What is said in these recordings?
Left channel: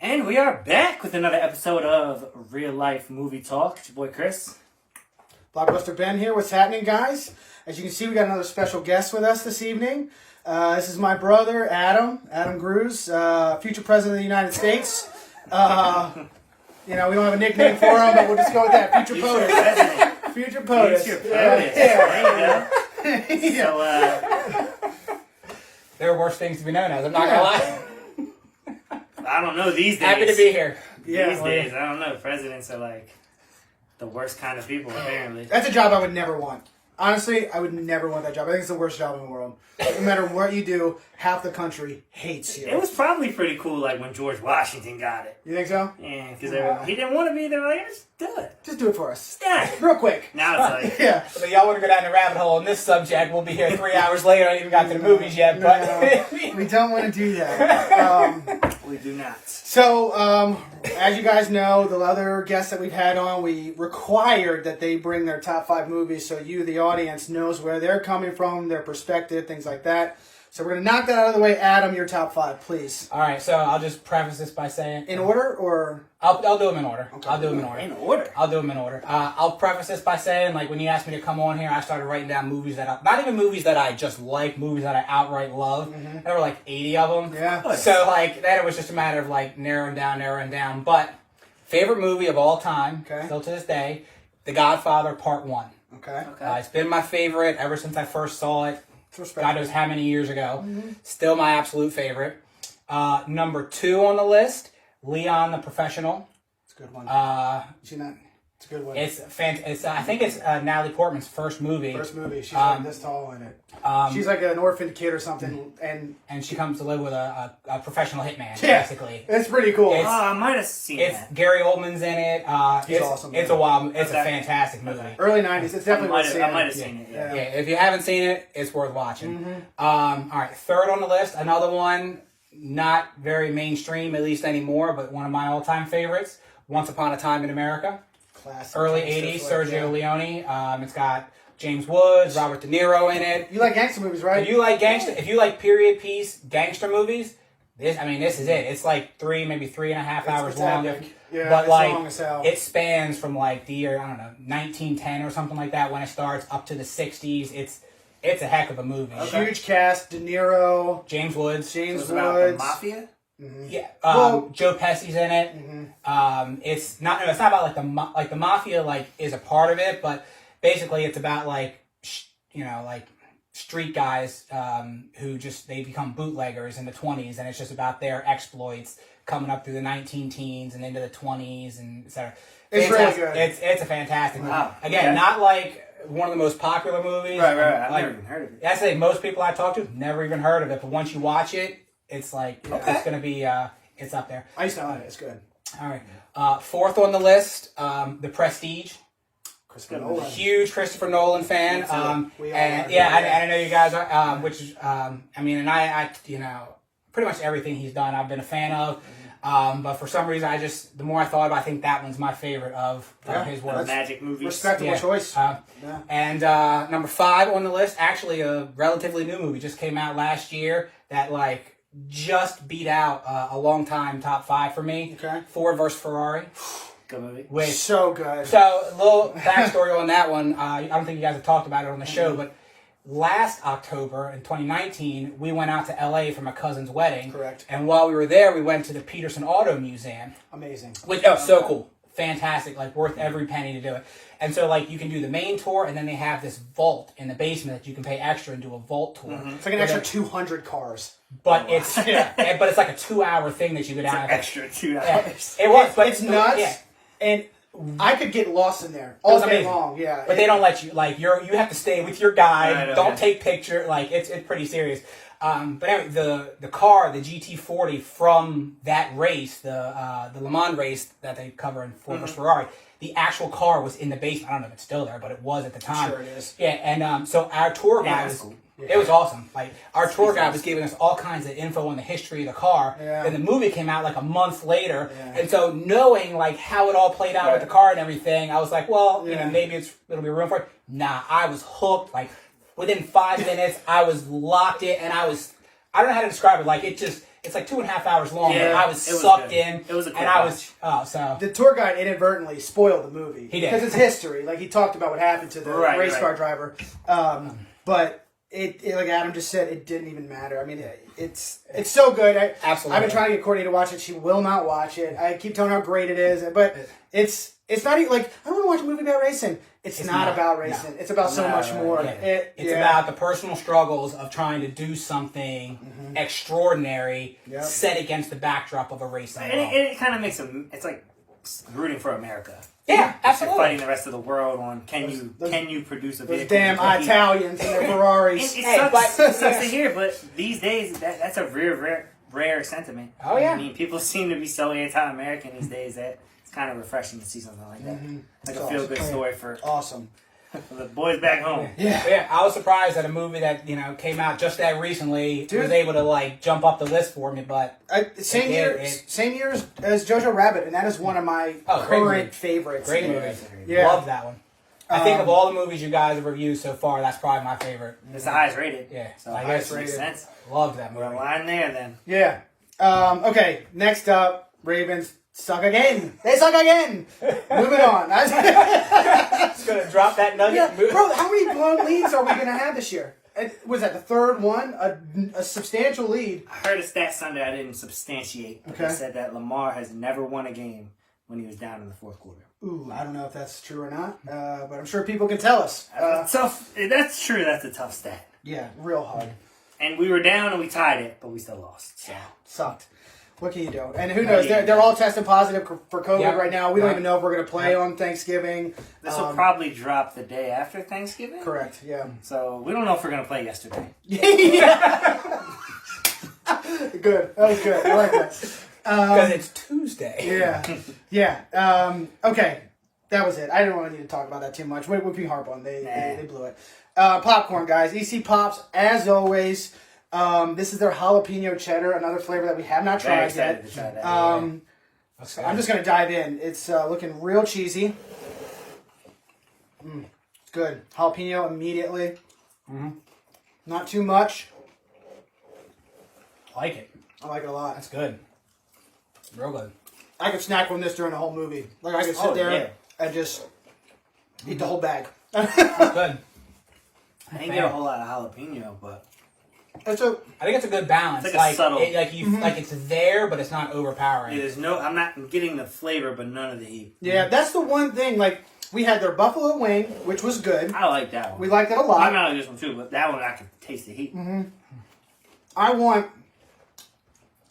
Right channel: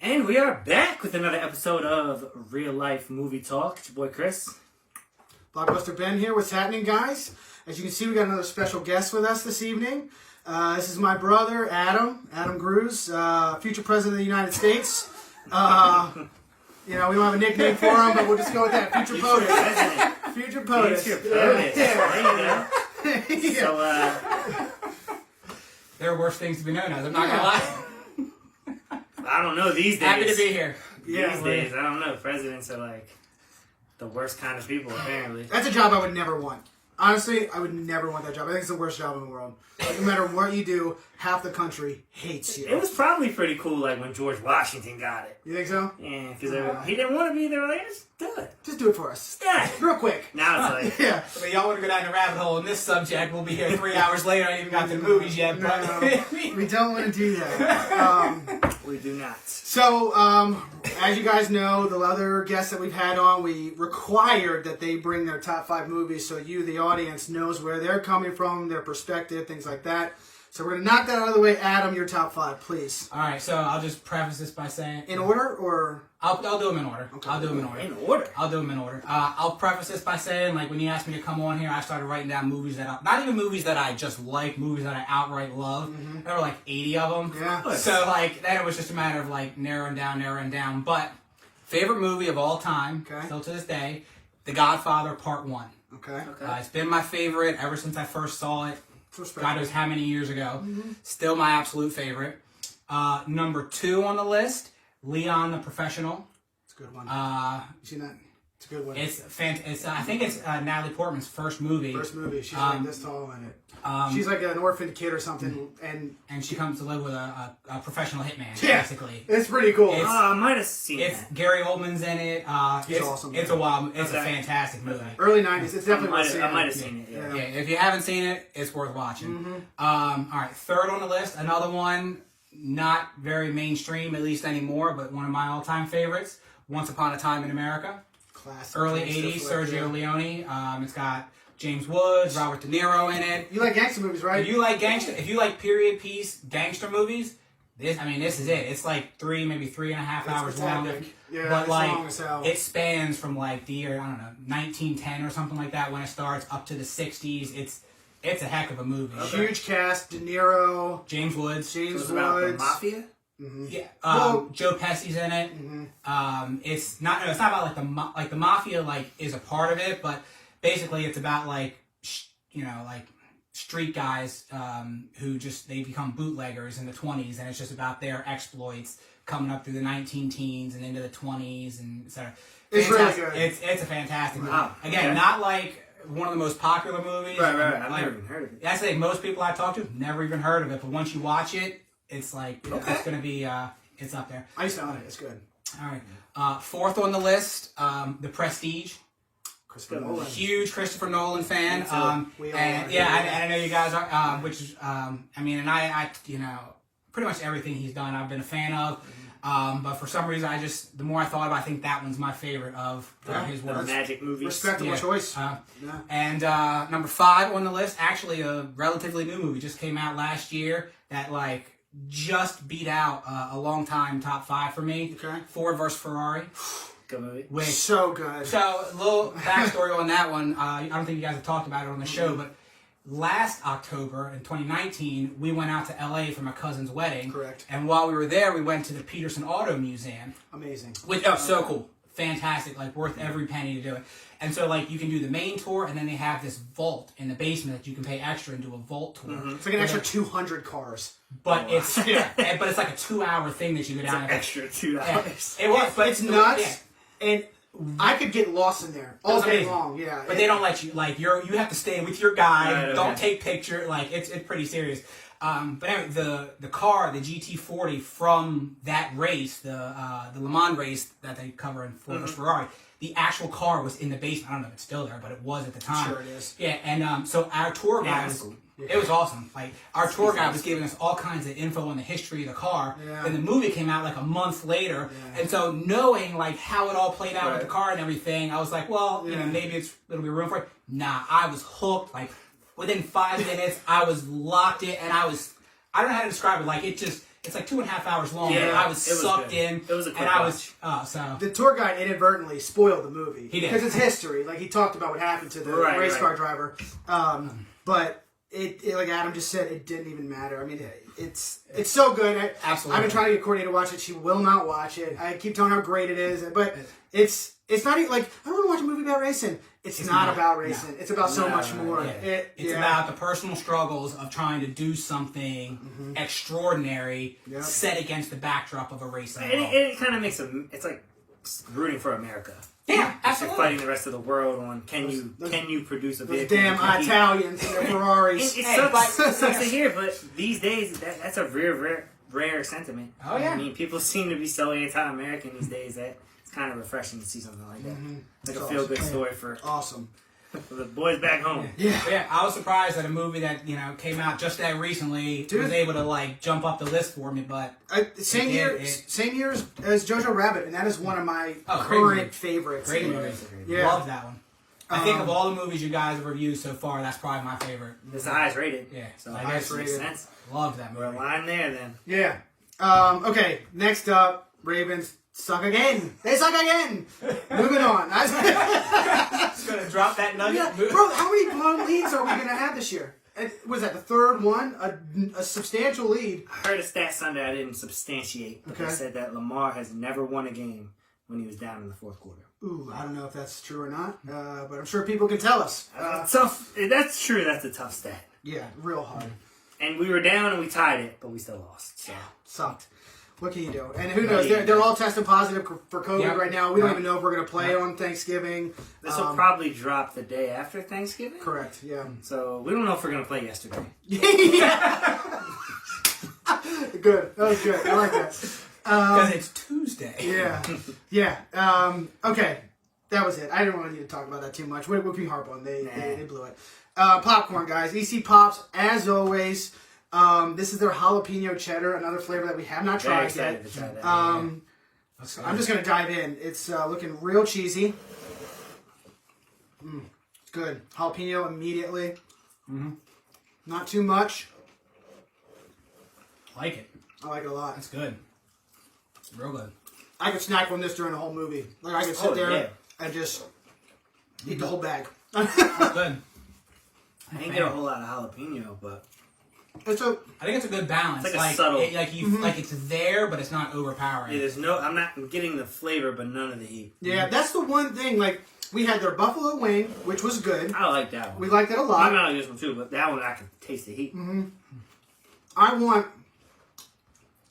And we are back with another episode of Real Life Movie Talk. It's your boy Chris. BlockbusterBen here. What's happening, guys? As you can see, we got another special guest with us this evening. This is my brother, Adam Gruzs, future president of the United States. We don't have a nickname for him, but we'll just go with that. Future POTUS. Future POTUS. Future POTUS. There you go. Yeah. So, there are worse things to be known as. I'm not going to lie. I don't know these days. Happy to be here. These days, I don't know. Presidents are like the worst kind of people, apparently. That's a job I would never want. Honestly, I would never want that job. I think it's the worst job in the world. No matter what you do, half the country hates you. It was probably pretty cool, like when George Washington got it. You think so? Yeah, because he didn't want to be there. Like, just do it. Just do it for us. Yeah. Real quick. Now it's like, Yeah. But y'all want to go down the rabbit hole on this subject, we'll be here 3 hours later. I ain't even got to the movies yet. But No, we don't want to do that. we do not. So, as you guys know, the other guests that we've had on, we required that they bring their top 5 movies so you, the audience, knows where they're coming from, their perspective, things like that. So we're going to knock that out of the way. Adam, your top 5, please. all right, so I'll just preface this by saying... In order, or...? I'll do them in order. Okay. I'll do them in order. In order. I'll do them in order. I'll preface this by saying, like, when you asked me to come on here, I started writing down movies that not even movies that I just like, movies that I outright love. Mm-hmm. There were like 80 of them. Yeah. So, like, then it was just a matter of, like, narrowing down. But, favorite movie of all time, Okay. still to this day, The Godfather Part 1. Okay. It's been my favorite ever since I first saw it. It's respectable. God knows how many years ago. Mm-hmm. Still my absolute favorite. Number 2 on the list, Leon the Professional. It's a good one. You seen that? It's a good one. I think it's Natalie Portman's first movie. First movie. She's like this tall in it. She's like an orphan kid or something. And she comes to live with a professional hitman, yeah, basically. it's pretty cool. I might have seen It's that. Gary Oldman's in it. He's it's awesome. It's a fantastic movie. Early 90s. It's definitely worth seeing. I might have seen it, yeah. Yeah, if you haven't seen it, it's worth watching. Mm-hmm. All right, third on the list, another one, not very mainstream, at least anymore, but one of my all-time favorites, Once Upon a Time in America. Classic. Early Gangster 80s, flick, Sergio yeah. Leone. It's got James Woods, Robert De Niro in it. You like gangster movies, right? If you like period piece gangster movies, this is it. It's like 3.5 hours It's long. epic. Yeah, but it's like long as hell. it spans from like the year, I don't know, 1910 or something like that when it starts up to the 60s. It's a heck of a movie. Huge cast: De Niro, James Woods. James It's about the Woods. mafia? Yeah, Well- Joe Pesci's in it. It's not about like the mafia like is a part of it, but basically it's about like street guys who they become bootleggers in the 20s, and it's just about their exploits coming up through the 19 teens and into the 20s and etc. It's really good. It's a fantastic movie. Wow. Again, Okay. not like one of the most popular movies. Right. I've Like, never even heard of it. I say most people I talk to never even heard of it, but once you watch it, it's like it's gonna be it's up there. I used to own it. It's good. All right, fourth on the list, The Prestige. Christopher Nolan. Huge Christopher Nolan fan. We all And are. yeah, I know you guys are. I pretty much everything he's done, I've been a fan of. But for some reason, the more I thought about it, I think that one's my favorite of his The work. magic movies. Respectable Yeah. choice. Yeah. And number 5 on the list, actually a relatively new movie, just came out last year that just beat out a long time top 5 for me. Okay. Ford versus Ferrari. Good movie. Which, So good. so a little backstory on that one. I don't think you guys have talked about it on the show, but last October in 2019, we went out to LA for my cousin's wedding. Correct. And while we were there, we went to the Peterson Auto Museum. Amazing. Which so cool. Fantastic, worth every penny to do it. And so you can do the main tour, and then they have this vault in the basement that you can pay extra and do a vault tour. It's like an extra 200 cars. But it's like a 2-hour thing that you go down. Extra $2. It was, but It's nuts. Yeah. And I could get lost in there all day amazing. long. Yeah. But they don't let you. You have to stay with your guide. Right, okay. Don't take picture. It's pretty serious. But anyway, the car, the GT40 from that race, the Le Mans race that they cover in Ford vs Ferrari, the actual car was in the basement. I don't know if it's still there, but it was at the time. Sure it is. Yeah, and so our tour guide that's was. cool. It was awesome. Our tour guide was giving us all kinds of info on the history of the car. Yeah. And the movie came out a month later. Yeah. And so knowing how it all played out with the car and everything, I was like, well, maybe it'll be room for it. Nah, I was hooked. Within 5 minutes, I was locked in, and I don't know how to describe it. it's like 2.5 hours long. Yeah, and I was it was sucked good. in. It was a quick and I watch. was so The tour guide inadvertently spoiled the movie. He did. Because it's history. Like, he talked about what happened to the race car driver. But it, like Adam just said, it didn't even matter. I mean, it's so good. Absolutely. I've been trying to get Courtney to watch it. She will not watch it. I keep telling her how great it is. But it's not even, like, I don't want to watch a movie about racing. It's not about racing. No. It's about so much more. Yeah. It's about the personal struggles of trying to do something extraordinary set against the backdrop of a racing world. It kind of makes it's like rooting for America. Yeah, absolutely. Fighting the rest of the world on can you produce a vehicle? Those damn Italians and their Ferraris. It sucks to hear, but these days that's a rare sentiment. Oh yeah. I mean, people seem to be so anti-American these days that it's kind of refreshing to see something like that. Like a feel-good story for the boys back home. Yeah, I was surprised that a movie that came out just that recently was able to like jump up the list for me. But same year as Jojo Rabbit, and that is one of my current favorites. Great movie. Yeah, love that one. I think of all the movies you guys have reviewed so far, that's probably my favorite. It's the highest rated. Yeah, so I guess it makes sense. Love that movie. We're line there then. Yeah. Okay. Next up, Ravens suck again. They suck again. Moving on. Just gonna drop that nugget. Yeah. Bro, how many blown leads are we gonna have this year? Was that the third one? A substantial lead. I heard a stat Sunday I didn't substantiate, but they said that Lamar has never won a game when he was down in the fourth quarter. Ooh, I don't know if that's true or not, but I'm sure people can tell us. Tough. That's true. That's a tough stat. Yeah, real hard. And we were down and we tied it, but we still lost. So. Yeah, sucked. What can you do? And who knows? They're all testing positive for COVID right now. We don't even know if we're going to play on Thanksgiving. This will probably drop the day after Thanksgiving. Correct, yeah. So we don't know if we're going to play yesterday. Yeah. Good. That was good. I like that. Because it's Tuesday. Yeah. Okay. That was it. I didn't want to need to talk about that too much. We can harp on. They blew it. Popcorn, guys. EC Pops, as always. This is their jalapeno cheddar, another flavor that we have not tried yet. To try that. I'm just going to dive in. It's looking real cheesy. It's good. Jalapeno immediately. Not too much. I like it. I like it a lot. That's good. Real good. I could snack on this during the whole movie. Like, I could sit there and just eat the whole bag. That's good. I didn't get a whole lot of jalapeno, but I think it's a good balance. It's like a subtle, like it's there, but it's not overpowering. I'm not getting the flavor, but none of the heat. Yeah, that's the one thing. Like, we had their buffalo wing, which was good. I like that one. We liked it a lot. I like this one too, but that one I can taste the heat. I want,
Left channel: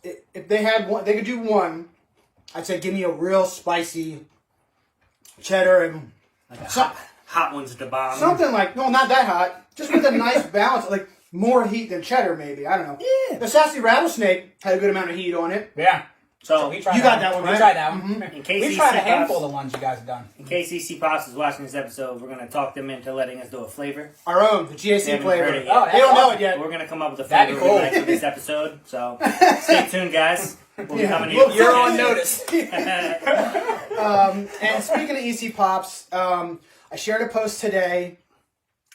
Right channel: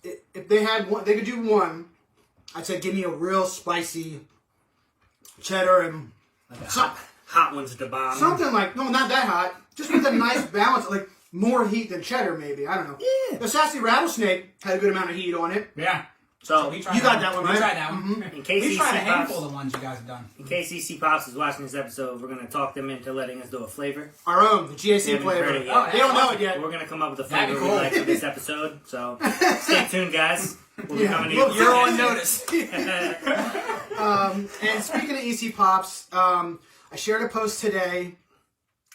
if they had one, they could do one. I'd say give me a real spicy cheddar and like a hot ones at the bottom. Something like, no, not that hot. Just with a nice balance, like more heat than cheddar, maybe. I don't know. Yeah. The Sassy Rattlesnake had a good amount of heat on it. Yeah. So we you got that one, right? We tried that one. In case we tried a handful of the ones you guys have done. In case EC Pops is watching this episode, we're going to talk them into letting us do a flavor. Our own, the GAC flavor. They don't know it yet. We're going to come up with a That'd flavor be cool. we like for this episode. So stay tuned, guys. We'll be coming to Look, you. you're on notice. And speaking of EC Pops, I shared a post today.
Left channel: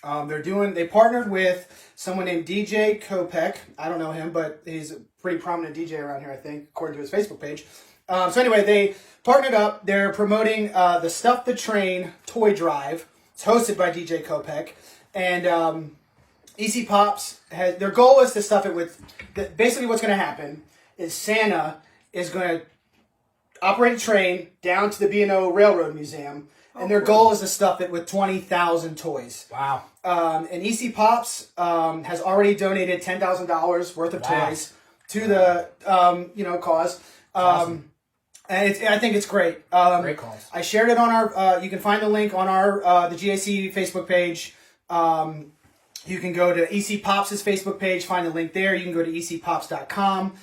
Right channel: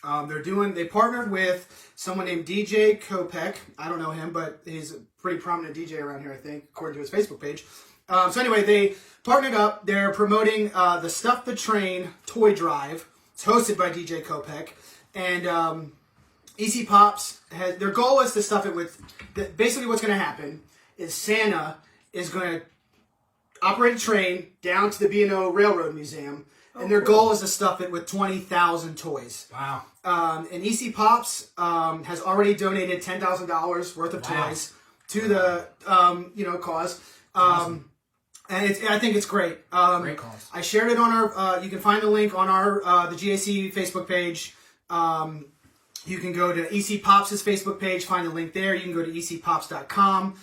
They partnered with someone named DJ Kopech. I don't know him, but he's a pretty prominent DJ around here, I think, according to his Facebook page. So anyway, they partnered up. They're promoting the Stuff the Train toy drive. It's hosted by DJ Kopech. And EC Pops, their goal is to stuff it with, basically what's going to happen is Santa is going to operate a train down to the B&O Railroad Museum. And their goal is to stuff it with 20,000 toys. Wow. And EC Pops has already donated $10,000 worth of toys to the cause. Awesome. And I think it's great. Great cause. I shared it on our. You can find the link on our the GAC Facebook page. You can go to EC Pops' Facebook page, find the link there. You can go to ecpops.com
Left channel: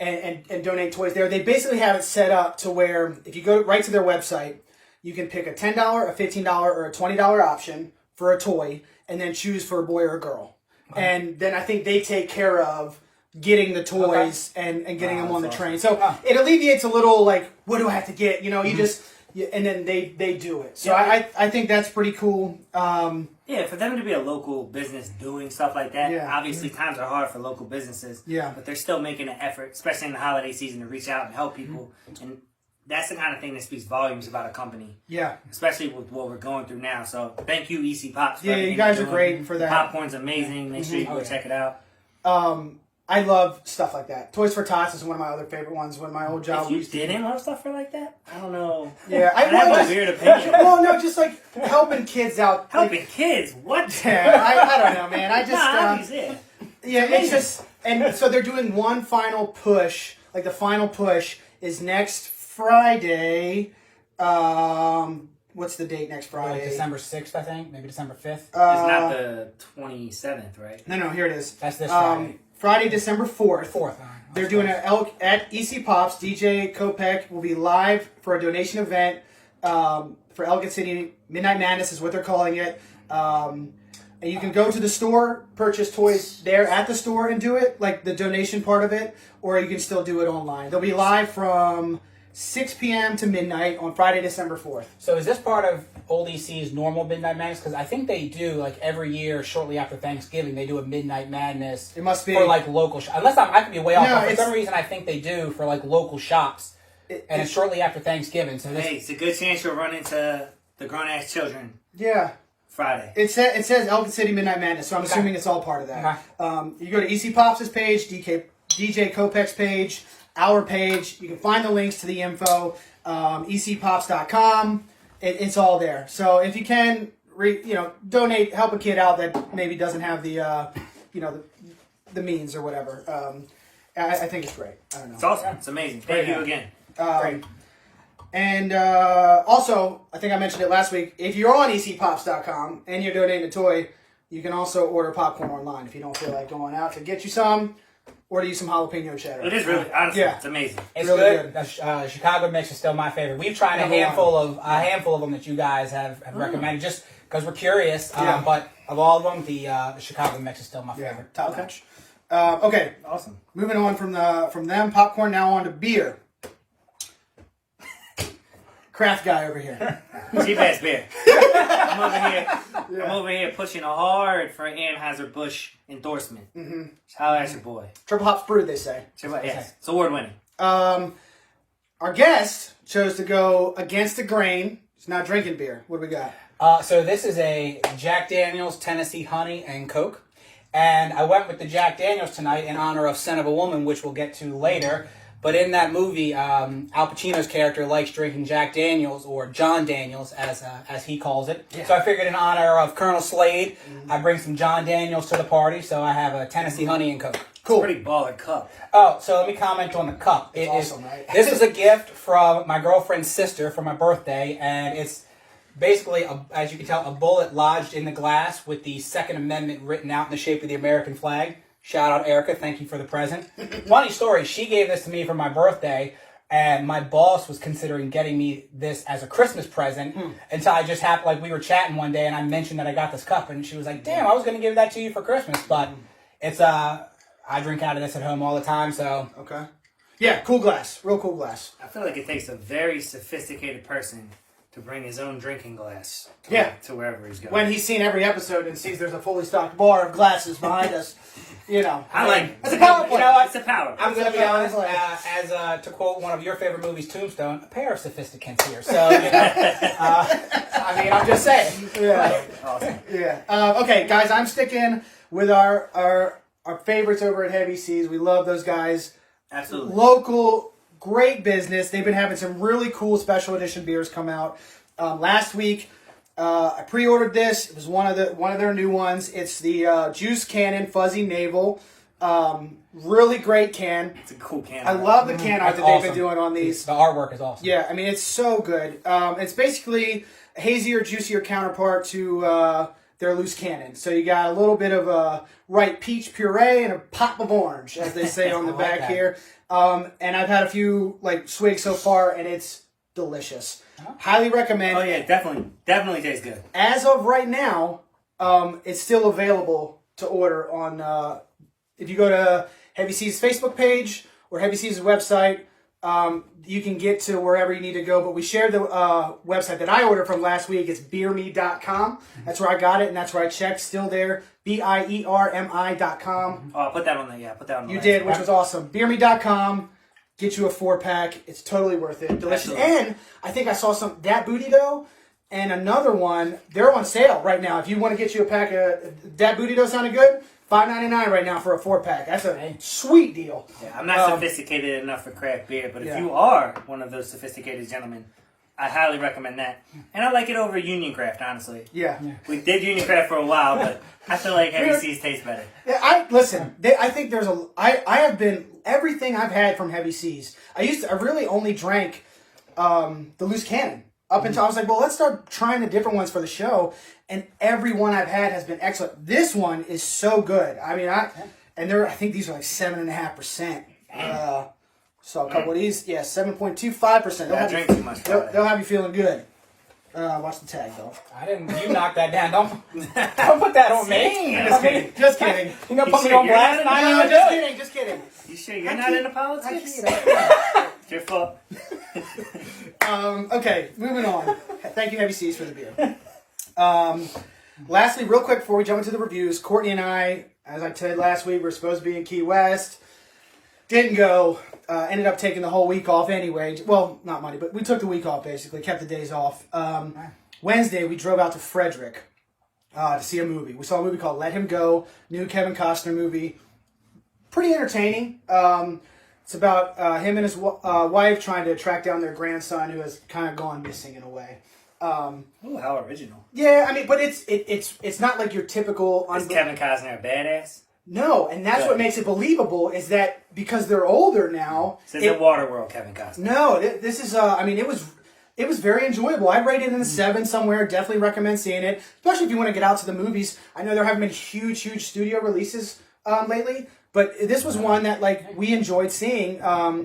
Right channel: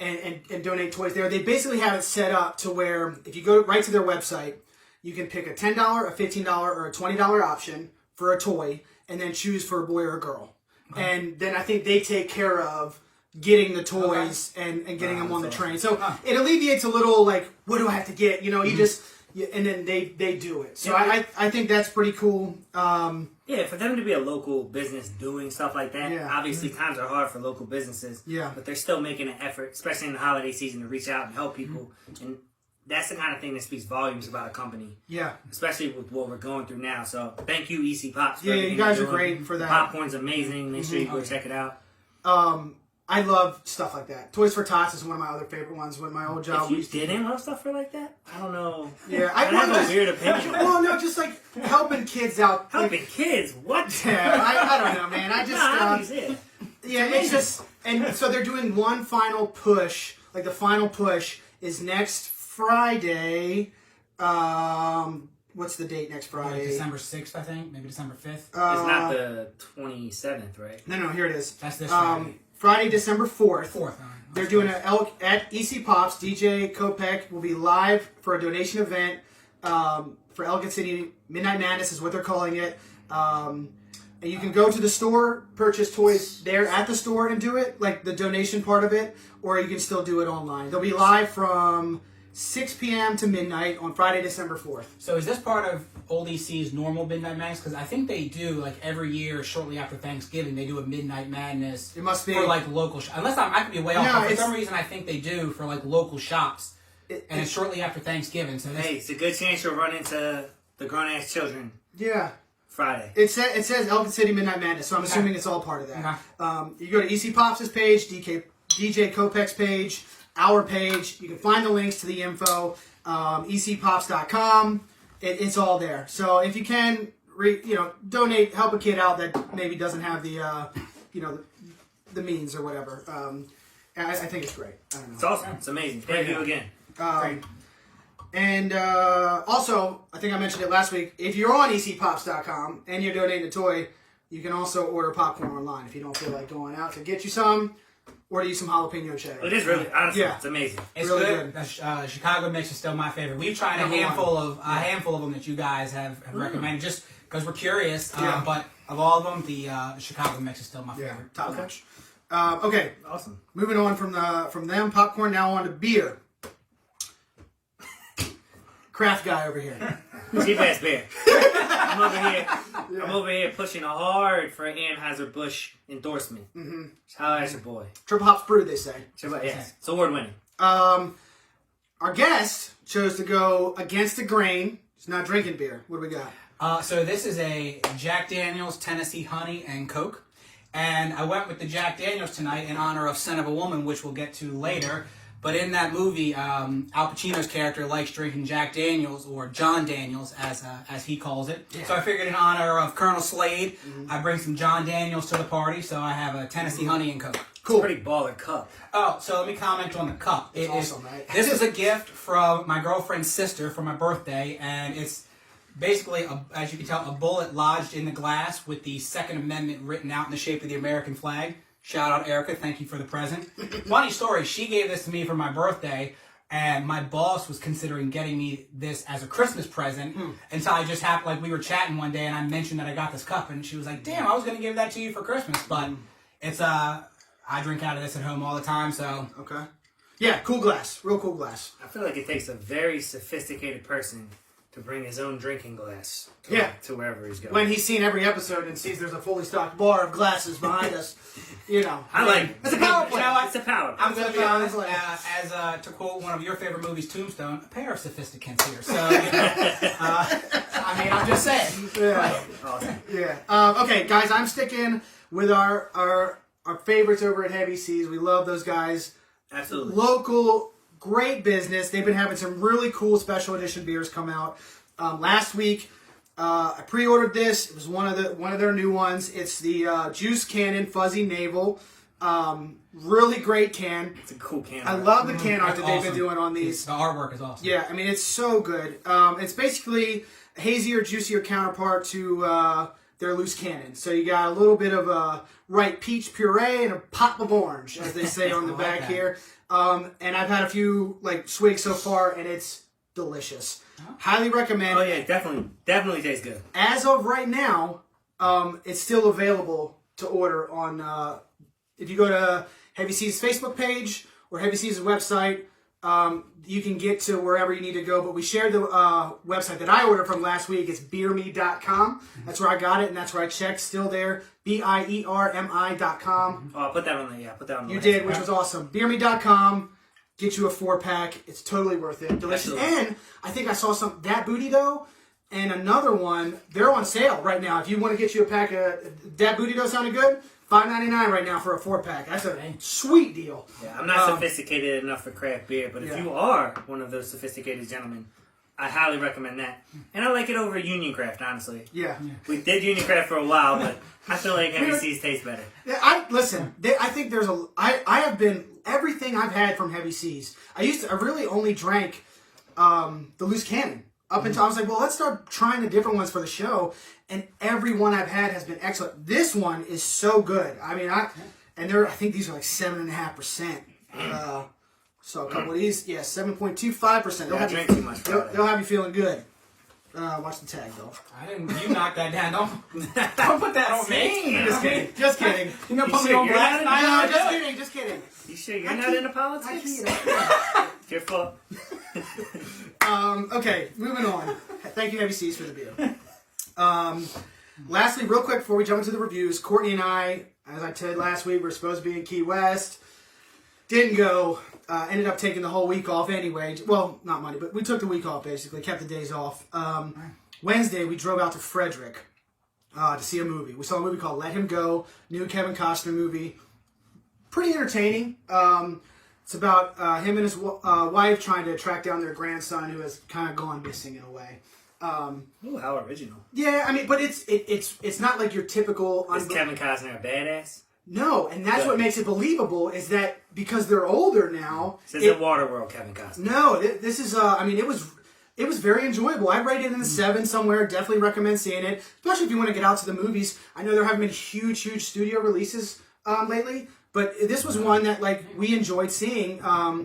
and donate toys there. They basically have it set up to where if you go right to their website, you can pick a $10, a $15, or a $20 option for a toy, and then choose for a boy or a girl. And then I think they take care of getting the toys and getting them on the train. So it alleviates a little, like, what do I have to get? You know, you just Yeah, and then they do it. So I think that's pretty cool. Yeah, for them to be a local business doing stuff like that, obviously times are hard for local businesses. Yeah. But they're still making an effort, especially in the holiday season, to reach out and help people. And that's the kind of thing that speaks volumes about a company. Yeah. Especially with what we're going through now. So thank you, EC Pops. For you guys are great for that. Popcorn's amazing. Make sure you go check it out. I love stuff like that. Toys for Tots is one of my other favorite ones. When my old job, If you didn't love stuff for like that, I don't know. Yeah, I have a weird opinion. Well, no, just like helping kids out. Helping kids? What? Yeah, I don't know, man. I just nah, yeah, it's just, and so they're doing one final push. Like the final push is next Friday. What's the date next Friday? Like December 6th, I think. Maybe December 5th. It's not the 27th, right? No, here it is. That's this Friday. Friday, December 4th. 4th. They're doing at EC Pops. DJ Kopech will be live for a donation event for Elgin City. Midnight Madness is what they're calling it. And you can go to the store, purchase toys there at the store and do it, like the donation part of it, or you can still do it online. They'll be live from 6 p.m. to midnight on Friday, December 4th. So is this part of Old EC's normal Midnight Madness? Because I think they do, like, every year, shortly after Thanksgiving, they do a Midnight Madness. It must be. For, like, local shops. Unless I could be way off. But for some reason, I think they do for, like, local shops. And it's shortly after Thanksgiving. So hey, it's a good chance you'll run into the grown-ass children. Yeah. Friday. It says Elgin City Midnight Madness, so I'm assuming it's all part of that. You go to EC Pops' page, DJ Kopech's page, our page. You can find the links to the info. ECPops.com. It's all there. So if you can, donate, help a kid out that maybe doesn't have the, the means or whatever. I think it's great. I don't know. It's awesome. It's amazing. Thank you again. Great. And also, I think I mentioned it last week, if you're on ECPops.com and you're donating a toy, you can also order popcorn online if you don't feel like going out to get you some. Order you some jalapeno cheddar. It is really, honestly, it's amazing. It's really good. The Chicago mix is still my favorite. We've tried a handful of them that you guys have recommended, just because we're curious. But of all of them, the Chicago mix is still my favorite. Top notch. Okay, Awesome. Moving on from them popcorn, now on to beer. Craft guy over here. Cheap ass beer. I'm over here pushing hard for an Anheuser-Busch endorsement. How that's your boy? Triple hops brewed, they say. Yes, it's award winning. Our guest chose to go against the grain. He's not drinking beer. What do we got? So this is a Jack Daniel's Tennessee Honey and Coke. And I went with the Jack Daniel's tonight in honor of Son of a Woman, which we'll get to later. But in that movie, Al Pacino's character likes drinking Jack Daniels, or John Daniels, as he calls it. Yeah. So I figured in honor of Colonel Slade, I bring some John Daniels to the party. So I have a Tennessee Honey and Coke. Cool. It's a pretty baller cup. Oh, so let me comment on the cup. It's awesome, right? This is a gift from my girlfriend's sister for my birthday, and it's basically, as you can tell, a bullet lodged in the glass with the Second Amendment written out in the shape of the American flag. Shout out, Erica. Thank you for the present. Funny story. She gave this to me for my birthday, and my boss was considering getting me this as a Christmas present until I just happened, like, we were chatting one day, and I mentioned that I got this cup, and she was like, damn, I was going to give that to you for Christmas, but it's, I drink out of this at home all the time, so. Okay. Yeah, cool glass. Real cool glass. I feel like it takes a very sophisticated person to bring his own drinking glass to wherever he's going. When he's seen every episode and sees there's a fully stocked bar of glasses behind us, I like it's a power play. It's a power play. I'm going to be honest, as to quote one of your favorite movies, Tombstone, a pair of sophisticants here. So, I mean, I'm just saying. Yeah. Awesome. Yeah. Okay, guys, I'm sticking with our favorites over at Heavy Seas. We love those guys. Absolutely. Local, great business. They've been having some really cool special edition beers come out. Last week, I pre-ordered this. It was one of their new ones. It's the Juice Cannon Fuzzy Navel. Really great can. It's a cool can. I love the can art that they've been doing on these. The artwork is awesome. Yeah, I mean, it's so good. It's basically a hazier, juicier counterpart to their loose cannon. So you got a little bit of a ripe peach puree and a pop of orange, as they say on the back here. And I've had a few swigs so far, and it's delicious. Highly recommend. Oh yeah, definitely tastes good. As of right now, it's still available to order on. If you go to Heavy Seas Facebook page or Heavy Seas website, You can get to wherever you need to go, but we shared the website that I ordered from last week. It's beerme.com. That's where I got it, and that's where I checked. Still there. BIERMI.com. Oh, put that on the put that on the You did, which was awesome. Beerme.com. Get you a 4-pack. It's totally worth it. Delicious. Absolutely. And I think I saw some Dat Booty Dough and another one. They're on sale right now. If you want to get you a pack of Dat Booty Dough, sounded good. $5.99 right now for a 4-pack. That's a sweet deal. Yeah, I'm not sophisticated enough for craft beer, but if you are one of those sophisticated gentlemen, I highly recommend that. And I like it over Union Craft, honestly. Yeah. We did Union Craft for a while, but I feel like Heavy Seas tastes better. Yeah, I think there's I have been, everything I've had from Heavy Seas. I really only drank the Loose Cannon. Up until I was like, well, let's start trying the different ones for the show. And every one I've had has been excellent. This one is so good. I mean, I think these are like 7.5%. So a couple of these, 7.25%. I drink too much. They'll have you feeling good. Watch the tag though. You knocked that down. Don't put that on me. Just kidding. You gonna put me on blast? No, just kidding. You sure you're not into politics? It's your fault. Okay, moving on. Thank you, Heavy Seas, for the beer. Lastly, real quick before we jump into the reviews, Courtney and I, as I said last week, we're supposed to be in Key West. Didn't go. Ended up taking the whole week off anyway. Well, not money, but we took the week off basically. Kept the days off. Wednesday, we drove out to Frederick to see a movie. We saw a movie called Let Him Go, new Kevin Costner movie. Pretty entertaining. It's about him and his wife trying to track down their grandson who has kind of gone missing in a way. Ooh, how original. Yeah, I mean, but it's not like your typical... Is Kevin Costner a badass? No, and that's what makes it believable is that because they're older now... This is a Waterworld Kevin Costner. No, this is... I mean, it was very enjoyable. I'd rate it in the 7 somewhere. Definitely recommend seeing it, especially if you want to get out to the movies. I know there haven't been huge studio releases lately, but this was one that we enjoyed seeing.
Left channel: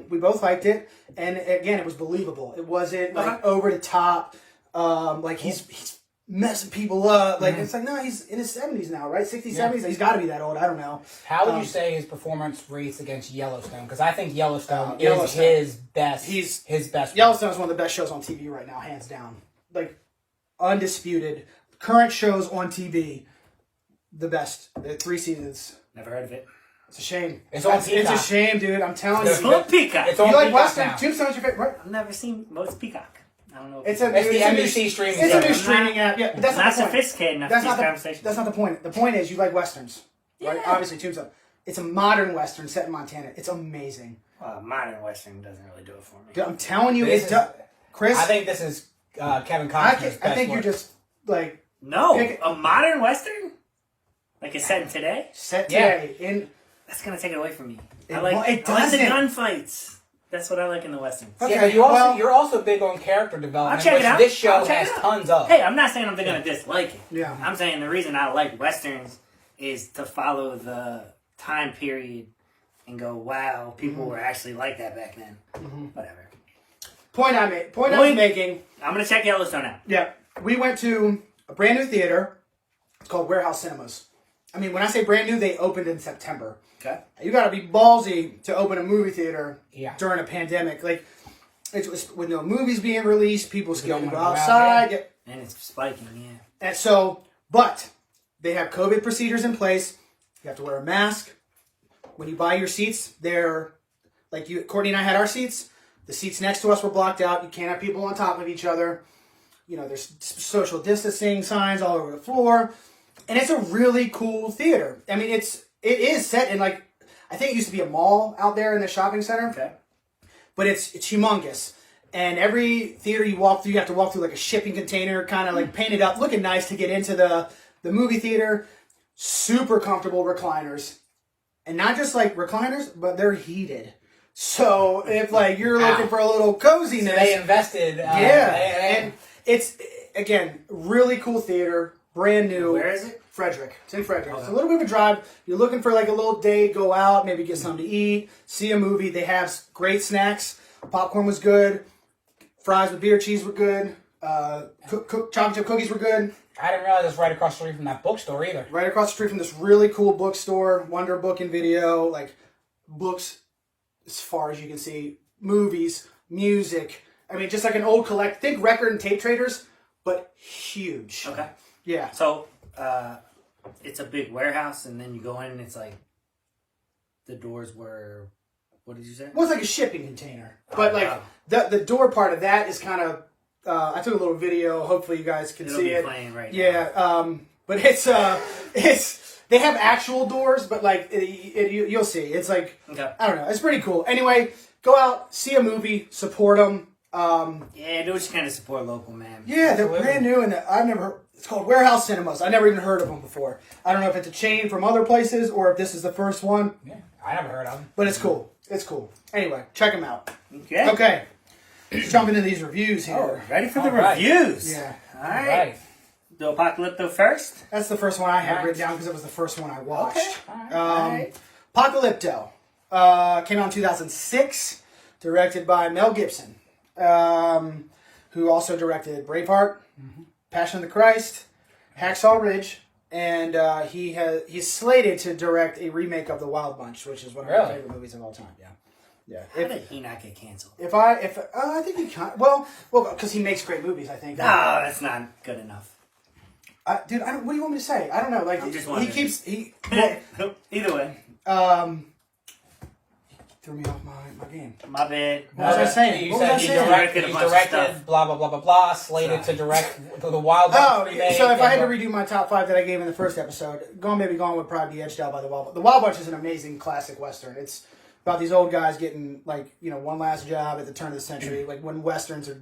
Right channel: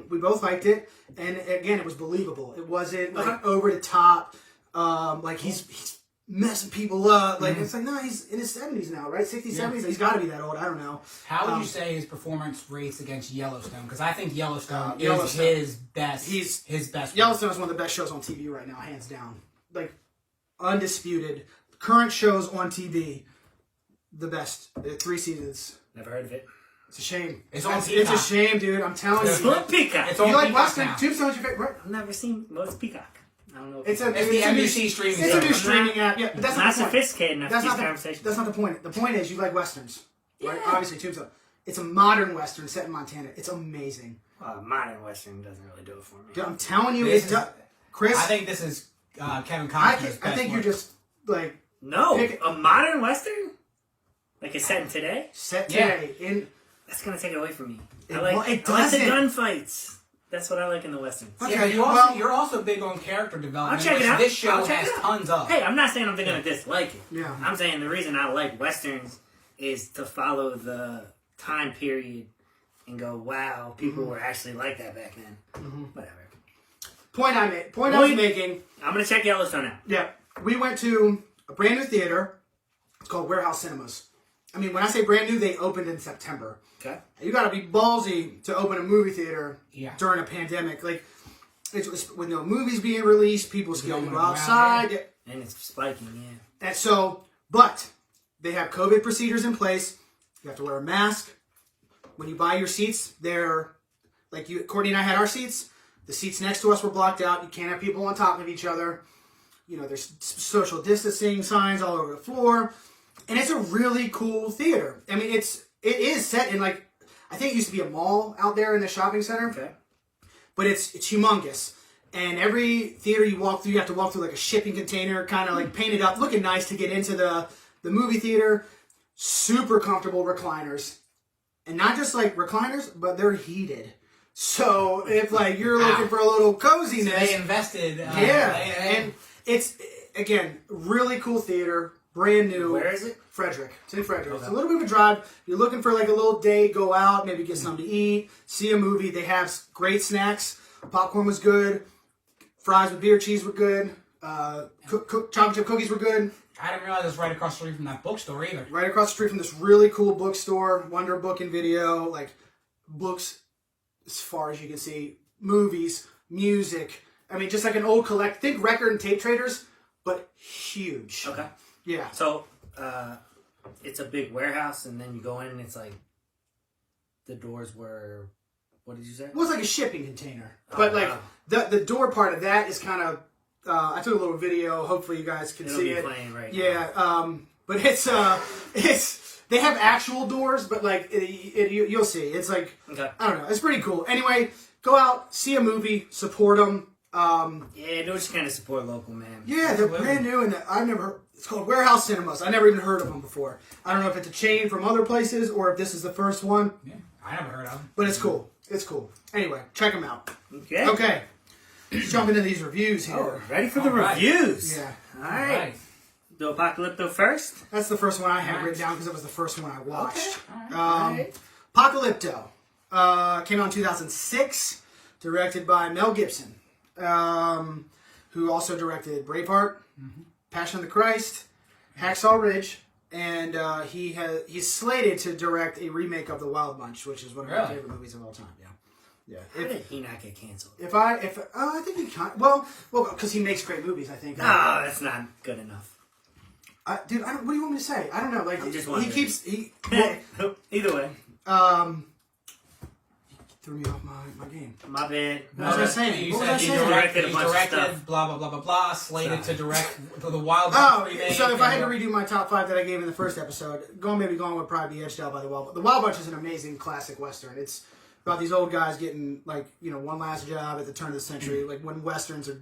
We both liked it, and again, it was believable. It wasn't over the top. He's messing people up. It's like, no, he's in his 70s now, right? 60s, 70s. He's got to be that old. I don't know. How would you say his performance rates against Yellowstone? Because I think Yellowstone is his best. His best. Yellowstone is one of the best shows on TV right now, hands down. Undisputed. Current shows on TV, the best. 3 seasons. Never heard of it. It's a shame. It's on Peacock. It's a shame, dude. I'm telling you. It's on Peacock. It's on you like Peacock Western? now. Tombstone's your favorite, right? I've never seen most Peacock. I don't know. It's the NBC streaming. It's a new streaming app. Yeah, but that's not not the point. sophisticated enough for these conversations. That's not the point. The point is you like Westerns. Right? Obviously, Tombstone. It's a modern Western set in Montana. It's amazing. Modern Western doesn't really do it for me. I'm telling you, Chris. I think this is Kevin Costner's best I think you're just No, a modern Western? Like it's set in today? Set today. That's going to take it away from me. It I like the doesn't. gunfights. That's what I like in the Westerns. Okay, yeah, but you're also big on character development, I'll check it out. this show I'll check has it out. tons of. Hey, I'm not saying I'm going to dislike it. Yeah. I'm saying the reason I like Westerns is to follow the time period and go, wow, people were actually like that back then. Whatever. Point I was making. I'm going to check Yellowstone out. Yeah. We went to a brand new theater. It's called Warehouse Cinemas. I mean, when I say brand new, they opened in September. Okay. You got to be ballsy to open a movie theater during a pandemic. With no movies being released, people scared to go outside. And it's spiking, yeah. And so, but they have COVID procedures in place. You have to wear a mask. When you buy your seats, they're Courtney and I had our seats. The seats next to us were blocked out. You can't have people on top of each other. There's social distancing signs all over the floor. And it's a really cool theater. I mean, it is set in I think it used to be a mall out there in the shopping center. Okay. But it's humongous. And every theater you walk through, you have to walk through a shipping container, kind of painted up, looking nice to get into the movie theater. Super comfortable recliners. And not just recliners, but they're heated. So if you're looking for a little coziness. So they invested. And it's, again, really cool theater. Brand new. Where is it? Frederick. It's in Frederick. Okay. It's a little bit of a drive. You're looking for a little day, go out, maybe get something to eat, see a movie. They have great snacks. Popcorn was good. Fries with beer cheese were good. Chocolate chip cookies were good. I didn't realize it was right across the street from that bookstore either. Right across the street from this really cool bookstore, Wonder Book and Video, books as far as you can see. movies, music. I mean, just like an old think record and tape traders, but huge. Okay. Yeah. So, it's a big warehouse, and then you go in, and it's like the doors were. What did you say? Well, it's like a shipping container, but like the door part of that is kind of. I took a little video. Hopefully, you guys can see it. Playing right yeah. now. But it's they have actual doors, but like you'll see. It's like I don't know. It's pretty cool. Anyway, go out, see a movie, support them. Yeah, do what you can to support local, man. Yeah, they're brand new, and I've never heard. It's called Warehouse Cinemas. I never even heard of them before. I don't know if it's a chain from other places or if this is the first one. Yeah, I never heard of them. But it's cool. It's cool. Anyway, check them out. Okay. Okay. Let's jump into these reviews here. Oh, ready for the reviews? Yeah. All right. Do Apocalypto first? That's the first one I had written down because it was the first one I watched. Okay. All right. Apocalypto came out in 2006, directed by Mel Gibson, who also directed Braveheart, Passion of the Christ, Hacksaw Ridge, and he's slated to direct a remake of The Wild Bunch, which is one of my favorite movies of all time. Yeah. How did he not get canceled? I think he kind well, because he makes great movies. I think. No, that's not good enough. Dude, what do you want me to say? I don't know. Like I'm just he Either way. Threw me off my game. My bad. What was I saying? You What was I said he saying? directed blah blah blah blah blah. Slated to direct the Wild Bunch remake. So if I had to redo my top 5 that I gave in the first episode, Gone would probably be edged out by The Wild Bunch. The Wild Bunch is an amazing classic Western. It's about these old guys getting one last job at the turn of the century, like when Westerns are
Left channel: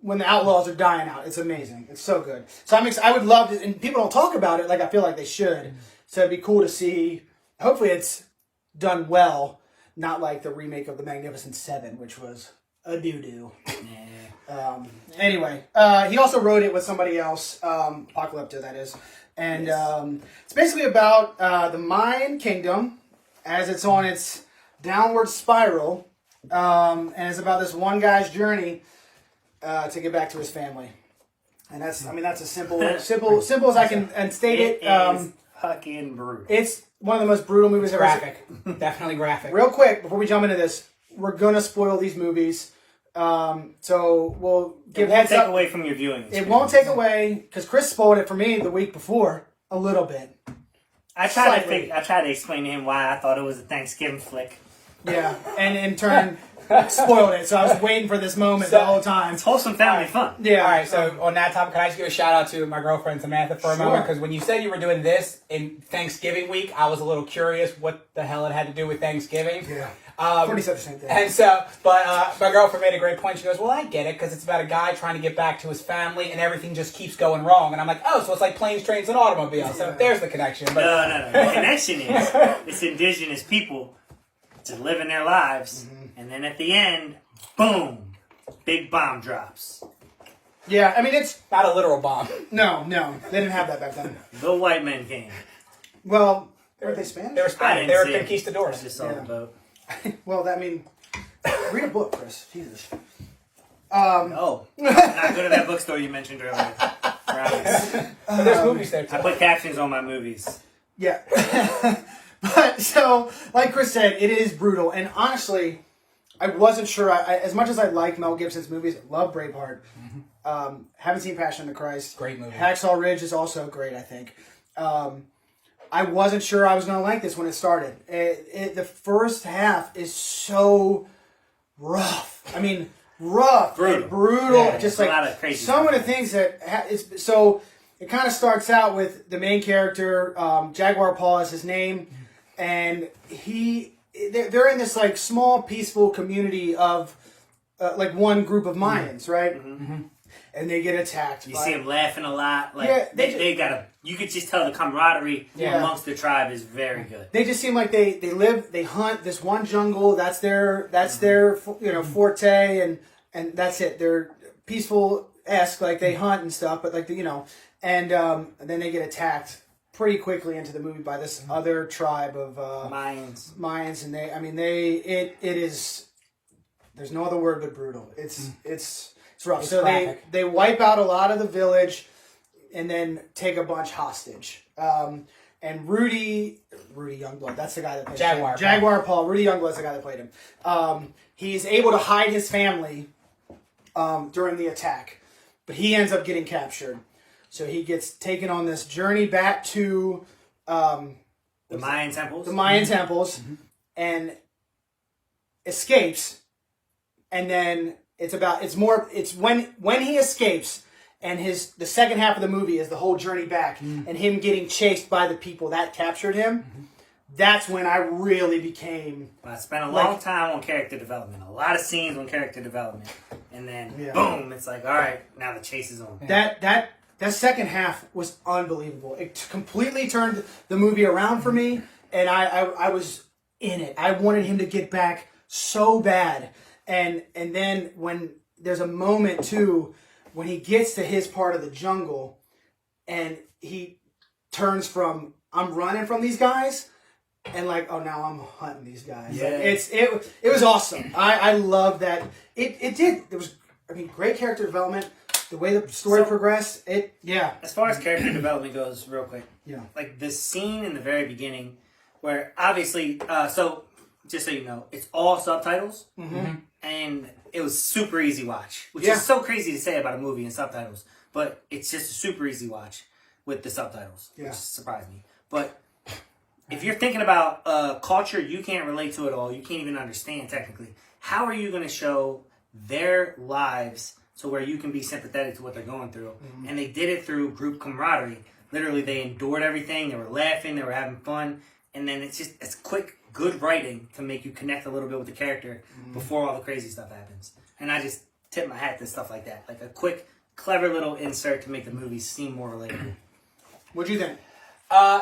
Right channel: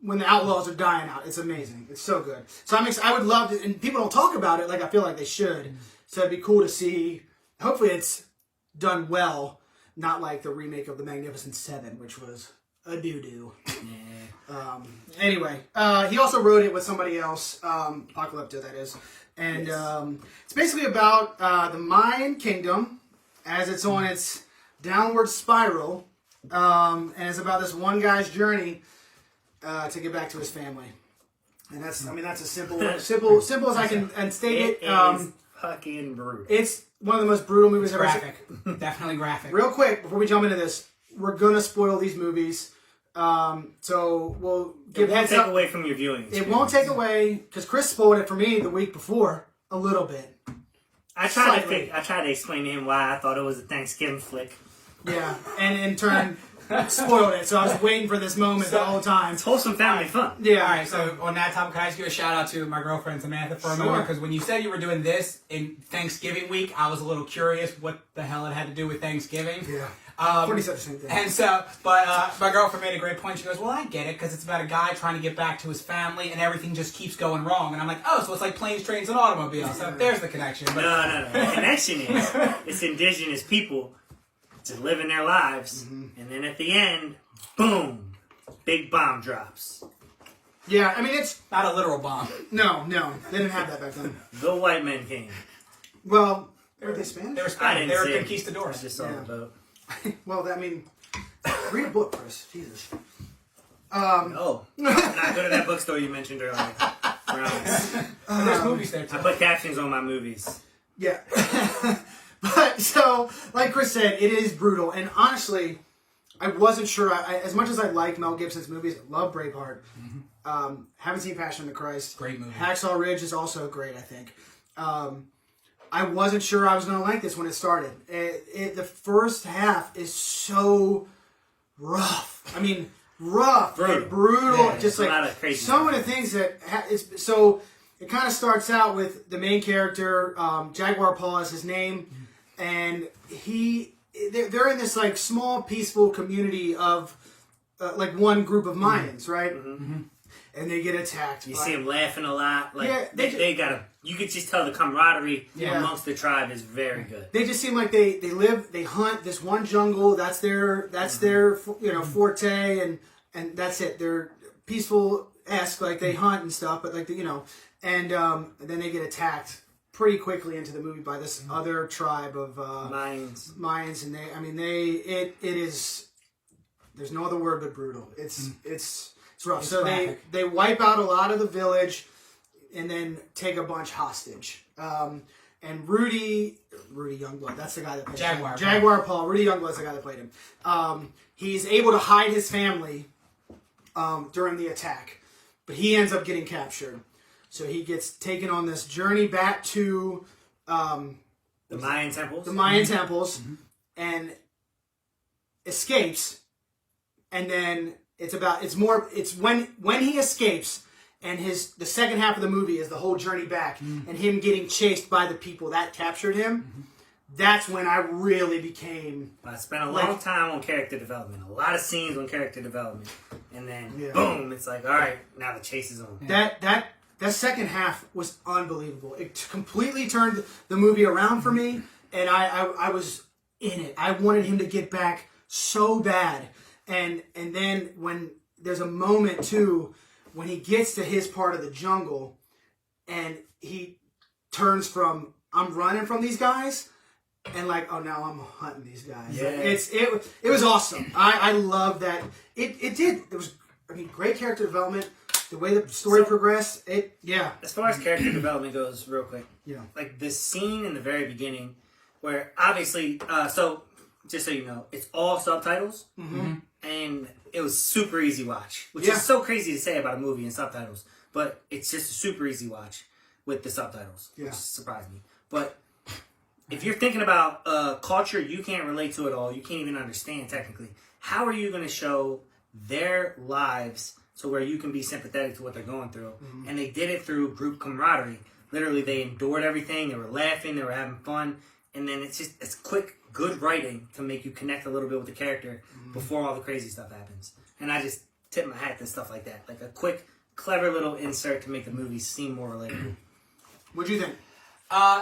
when the outlaws are dying out. It's amazing. It's so good. So I would love to, and people don't talk about it like I feel like they should. So it'd be cool to see. Hopefully it's done well, not like the remake of The Magnificent Seven, which was a doo-doo. Yeah. Anyway, he also wrote it with somebody else, Apocalypto, that is. And it's basically about the Mayan kingdom as it's on its downward spiral. And it's about this one guy's journey to get back to his family. And that's as simple as I can state it. It is fucking brutal. It's one of the most brutal movies I've ever graphic. Definitely graphic. Real quick, before we jump into this, we're going to spoil these movies. So we'll give heads up. It won't take away from your viewing experience. It won't take away, because Chris spoiled it for me the week before, a little bit. I tried to explain to him why I thought it was a Thanksgiving flick. Yeah, and in turn, spoiled it. So I was waiting for this moment the whole time. It's wholesome family fun. Yeah. All right, so on that topic, can I just give a shout out to my girlfriend Samantha for a moment? Because when you said you were doing this in Thanksgiving week, I was a little curious what the hell it had to do with Thanksgiving. Yeah. Pretty much the same thing. And so, but my girlfriend made a great point. She goes, "Well, I get it because it's about a guy trying to get back to his family, and everything just keeps going wrong." And I'm like, "Oh, so it's like planes, trains, and automobiles." So there's the connection. But No. The connection is it's indigenous people just living their lives, and then at the end, boom, big bomb drops. Yeah, I mean, it's... Not a literal bomb. No, they didn't have that back then. The white men came. Well, were they Spanish? They were Spanish. They were conquistadors. I just saw the boat. Well, read a book, Chris. Jesus. No. Not go to that bookstore you mentioned earlier. But there's movies there, too. I put captions on my movies. Yeah. But, so, like Chris said, it is brutal. And honestly, I wasn't sure. As much as I like Mel Gibson's movies, love Braveheart. Haven't seen Passion of the Christ. Great movie. Hacksaw Ridge is also great, I think. I wasn't sure I was going to like this when it started. The first half is so rough. I mean, rough. Brutal. Yeah, just a like lot of crazy so many things that... So it kind of starts out with the main character, Jaguar Paw is his name, and they're in this like small peaceful community of like one group of Mayans, right? And they get attacked. You see them laughing a lot. Like Yeah, they got a. You could just tell the camaraderie amongst the tribe is very good. They just seem like they hunt this one jungle. That's their forte, and that's it. They're peaceful-esque, like they hunt and stuff, but like and then they get attacked pretty quickly into the movie by this other tribe of Mayans, and it is. There's no other word but brutal. It's rough. It's so graphic. they wipe out a lot of the village, and then take a bunch hostage. and Rudy Youngblood. That's the guy that played Jaguar Paul. Rudy Youngblood's the guy that played him. He's able to hide his family during the attack, but he ends up getting captured. So he gets taken on this journey back to the Mayan temples. And escapes. And then it's when he escapes, and the second half of the movie is the whole journey back and him getting chased by the people that captured him. That's when I really became... I spent a long time on character development. A lot of scenes on character development. And then, boom, it's like, all right, now the chase is on. That second half was unbelievable. It completely turned the movie around for me, and I was in it. I wanted him to get back so bad. And then when there's a moment, too, when he gets to his part of the jungle, and he turns from, I'm running from these guys... And like, oh, now I'm hunting these guys. Yeah. It was awesome. I love that. It did. There was, great character development. The way the story progressed. As far as character development goes, real quick. Yeah. Like the scene in the very beginning, where obviously, so just so you know, it's all subtitles, and it was super easy watch, which is so crazy to say about a movie in subtitles, but it's just a super easy watch with the subtitles, which surprised me. But if you're thinking about a culture you can't relate to at all, you can't even understand technically, how are you going to show their lives to where you can be sympathetic to what they're going through? And they did it through group camaraderie. Literally, they endured everything. They were laughing. They were having fun. And then it's quick, good writing to make you connect a little bit with the character before all the crazy stuff happens. And I just tip my hat to stuff like that. Like a quick, clever little insert to make the movie seem more relatable. What'd you think?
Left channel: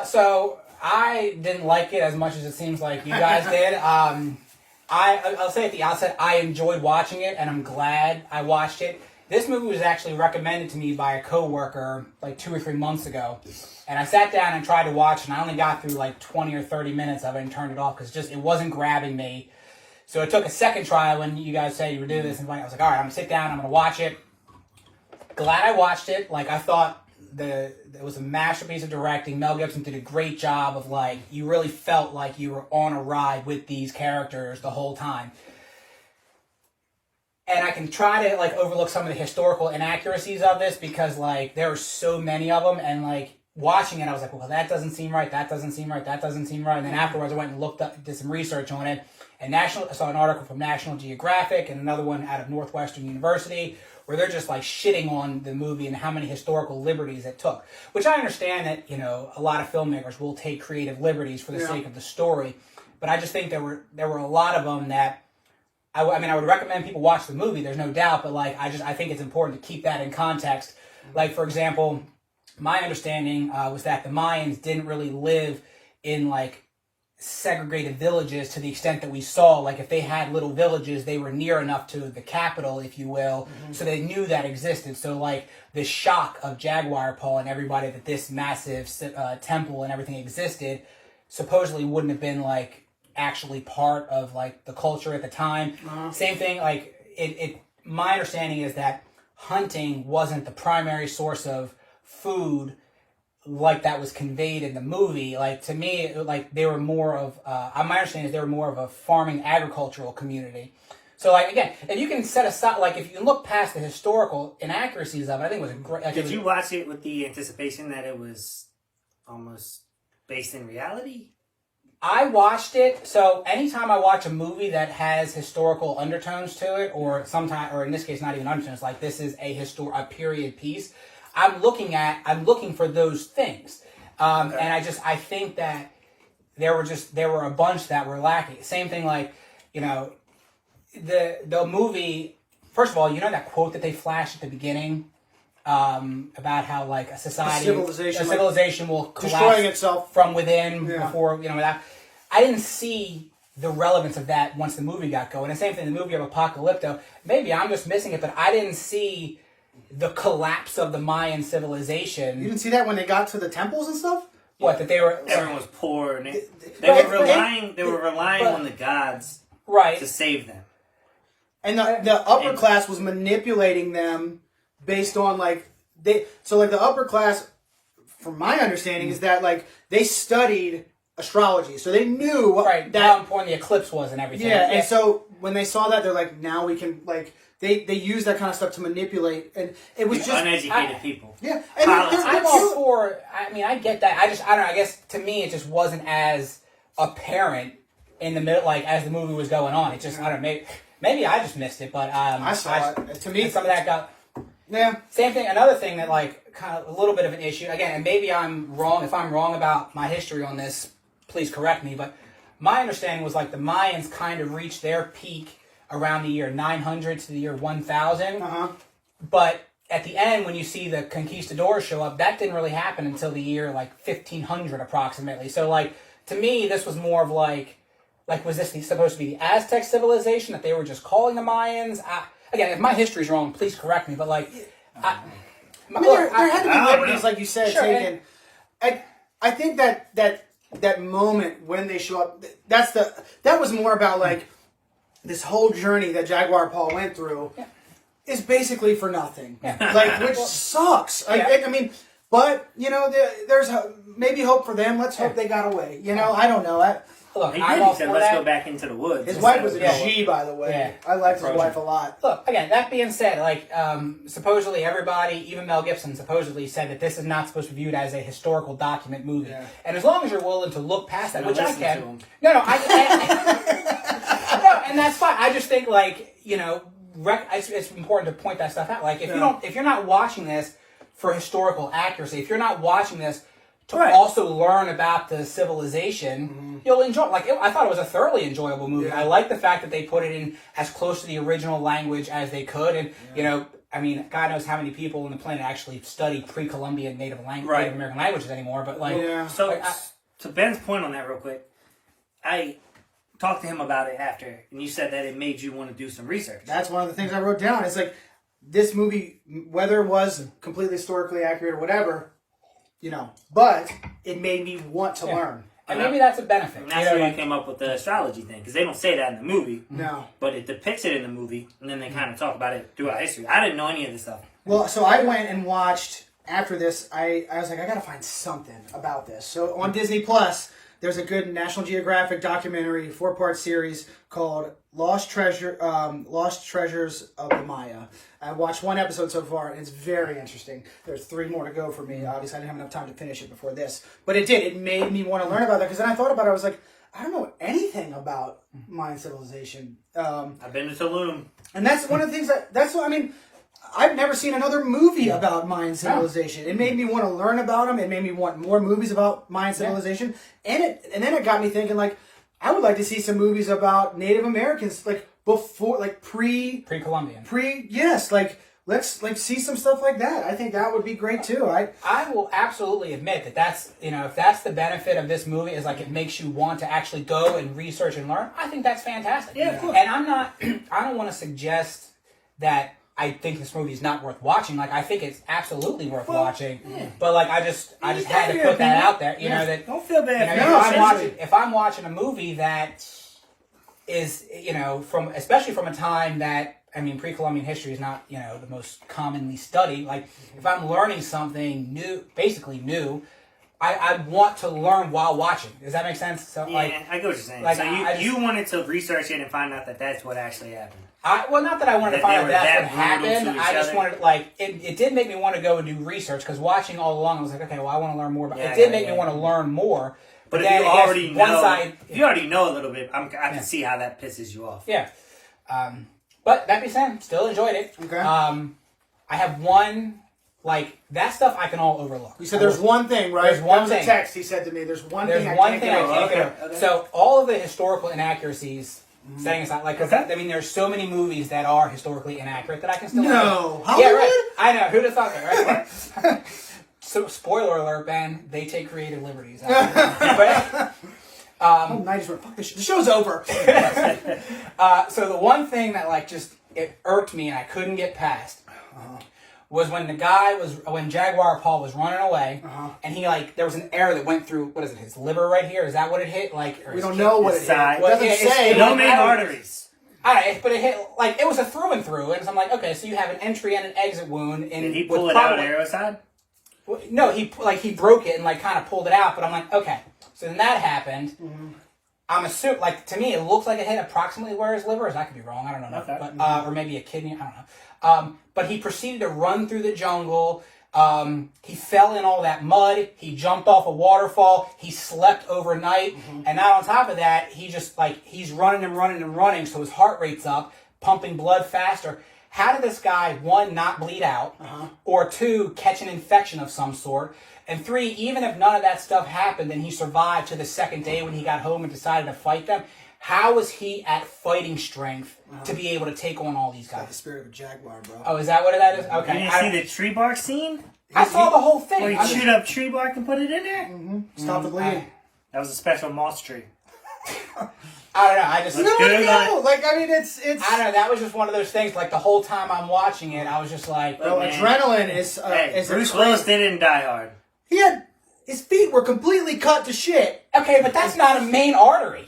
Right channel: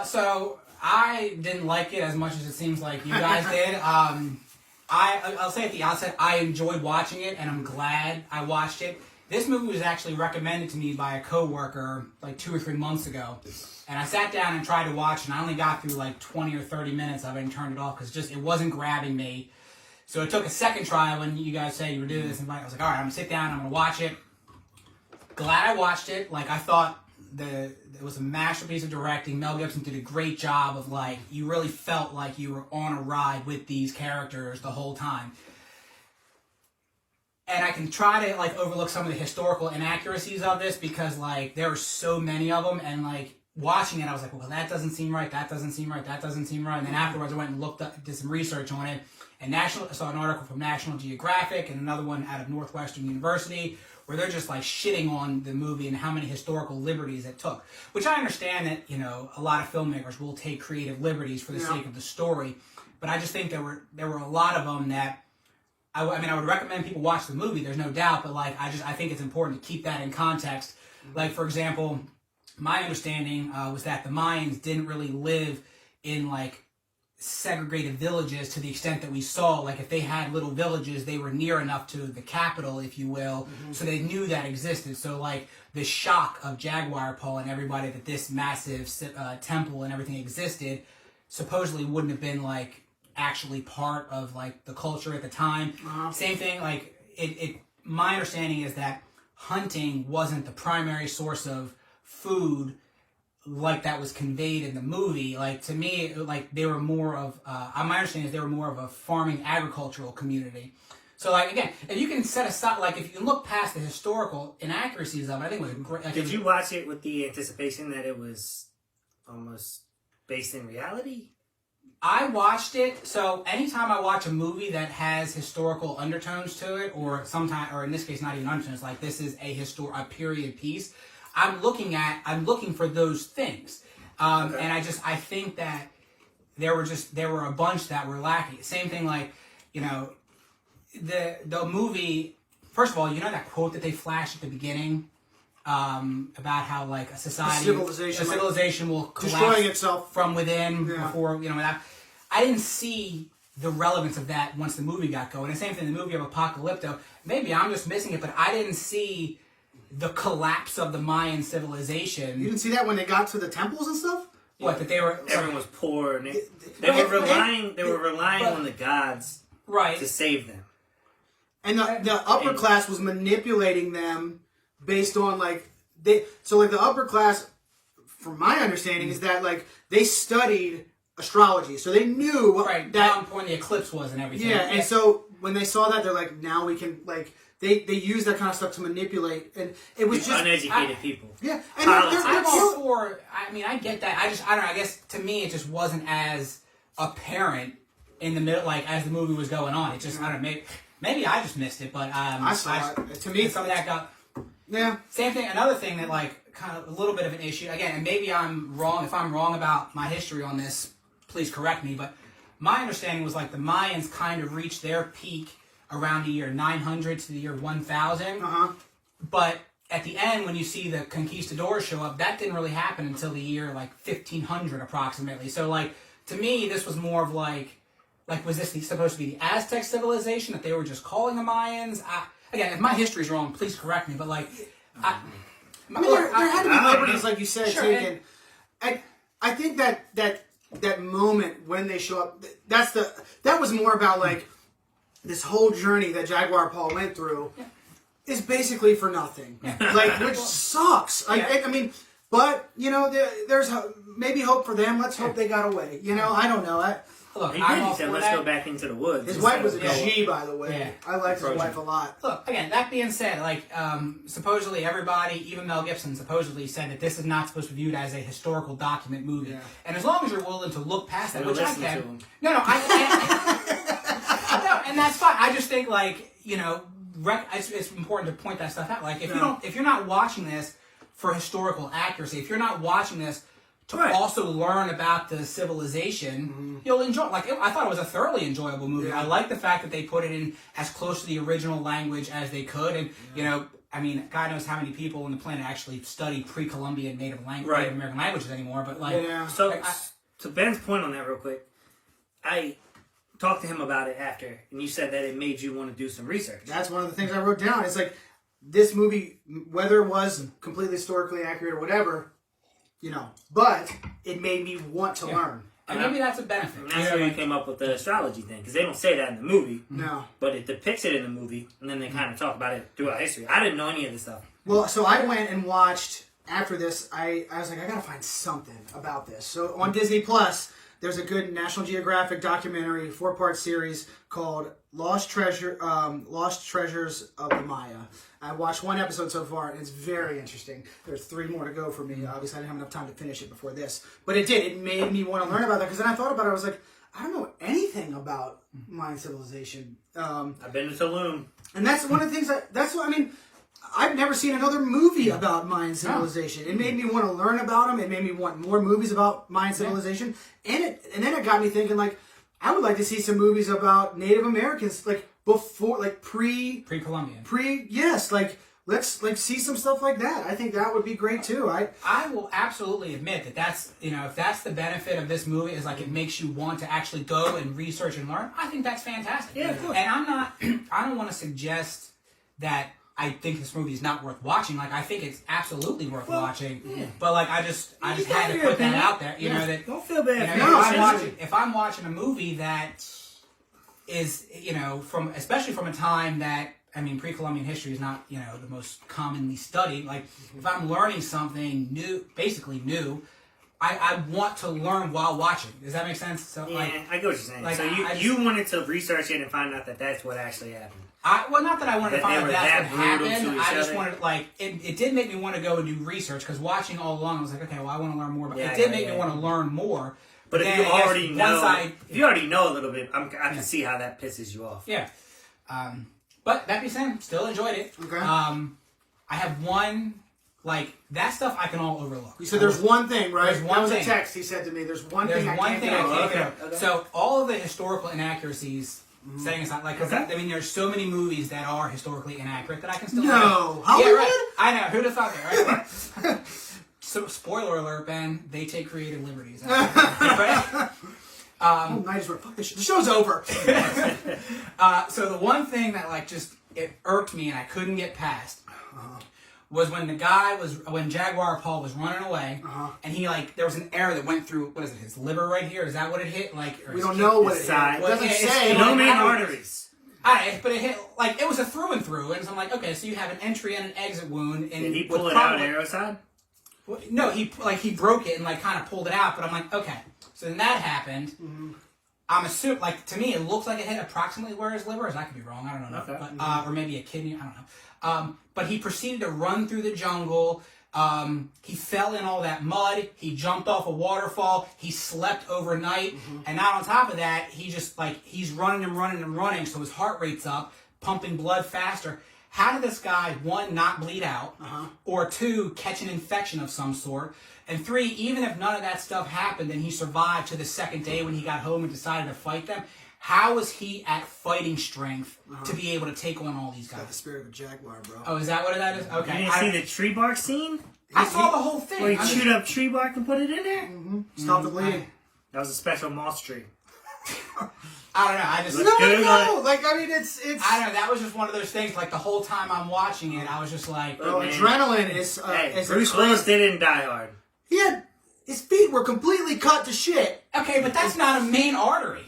So I didn't like it as much as it seems like you guys did. I'll say at the outset, I enjoyed watching it, and I'm glad I watched it. This movie was actually recommended to me by a coworker like 2 or 3 months ago, and I sat down and tried to watch, and I only got through like 20 or 30 minutes of it and turned it off because it wasn't grabbing me. So it took a second try when you guys said you were doing this, and I was like, all right, I'm gonna sit down, I'm gonna watch it. Glad I watched it. Like, I thought it was a masterpiece of directing. Mel Gibson did a great job of, like, you really felt like you were on a ride with these characters the whole time. And I can try to, like, overlook some of the historical inaccuracies of this because, like, there were so many of them, and, like, watching it, I was like, well, that doesn't seem right, that doesn't seem right, that doesn't seem right. And then afterwards, I went and did some research on it, and I saw an article from National Geographic and another one out of Northwestern University where they're just like shitting on the movie and how many historical liberties it took. Which I understand that, a lot of filmmakers will take creative liberties for the sake of the story, but I just think there were a lot of them that I would recommend people watch the movie. There's no doubt, but like I think it's important to keep that in context. Like, for example, my understanding was that the Mayans didn't really live in like segregated villages to the extent that we saw. Like, if they had little villages, they were near enough to the capital, if you will, so they knew that existed. So like the shock of Jaguar Paul and everybody that this massive temple and everything existed supposedly wouldn't have been like actually part of like the culture at the time. Same thing, like my understanding is that hunting wasn't the primary source of food like that was conveyed in the movie. Like, to me, like they were more of my understanding is they were more of a farming agricultural community. So like, again, if you can set aside, like, if you can look past the historical inaccuracies of it, I think it was a great. Did you watch it with the anticipation that it was almost based in reality? I watched it, so anytime I watch a movie that has historical undertones to it, or in this case, not even undertones, like this is a period piece, I'm looking for those things. And I think that there were a bunch that were lacking. Same thing, like, the movie, first of all, that quote that they flashed at the beginning, about how like a civilization will collapse destroying itself from within before, that. I didn't see the relevance of that once the movie got going. And same thing, the movie of Apocalypto, maybe I'm just missing it, but I didn't see the collapse of the Mayan civilization. You didn't see that when they got to the temples and stuff? What, that they were... Everyone was poor, and they were relying on the gods to save them. And the upper class was manipulating them based on, like... the upper class from my understanding, is that like they studied astrology, so they knew right that how important the eclipse was and everything. yeah, and so when they saw that, they're like, now we can like they use that kind of stuff to manipulate, and it was just uneducated people. Yeah, and I'm all for. I mean, I get that. I don't know. I guess to me, it just wasn't as apparent in the middle, like as the movie was going on. It just I don't know. Maybe I just missed it, but I saw it. To me, some of that got. Yeah. Same thing. Another thing that like kind of a little bit of an issue again, and maybe I'm wrong. If I'm wrong about my history on this, please correct me. But my understanding was like the Mayans kind of reached their peak around the year 900 to the year 1000. But at the end, when you see the conquistadors show up, that didn't really happen until the year like 1500 approximately. So like to me, this was more of like was this supposed to be the Aztec civilization that they were just calling the Mayans? Again, if my history's wrong, please correct me. But like, I mean, there had to be liberties, like you said, sure, taken. I think that moment when they show up, that was more about like this whole journey that Jaguar Paul went through is basically for nothing, like which sucks. I mean, but you know, there's maybe hope for them. Let's hope they got away. You know, I don't know. Look, He I'm said, let's go back into the woods. His wife was a G, by the way. Yeah. I liked his wife a lot. Look, again, that being said, like, supposedly everybody, even Mel Gibson, supposedly said that this is not supposed to be viewed as a historical document movie. Yeah. And as long as you're willing to look past that, which I can. No, and that's fine. I just think, like, you know, it's important to point that stuff out. Like, if you're not watching this for historical accuracy, if you're not watching this to also learn about the civilization, you'll enjoy. Like I thought it was a thoroughly enjoyable movie. I like the fact that they put it in as close to the original language as they could, and you know, I mean, God knows how many people on the planet actually study pre-Columbian Native American languages anymore. But like, so like, to Ben's point on that, real quick, I talked to him about it after, and you said that it made you want to do some research. That's one of the things I wrote down. It's like this movie, whether it was completely historically accurate or whatever. You know, but it made me want to learn. And maybe that's a benefit. And that's where you came up with the astrology thing, because they don't say that in the movie. No. But it depicts it in the movie, and then they kind of talk about it throughout history. I didn't know any of this stuff. Well, so I went and watched, after this, I was like, I gotta find something about this. So on Disney Plus, there's a good National Geographic documentary, 4-part series called Lost Treasures of the Maya. I watched one episode so far, and it's very interesting. There's 3 more to go for me. Obviously, I didn't have enough time to finish it before this. But it did. It made me want to learn about that, because then I thought about it. I was like, I don't know anything about Mayan civilization. I've been to Tulum. And that's one of the things that's what I mean. I've never seen another movie about Mayan civilization. It made me want to learn about them. It made me want more movies about Mayan civilization. And then it got me thinking, like, I would like to see some movies about Native Americans, like before, like pre-Columbian. Yes, like let's like see some stuff like that. I think that would be great too. I will absolutely admit that that's, you know, if that's the benefit of this movie is like it makes you want to actually go and research and learn. I think that's fantastic. Yeah, of course. And I don't want to suggest that I think this movie is not worth watching. Like, I think it's absolutely worth watching. Yeah. But like, I just had to put that out there. You know that. Don't feel bad. You know, if I'm watching a movie that is, you know, especially from a time that, I mean, pre-Columbian history is not, you know, the most commonly studied. Like, if I'm learning something new, basically new, I want to learn while watching. Does that make sense? So, yeah, like, I get what you're saying. Like, so you wanted to research it and find out that that's what actually happened. Well, not that I wanted to find out that's what happened. I just other. wanted, like, it did make me want to go and do research, because watching all along, I was like, okay, well, I want to learn more about it. It did make me want to learn more. But if you already know, if you already know a little bit, I can see how that pisses you off. Yeah. But that being said, still enjoyed it. Okay. I have one, like, that stuff I can all overlook. You said there's one thing, right? There's one that was thing. a text he said to me. There's one thing I can't get over. Okay. So all of the historical inaccuracies, setting aside, like, because I mean, there's so many movies that are historically inaccurate that I can still. Hollywood? Yeah, right. I know. Who'd have thought that, right? So, spoiler alert, Ben. They take creative liberties. But, fuck this shit. The show's over. so the one thing that like just it irked me and I couldn't get past was when Jaguar Paul was running away and he like there was an arrow that went through what is it, his liver right here? Is that what it hit? Like we don't know what it hit. It doesn't say. No main arteries. But it hit like it was a through and through, and so I'm like, okay, so you have an entry and an exit wound. And did he pull it out on the arrow side? No, he broke it and like kind of pulled it out. But I'm like, okay. So then that happened. Mm-hmm. I'm assuming, like, to me, it looks like it hit approximately where his liver is. I could be wrong. I don't know. Okay. But, or maybe a kidney. I don't know. But he proceeded to run through the jungle. He fell in all that mud. He jumped off a waterfall. He slept overnight. And now on top of that, he just, like, he's running and running and running. So his heart rate's up, pumping blood faster. How did this guy, one, not bleed out? Or two, catch an infection of some sort? And three, even if none of that stuff happened and he survived to the second day when he got home and decided to fight them, how was he at fighting strength to be able to take on all these guys? The spirit of a jaguar, bro. Oh, is that what that is? Okay. You didn't see the tree bark scene? I saw the whole thing. Where he chewed up tree bark and put it in there? Stop the bleeding. That was a special moss tree. I don't know. I just... No. Like, I mean, it's... I don't know. That was just one of those things. Like, the whole time I'm watching it, I was just like... Bro, adrenaline is... Bruce Willis didn't die hard. He had... His feet were completely cut to shit. Okay, but that's not a main artery.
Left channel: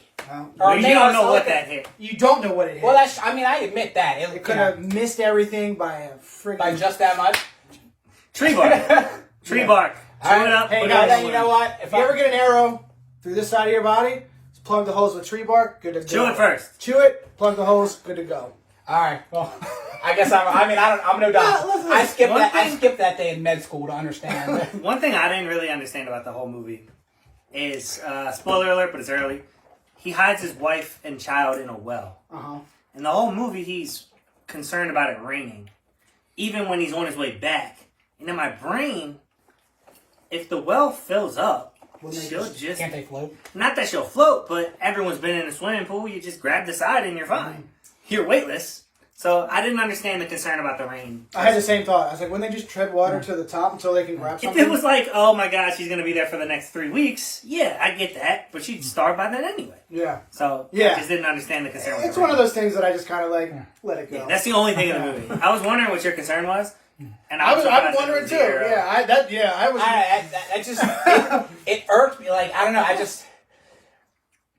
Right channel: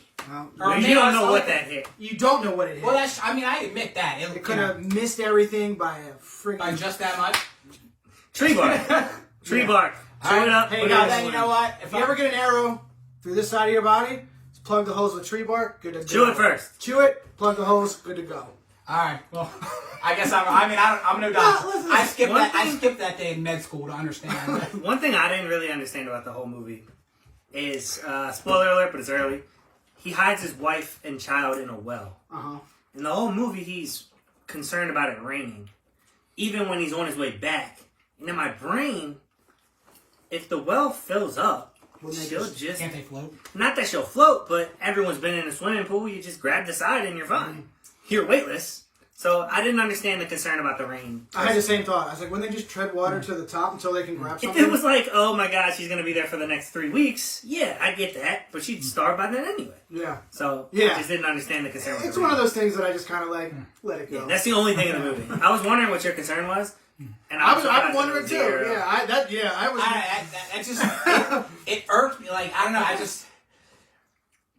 Well, you don't know what that hit. You don't know what it hit. Well, that's... I mean, I admit that. It could have missed everything by a freaking... By just that much? Tree bark. Tree bark. Chew it up. Hey, put it guys, on then the you know wood. what? If you ever get an arrow through this side of your body, just plug the holes with tree bark, good to go. Chew it first. Chew it, plug the holes, good to go. All right. Well, I guess I'm no doctor. listen, I skipped one that. I thing- skipped that day in med school to understand. One thing I didn't really understand about the whole movie is, spoiler alert, but it's early, he hides his wife and child in a well. In the whole movie, he's concerned about it raining, even when he's on his way back. And in my brain, if the well fills up, she'll just... Can't they float? Not that she'll float, but everyone's been in a swimming pool. You just grab the side and you're fine. You're weightless. So I didn't understand the concern about the rain. I had the same thought. I was like, wouldn't they just tread water to the top until they can grab If something? it was like, oh my gosh, she's going to be there for the next 3 weeks, yeah, I get that. But she'd starve by then anyway. Yeah. So Yeah. I just didn't understand the concern with It's the one of rain. those things that I just kind of like, let it go. Yeah, that's the only thing in the movie. I was wondering what your concern was. And I was surprised wondering it was too. zero. Yeah, I was... I just it irked me. Like, I don't know.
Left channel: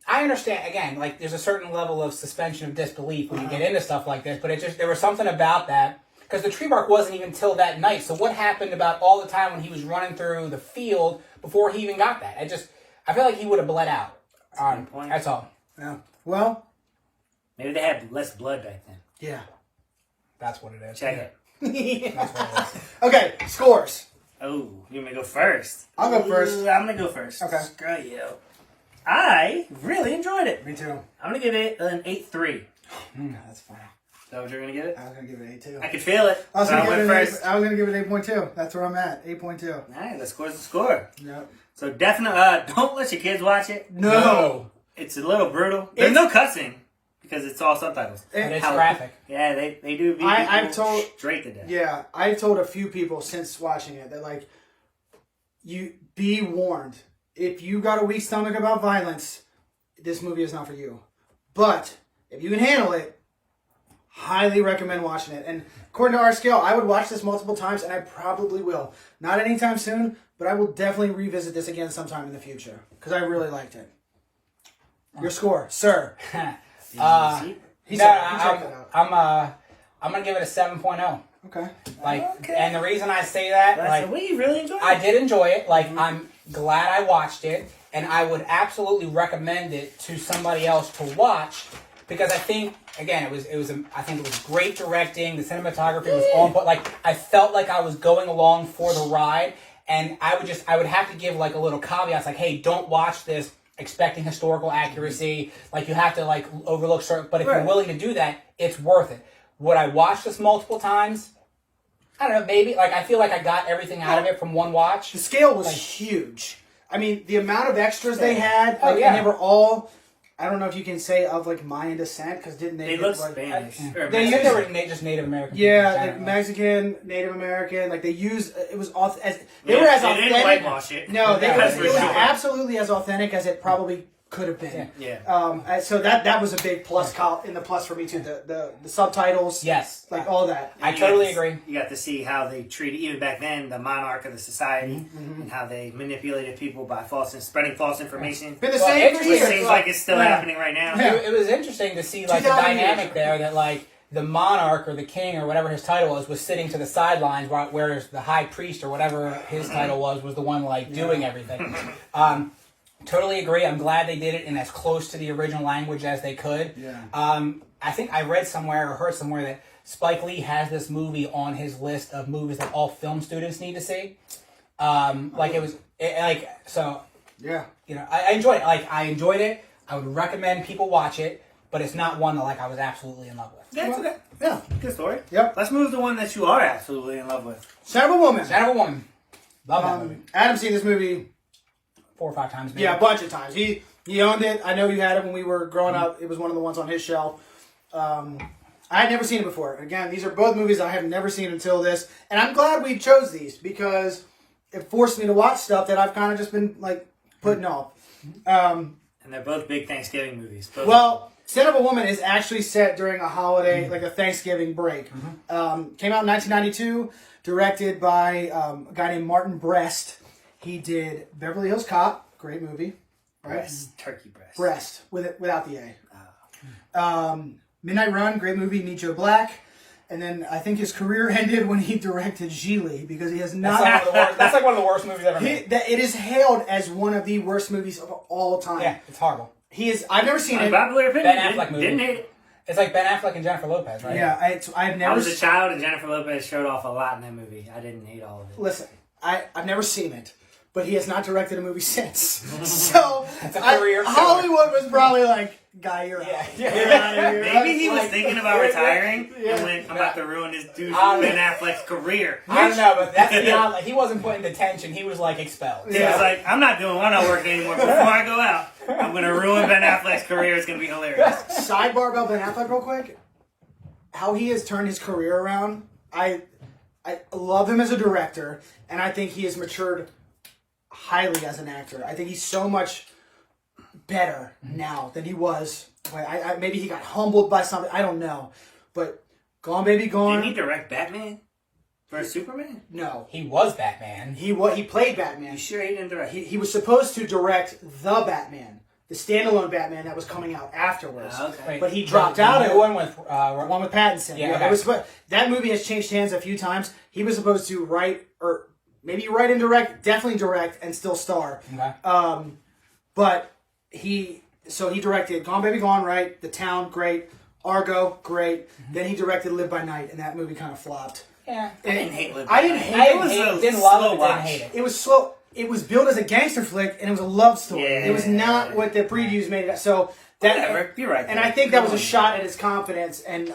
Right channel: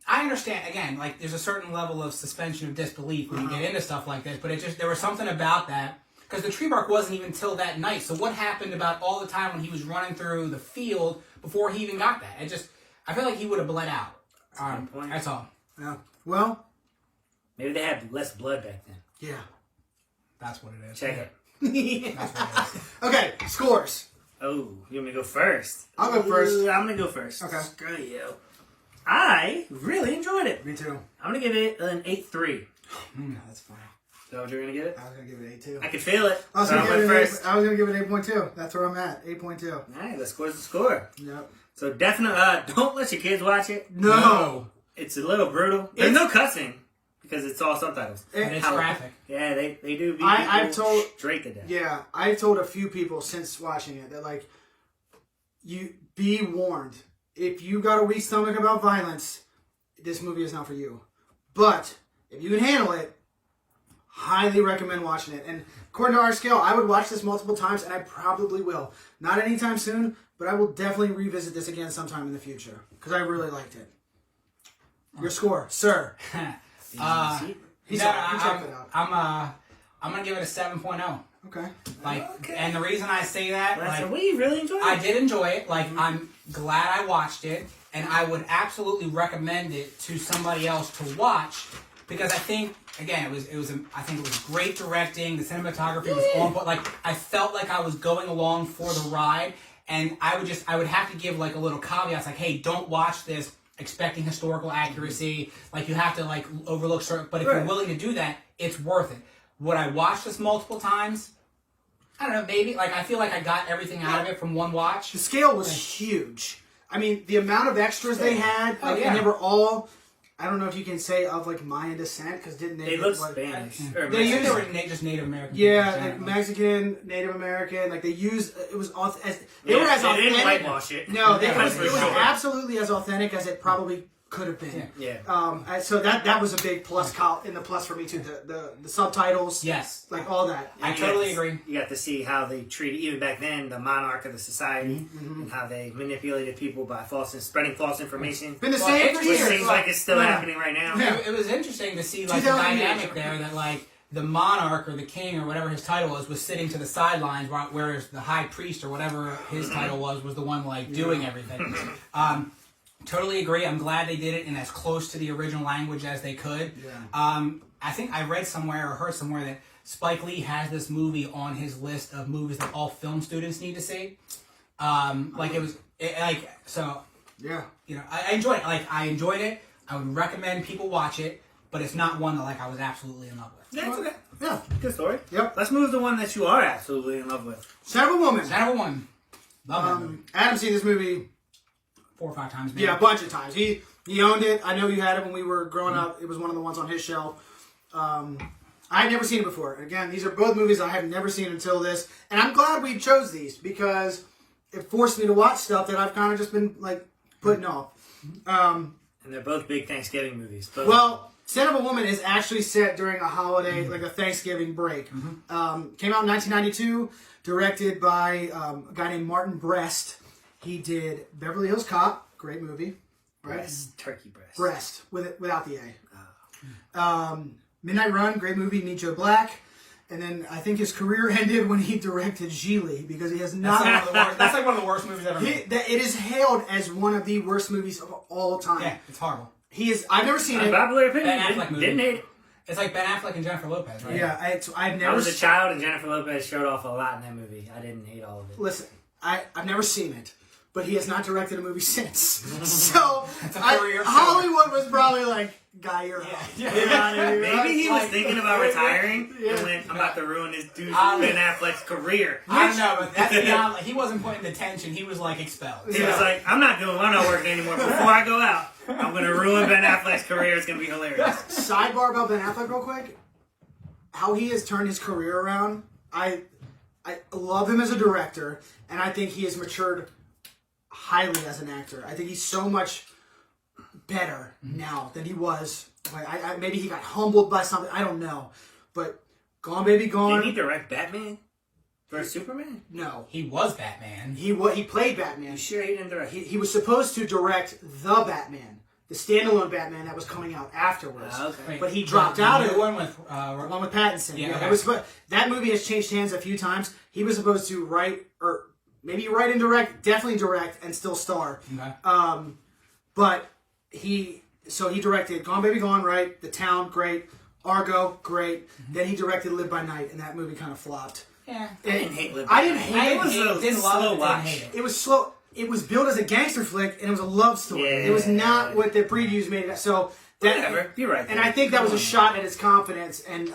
I understand, again, like, there's a certain level of suspension of disbelief when you get into stuff like this, but there was something about that, because the tree bark wasn't even till that night. So what happened about all the time when he was running through the field before he even got that? I feel like he would have bled out. Good point. That's all. Yeah. Well... Maybe they had less blood back then. Yeah. That's what it is. Check it. That's what it is. Okay, scores. Oh, you want me to go first? I'll go first. I'm going to go first. Okay. Screw you. I really enjoyed it. Me too. I'm going to give it an 8.3. That's fine. Is that what you're going to give it? I was going to give it an 8.2. I could feel it. I was So going I went first. to give it 8.2. That's where I'm at. 8.2. All right, the score's the score. Yep. So definitely, don't let your kids watch it. No. It's a little brutal. There's no cussing because it's all subtitles. And it's How- graphic. Yeah, they do beat I've people told- straight to death. Yeah, I've told a few people since watching it that, like, you be warned. If you got a weak stomach about violence, this movie is not for you. But if you can handle it, highly recommend watching it. And according to our scale, I would watch this multiple times, and I probably will. Not anytime soon, but I will definitely revisit this again sometime in the future because I really liked it. Your score, sir. See? He No, checked it out. I'm gonna give it a 7.0. Okay. Like, and the reason I say that, That's like, the way you really enjoyed it. I did enjoy it. Like, I'm glad I watched it, and I would absolutely recommend it to somebody else to watch because I think, again, I think it was great directing. The cinematography was on, but like, I felt like I was going along for the ride, and I would have to give like a little caveat, like, hey, don't watch this expecting historical accuracy. Like, you have to like overlook certain, but if you're willing to do that, it's worth it. Would I watch this multiple times? I don't know, maybe. Like, I feel like I got everything out of it from one watch. The scale was huge. I mean, the amount of extras they had, like, yeah. and they were all, I don't know if you can say of, like, Mayan descent, because didn't They get, look like, Spanish. I Or think Mexican. they were just Native American. Yeah, people, like Mexican, Native American, like, they used, it was, they Yeah, were as they authentic. didn't whitewash it. No, it That's was for sure. absolutely as authentic as it probably could have been. Yeah. So that was a big plus in the plus for me too. The subtitles, Yes. like all that. I You totally got to- agree. You got to see how they treated, even back then, the monarch of the society, Mm-hmm. and how they manipulated people by spreading false information. Been the Well, same for interesting. Which years. seems like it's still Yeah. happening right now. Yeah. It was interesting to see like the 2000 dynamic years. there that like the monarch or the king or whatever his title was sitting to the sidelines, whereas the high priest or whatever his title was the one like doing everything. Totally agree. I'm glad they did it in as close to the original language as they could. Yeah. I think I read somewhere or heard somewhere that Spike Lee has this movie on his list of movies that all film students need to see. So. Yeah. You know, I enjoyed it. Like, I enjoyed it. I would recommend people watch it, but it's not one that like I was absolutely in love with. That's okay. Yeah. Good story. Yep. Let's move to one that you are absolutely in love with. Son of a Woman. Son of a Woman. Love that movie. Adam's seen this movie 4 or 5 times. Maybe. a bunch of times. He owned it. I know you had it when we were growing up. It was one of the ones on his shelf. I had never seen it before. Again, these are both movies I have never seen until this, and I'm glad we chose these because it forced me to watch stuff that I've kind of just been like putting off. And they're both big Thanksgiving movies. Both. Well, Son of a Woman is actually set during a holiday, like a Thanksgiving break. Came out in 1992, directed by a guy named Martin Brest. He did Beverly Hills Cop, great movie. Right? Breast, turkey breast. Brest, without the A. Midnight Run, great movie, Need Joe Black. And then I think his career ended when he directed Gigli because he has not. That's like one of the worst movies ever made. It is hailed as one of the worst movies of all time. Yeah, it's horrible. He is. I've never seen it. Unpopular opinion. Ben Affleck movie. Didn't hate it. It's like Ben Affleck and Jennifer Lopez, right? Yeah, I've never. I was a child, and Jennifer Lopez showed off a lot in that movie. I didn't hate all of it. Listen, I've never seen it, but he has not directed a movie since. So That's a career killer. Hollywood was probably like, "Guy, you're out. Yeah. Get out of here." Maybe he was Like, thinking about retiring Yeah. and went, I'm about to ruin this dude I Ben Affleck's career. I don't know, but that's beyond. Like, he wasn't put in detention. He was like expelled. He was like, I'm not working anymore. Before I go out, I'm going to ruin Ben Affleck's career. It's going to be hilarious. Sidebar about Ben Affleck real quick. How he has turned his career around. I love him as a director, and I think he has matured highly as an actor. I think he's so much better now than he was. Maybe he got humbled by something. I don't know. But Gone Baby Gone. Did he direct Batman versus Superman? No. He was Batman. He played Batman. You sure he didn't direct? He was supposed to direct the Batman, the standalone Batman that was coming out afterwards. Okay. Wait, But he dropped out of the it. one with One with Pattinson. Yeah, Yeah, okay. it was. That movie has changed hands a few times. He was supposed to write, or maybe write and direct, definitely direct, and still star. Okay. But he directed Gone Baby Gone, right? The Town, great. Argo, great. Then he directed Live by Night, and that movie kind of flopped. Yeah. I didn't hate Live I by didn't Night. hate I it. didn't love slow it, but watch. didn't hate it. It was slow. It was billed as a gangster flick, and it was a love story. Yeah. It was not what the previews made it. So that, Whatever. You're right. and I think that was a shot at his confidence. And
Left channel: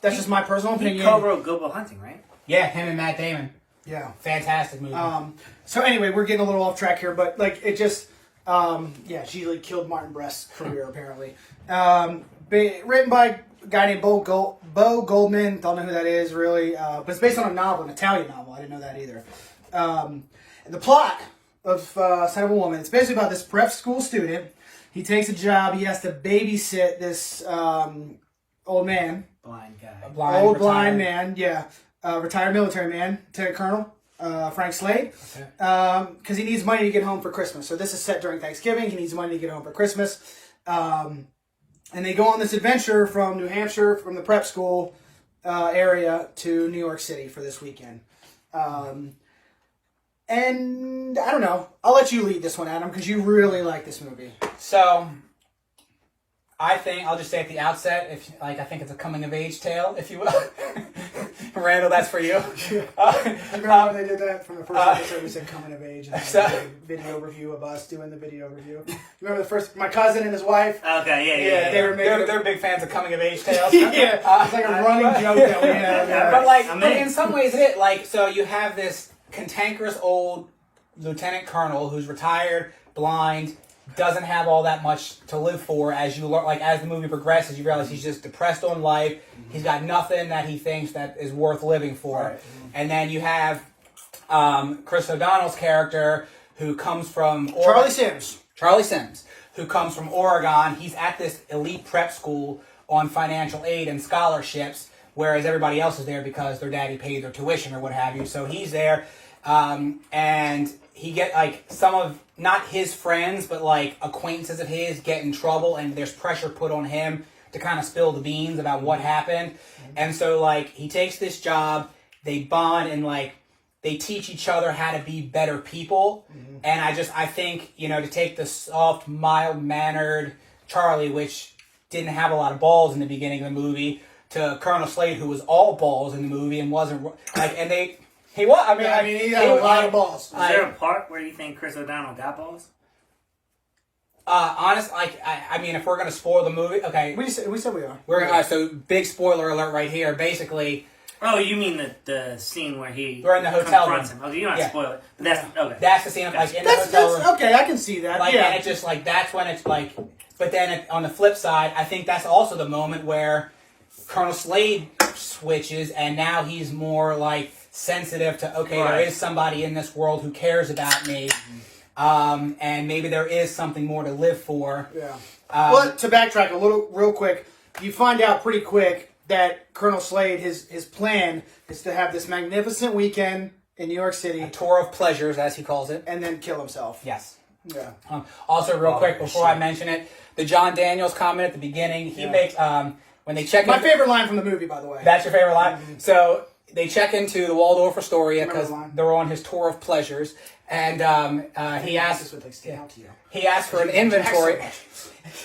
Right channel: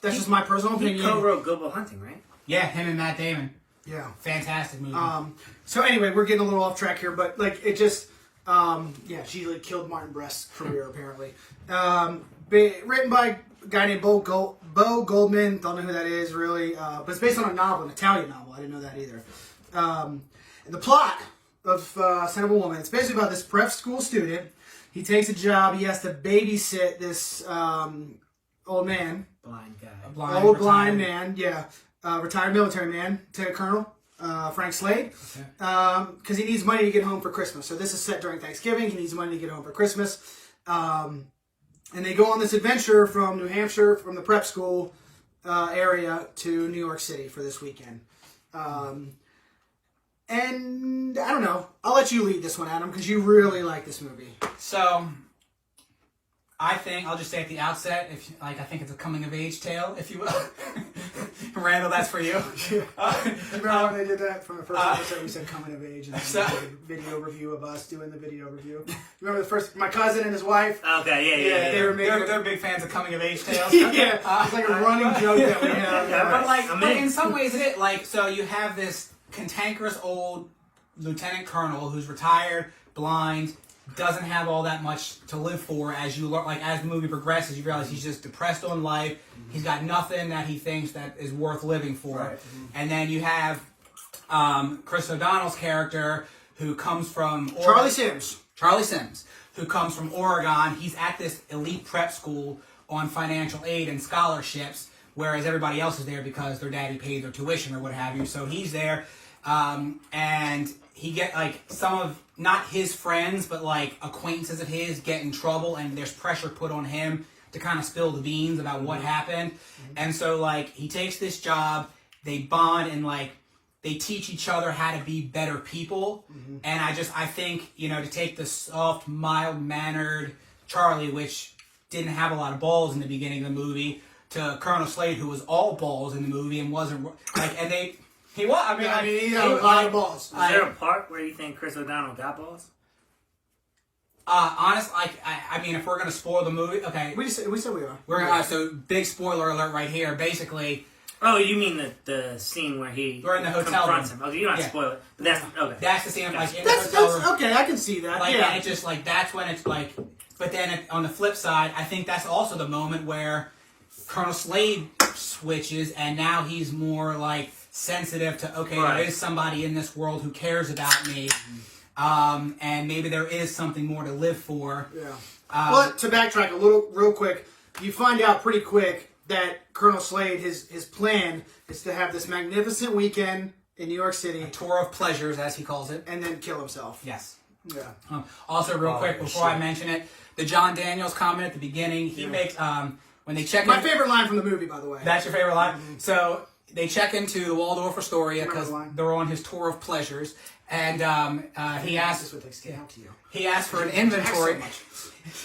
that's just my personal He opinion. co-wrote Good Will Hunting, right? Yeah, him and Matt Damon. Yeah. Fantastic movie. So anyway, we're getting a little off track here, but like it just, she like killed Martin Brest's career apparently. Written by a guy named Bo Goldman. Don't know who that is really, but it's based on a novel, an Italian novel. I didn't know that either. And the plot of Son of a Woman. It's basically about this prep school student. He takes a job. He has to babysit this old man. Blind guy. Blind man, yeah. Retired military man, Lieutenant Colonel Frank Slade. Because he needs money to get home for Christmas. So this is set during Thanksgiving. He needs money to get home for Christmas. And they go on this adventure from New Hampshire, from the prep school area to New York City for this weekend. And I don't know. I'll let you lead this one, Adam, because you really like this movie. So, I think I'll just say at the outset, I think it's a coming of age tale, if you will. Randall, that's for you. Remember when they did that from the first episode? We said coming of age, and then we did a video review of us doing the video review. Remember the first? My cousin and his wife. Okay, yeah. They were making. They're big fans of coming of age tales. Yeah, it's like a running joke that we have. But in some ways it is. So you have this cantankerous old lieutenant colonel who's retired, blind, doesn't have all that much to live for. As you learn, as the movie progresses, you realize he's just depressed on life. He's got nothing that he thinks that is worth living for. Right. And then you have Chris O'Donnell's character who comes from Charlie Sims, who comes from Oregon. He's at this elite prep school on financial aid and scholarships, whereas everybody else is there because their daddy paid their tuition or what have you. So he's there, and he get some of not his friends, but acquaintances of his get in trouble, and there's pressure put on him to kind of spill the beans about what happened. And so, like, he takes this job, they bond, and, like, they teach each other how to be better people. And I think, you know, to take the soft, mild-mannered Charlie, which didn't have a lot of balls in the beginning of the movie, to Colonel Slade, who was all balls in the movie and wasn't, like, and he was, I mean, he had a lot of balls. Is there a part where you think Chris O'Donnell got balls? Honestly, like, I mean, if we're going to spoil the movie, okay. We said we are. We're gonna, so, big spoiler alert right here. Basically, oh, you mean the scene where we're in the hotel confronts room. him. Okay, you don't have to spoil it. But that's, okay. That's the scene of, like, in the hotel room. Okay, I can see that. Like, yeah. and it just, like, that's when it's, like, but then on the flip side, I think that's also the moment where Colonel Slade switches, and now he's more, like, sensitive to, okay, there is somebody in this world who cares about me. And maybe there is something more to live for. Yeah. Well, to backtrack a little, real quick, you find out pretty quick that Colonel Slade, his plan is to have this magnificent weekend in New York City. A tour of pleasures, as he calls it. And then kill himself. Yes. Yeah. Also, real quick, before I mention it, the John Daniels comment at the beginning, he makes, when they check My favorite line from the movie, by the way. That's your favorite line? So, they check into the Waldorf Astoria because they're on his tour of pleasures. And he asked for an inventory.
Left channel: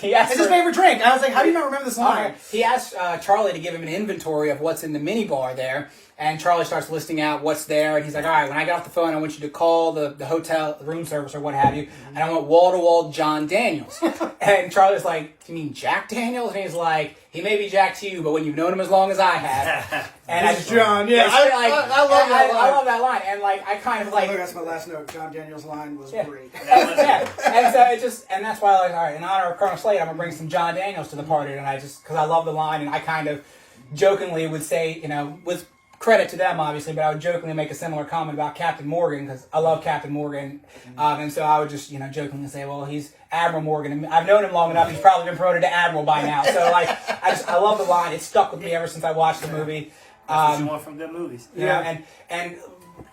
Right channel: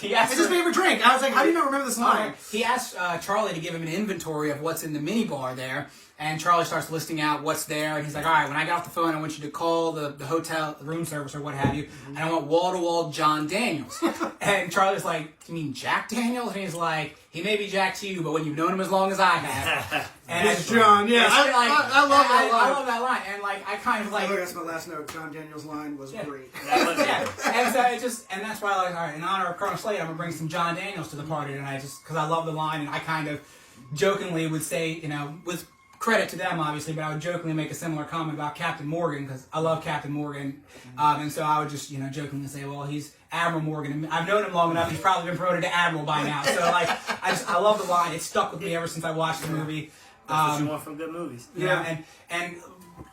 It's his favorite drink. I was like, how do you not remember this line? He asked Charlie to give him an inventory of what's in the minibar there. And Charlie starts listing out what's there. And he's like, all right, when I get off the phone, I want you to call the hotel, the room service or what have you. And I want wall-to-wall John Daniels. And Charlie's like, do you mean Jack Daniels? And he's like, he may be Jack to you, but when you've known him as long as I have. And it's John, yeah. I love that line. I love that line. And, like, I kind of like... That's my last note. John Daniels' line was great. And so it just... And that's why, like, all right, in honor of Colonel Slade, I'm going to bring some John Daniels to the party tonight just because I love the line. And I kind of jokingly would say, you know, with credit to them, obviously, but I would jokingly make a similar comment about Captain Morgan because I love Captain Morgan. And so I would just, you know, jokingly say, well, he's Admiral Morgan. And I've known him long enough. He's probably been promoted to Admiral by now. So, like, I love the line. It stuck with me ever since I watched the movie. That's what you want from good movies. You know, and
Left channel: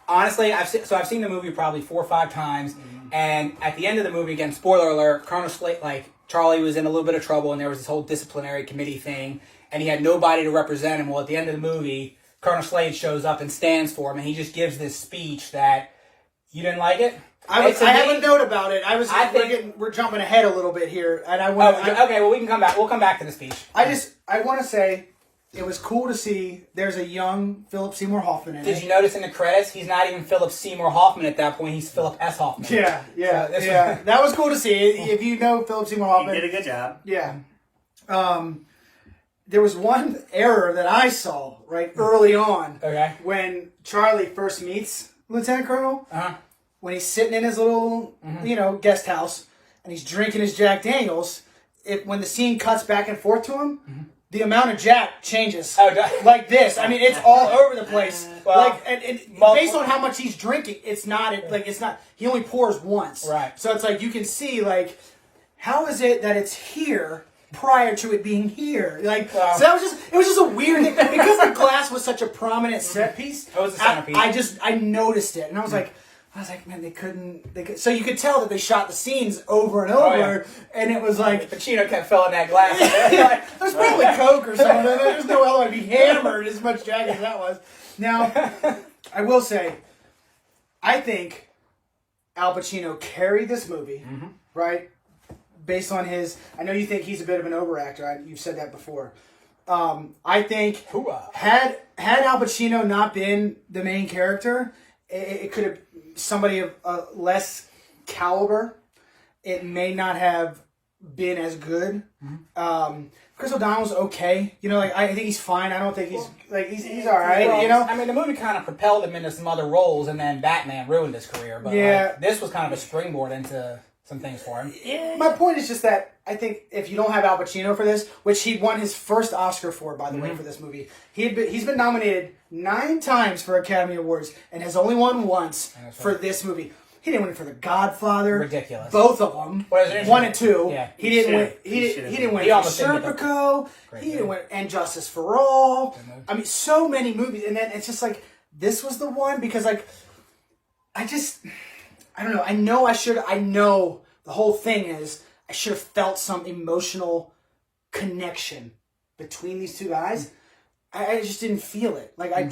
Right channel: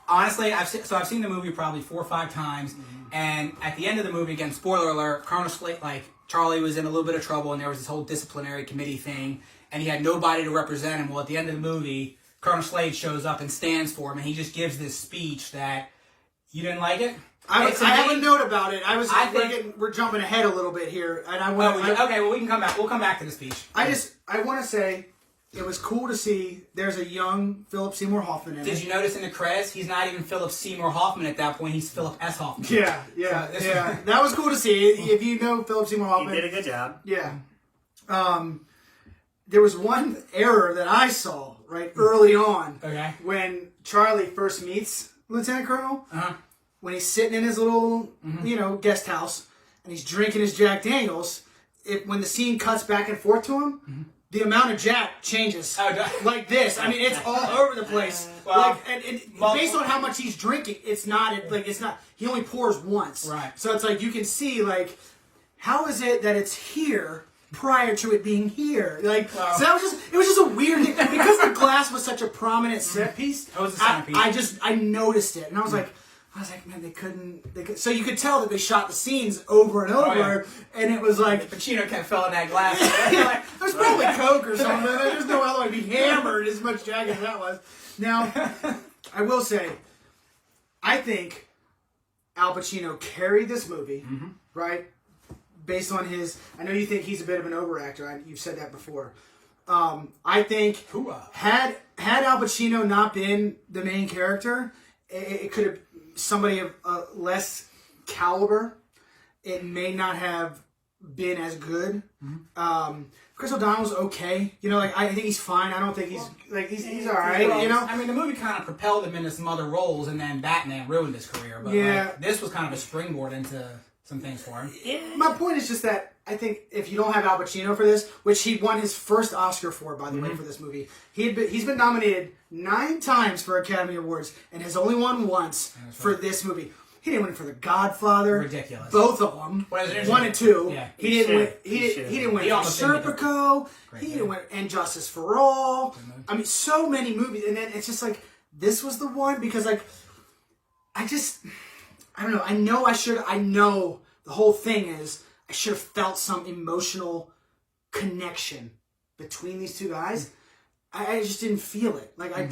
honestly, I've seen the movie probably 4 or 5 times. And at the end of the movie, again, spoiler alert, Colonel Slade, like, Charlie was in a little bit of trouble and there was this whole disciplinary committee thing. And he had nobody to represent him. Well, at the end of the movie, Colonel Slade shows up and stands for him, and he just gives this speech that you didn't like it. I have a note about it. We're jumping ahead a little bit here, and I want. Okay, well we can come back. We'll come back to the speech. I want to say it was cool to see. There's a young Philip Seymour Hoffman in it. Did you notice in the credits he's not even Philip Seymour Hoffman at that point? He's Philip S. Hoffman. Yeah. That was cool to see. If you know Philip Seymour Hoffman, he did a good job. Yeah. There was one error that I saw early on. Okay. When Charlie first meets Lieutenant Colonel, when he's sitting in his little, guest house, and he's drinking his Jack Daniels, when the scene cuts back and forth to him, the amount of Jack changes like this. I mean, it's all over the place. Well, based on how much he's drinking, it's not. He only pours once. Right. So it's like you can see how is it that it's here prior to it being here? So it was just a weird thing because the glass was such a prominent set piece. It was a centerpiece. I noticed it, and I was like, man, they couldn't. So you could tell that they shot the scenes over and over, and it was like Pacino kept filling that glass. There's probably Coke or something. There's no other way to be hammered as much Jack as that was. Now, I will say, I think Al Pacino carried this movie, right? Based on I know you think he's a bit of an overactor. You've said that before. I think had Al Pacino not been the main character, it could have somebody of less caliber. It may not have been as good. Chris O'Donnell's okay. I think he's fine. I don't think he's all right. I mean, the movie kind of propelled him into some other roles, and then Batman ruined his career. But this was kind of a springboard into some things for him. Yeah. My point is just that I think if you don't have Al Pacino for this, which he won his first Oscar for, by the way, for this movie, he's been nominated 9 times for Academy Awards and has only won once for this movie. He didn't win it for The Godfather. Ridiculous. Both of them. 1 and 2. Yeah. He didn't win. He didn't win for Serpico. He didn't win And Justice for All. I mean, so many movies, and then it's just like this was the one because I don't know. I know the whole thing is I should have felt some emotional connection between these two guys, I just didn't feel it. Like I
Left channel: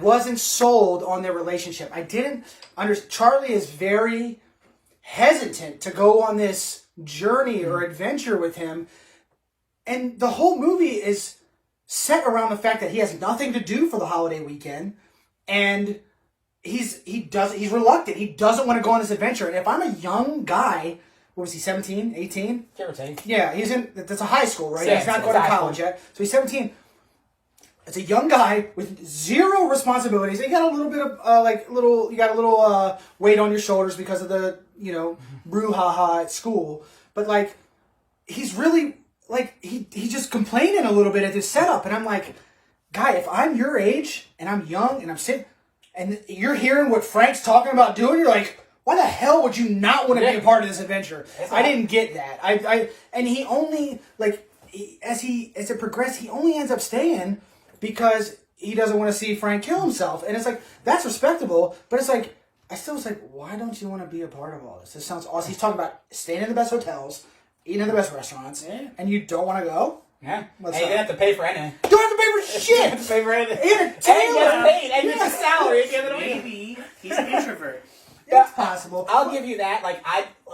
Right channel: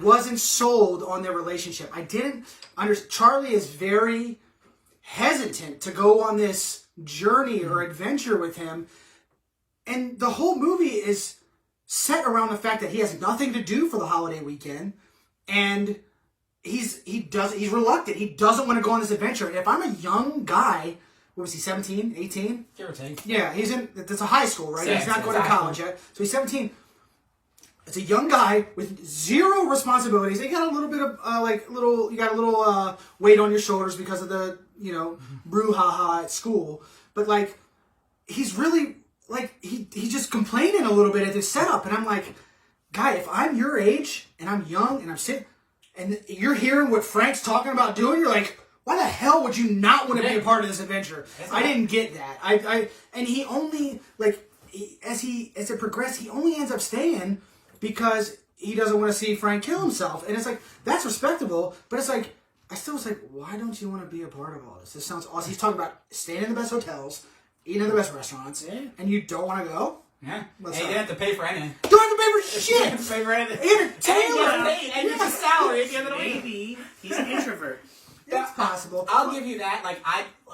wasn't sold on their relationship. I didn't Charlie is very hesitant to go on this journey or adventure with him. And the whole movie is set around the fact that he has nothing to do for the holiday weekend. And he's reluctant. He doesn't want to go on this adventure. And if I'm a young guy, what was he, 17, 18? Give or take. Yeah, that's a high school, right? Yeah, He's not it's going to high college yet. So he's 17. It's a young guy with zero responsibilities. You got a little bit of weight on your shoulders because of the, brouhaha at school. But like, he's really like, he's just complaining a little bit at this setup. And I'm like, guy, if I'm your age and I'm young and I'm sitting and you're hearing what Frank's talking about doing, you're like, why the hell would you not want to be a part of this adventure? I didn't get that. And he only as it progressed, he only ends up staying because he doesn't want to see Frank kill himself. And it's like, that's respectable, but it's like, I still was like, why don't you want to be a part of all this? This sounds awesome. He's talking about staying in the best hotels, eating in the best restaurants, and you don't want to go? Yeah. You didn't have to pay for anything. You don't have to pay for shit! You don't have to pay for anything. In a tailor! And you get a salary at the end of the week. Maybe he's an introvert. It's possible. I'll give you that. Like,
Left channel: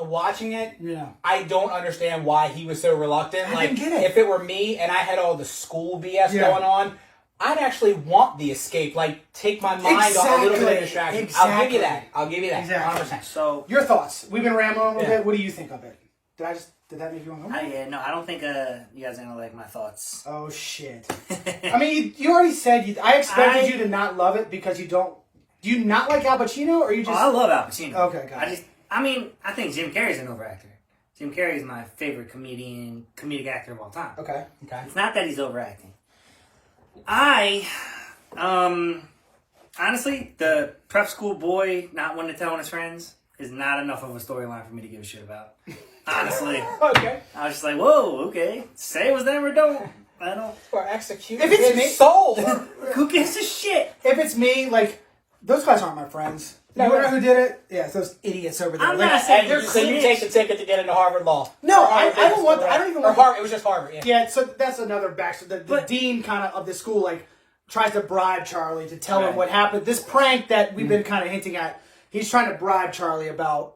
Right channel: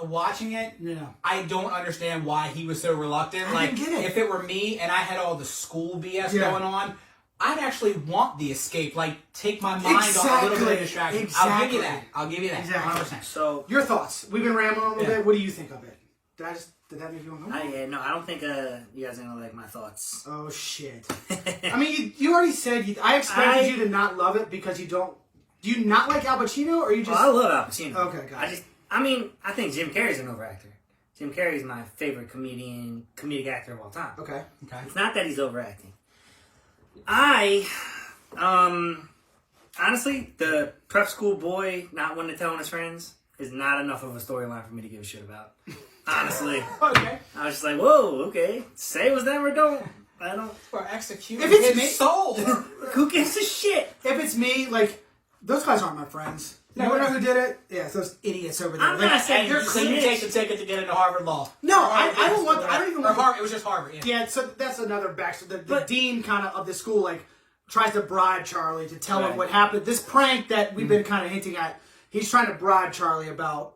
watching it, I don't understand why he was so reluctant. I didn't get it. If it were me and I had all the school BS going on, I'd actually want the escape. Like, take my mind off a little bit of distraction. Exactly. I'll give you that. Exactly. 100%. So your thoughts? We've been rambling a little bit. What do you think of it? Did that make you uncomfortable? no, I don't think you guys are gonna like my thoughts. Oh shit! I mean, you already said I expected you to not love it because you don't. Do you not like Al Pacino, or you just? Oh, I love Al Pacino. Okay, got it. I think Jim Carrey's an overactor. Jim Carrey is my favorite comedic actor of all time. Okay. It's not that he's overacting. Honestly, the prep school boy not wanting to tell on his friends is not enough of a storyline for me to give a shit about. Honestly. Okay. I was just like, whoa, okay. Say it was them or don't. I don't. Or execute If it's his me- soul. Who gives a shit? If it's me, like those guys aren't my friends. You know who did it? Yeah, it's those idiots over there. I'm Like, not saying Hey, so you take the ticket to get into Harvard Law. No, I don't want. I don't even Or want. Harvard. It was just Harvard. Yeah. Yeah, so that's another backstory. The dean kind of the school tries to bribe Charlie to tell him what happened. This prank that we've been kind of hinting at. He's trying to bribe Charlie about.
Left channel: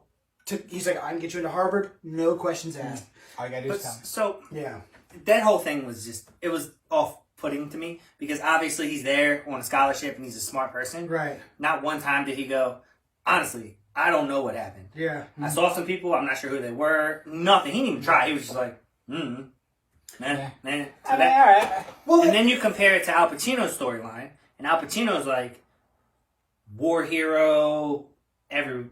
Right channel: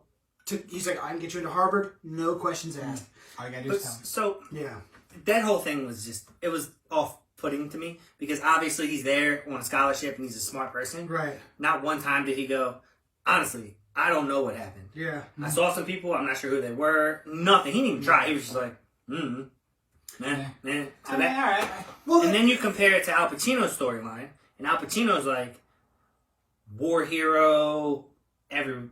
He's like, I can get you into Harvard, no questions asked. All you gotta do is tell me. So Yeah. that whole thing was it was off-putting to me because obviously he's there on a scholarship and he's a smart person. Right. Not one time did he go, honestly, I don't know what happened. Yeah. I saw some people, I'm not sure who they were. Nothing. He didn't even try. He was just like, So I mean, that- all right. Well, and then you compare it to Al Pacino's storyline, and Al Pacino's like war hero,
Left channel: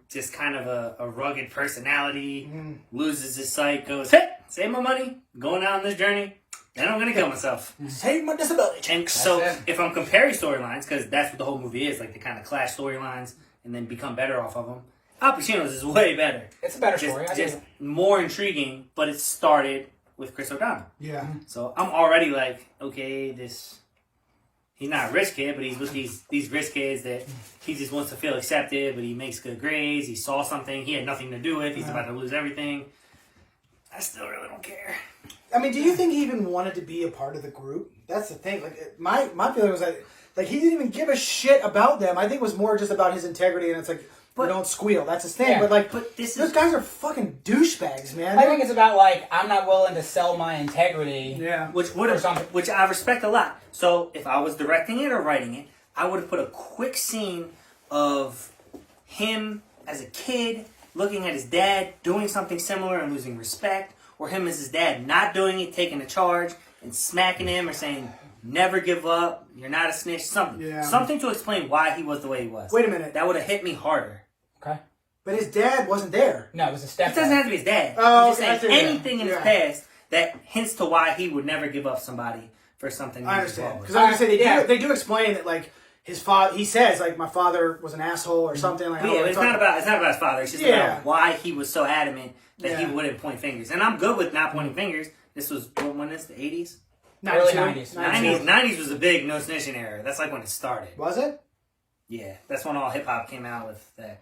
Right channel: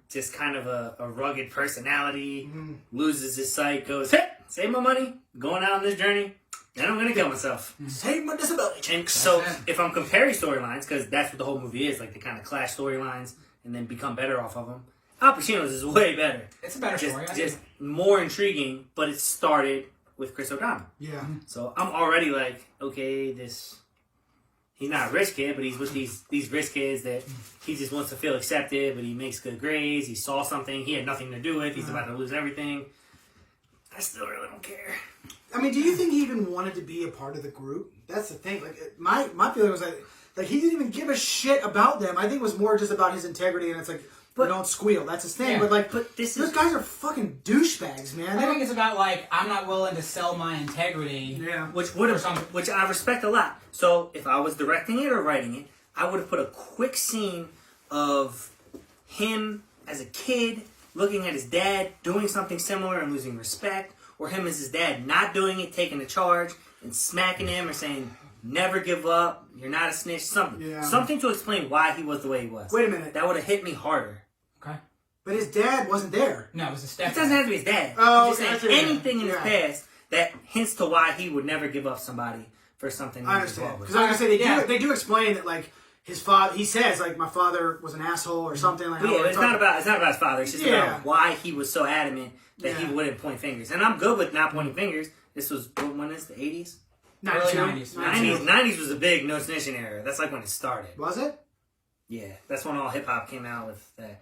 just kind of a rugged personality, loses his sight, goes, hey, save my money, going out on this journey, then I'm gonna kill myself. save my disability. And so it. if I'm comparing storylines, because that's what the whole movie is, like they kind of clash storylines and then become better off of them. Al Pacino's is way better. It's a better story. I Just get it. more intriguing, but it started with Chris O'Donnell. Yeah. So I'm already like, okay, he's not a rich kid, but he's with these rich kids that he just wants to feel accepted, but he makes good grades. He saw something he had nothing to do with. He's about to lose everything. I still really don't care. I mean, do you think he even wanted to be a part of the group? That's the thing. Like, my feeling was like he didn't even give a shit about them. I think it was more just about his integrity, and it's like, but don't squeal. That's his thing. Yeah. But those guys are fucking douchebags, man. I think it's about I'm not willing to sell my integrity. Yeah. Which I respect a lot. So if I was directing it or writing it, I would have put a quick scene of him as a kid looking at his dad doing something similar and losing respect, or him as his dad not doing it, taking the charge and smacking him or saying, never give up, you're not a snitch, something. Yeah. Something to explain why he was the way he was. Wait a minute. That would have hit me harder. Okay. But his dad wasn't there. No, it was a It step. doesn't have to be his dad. Oh, I'm just okay, I saying see. anything in his Yeah. past that hints to why he would never give up somebody for something. I he's understand. involved with. Because I was gonna say Yeah. they do explain that his father. He says my father was an asshole or something. Like, But yeah, it's not about his father. It's just Yeah. about why he was so adamant that he Yeah. wouldn't point fingers. And I'm good with not pointing fingers. This was when is the 80s? Early 90s. 90s was a big no snitching era. That's like when it started. Was it? Yeah, that's when all hip hop came out with that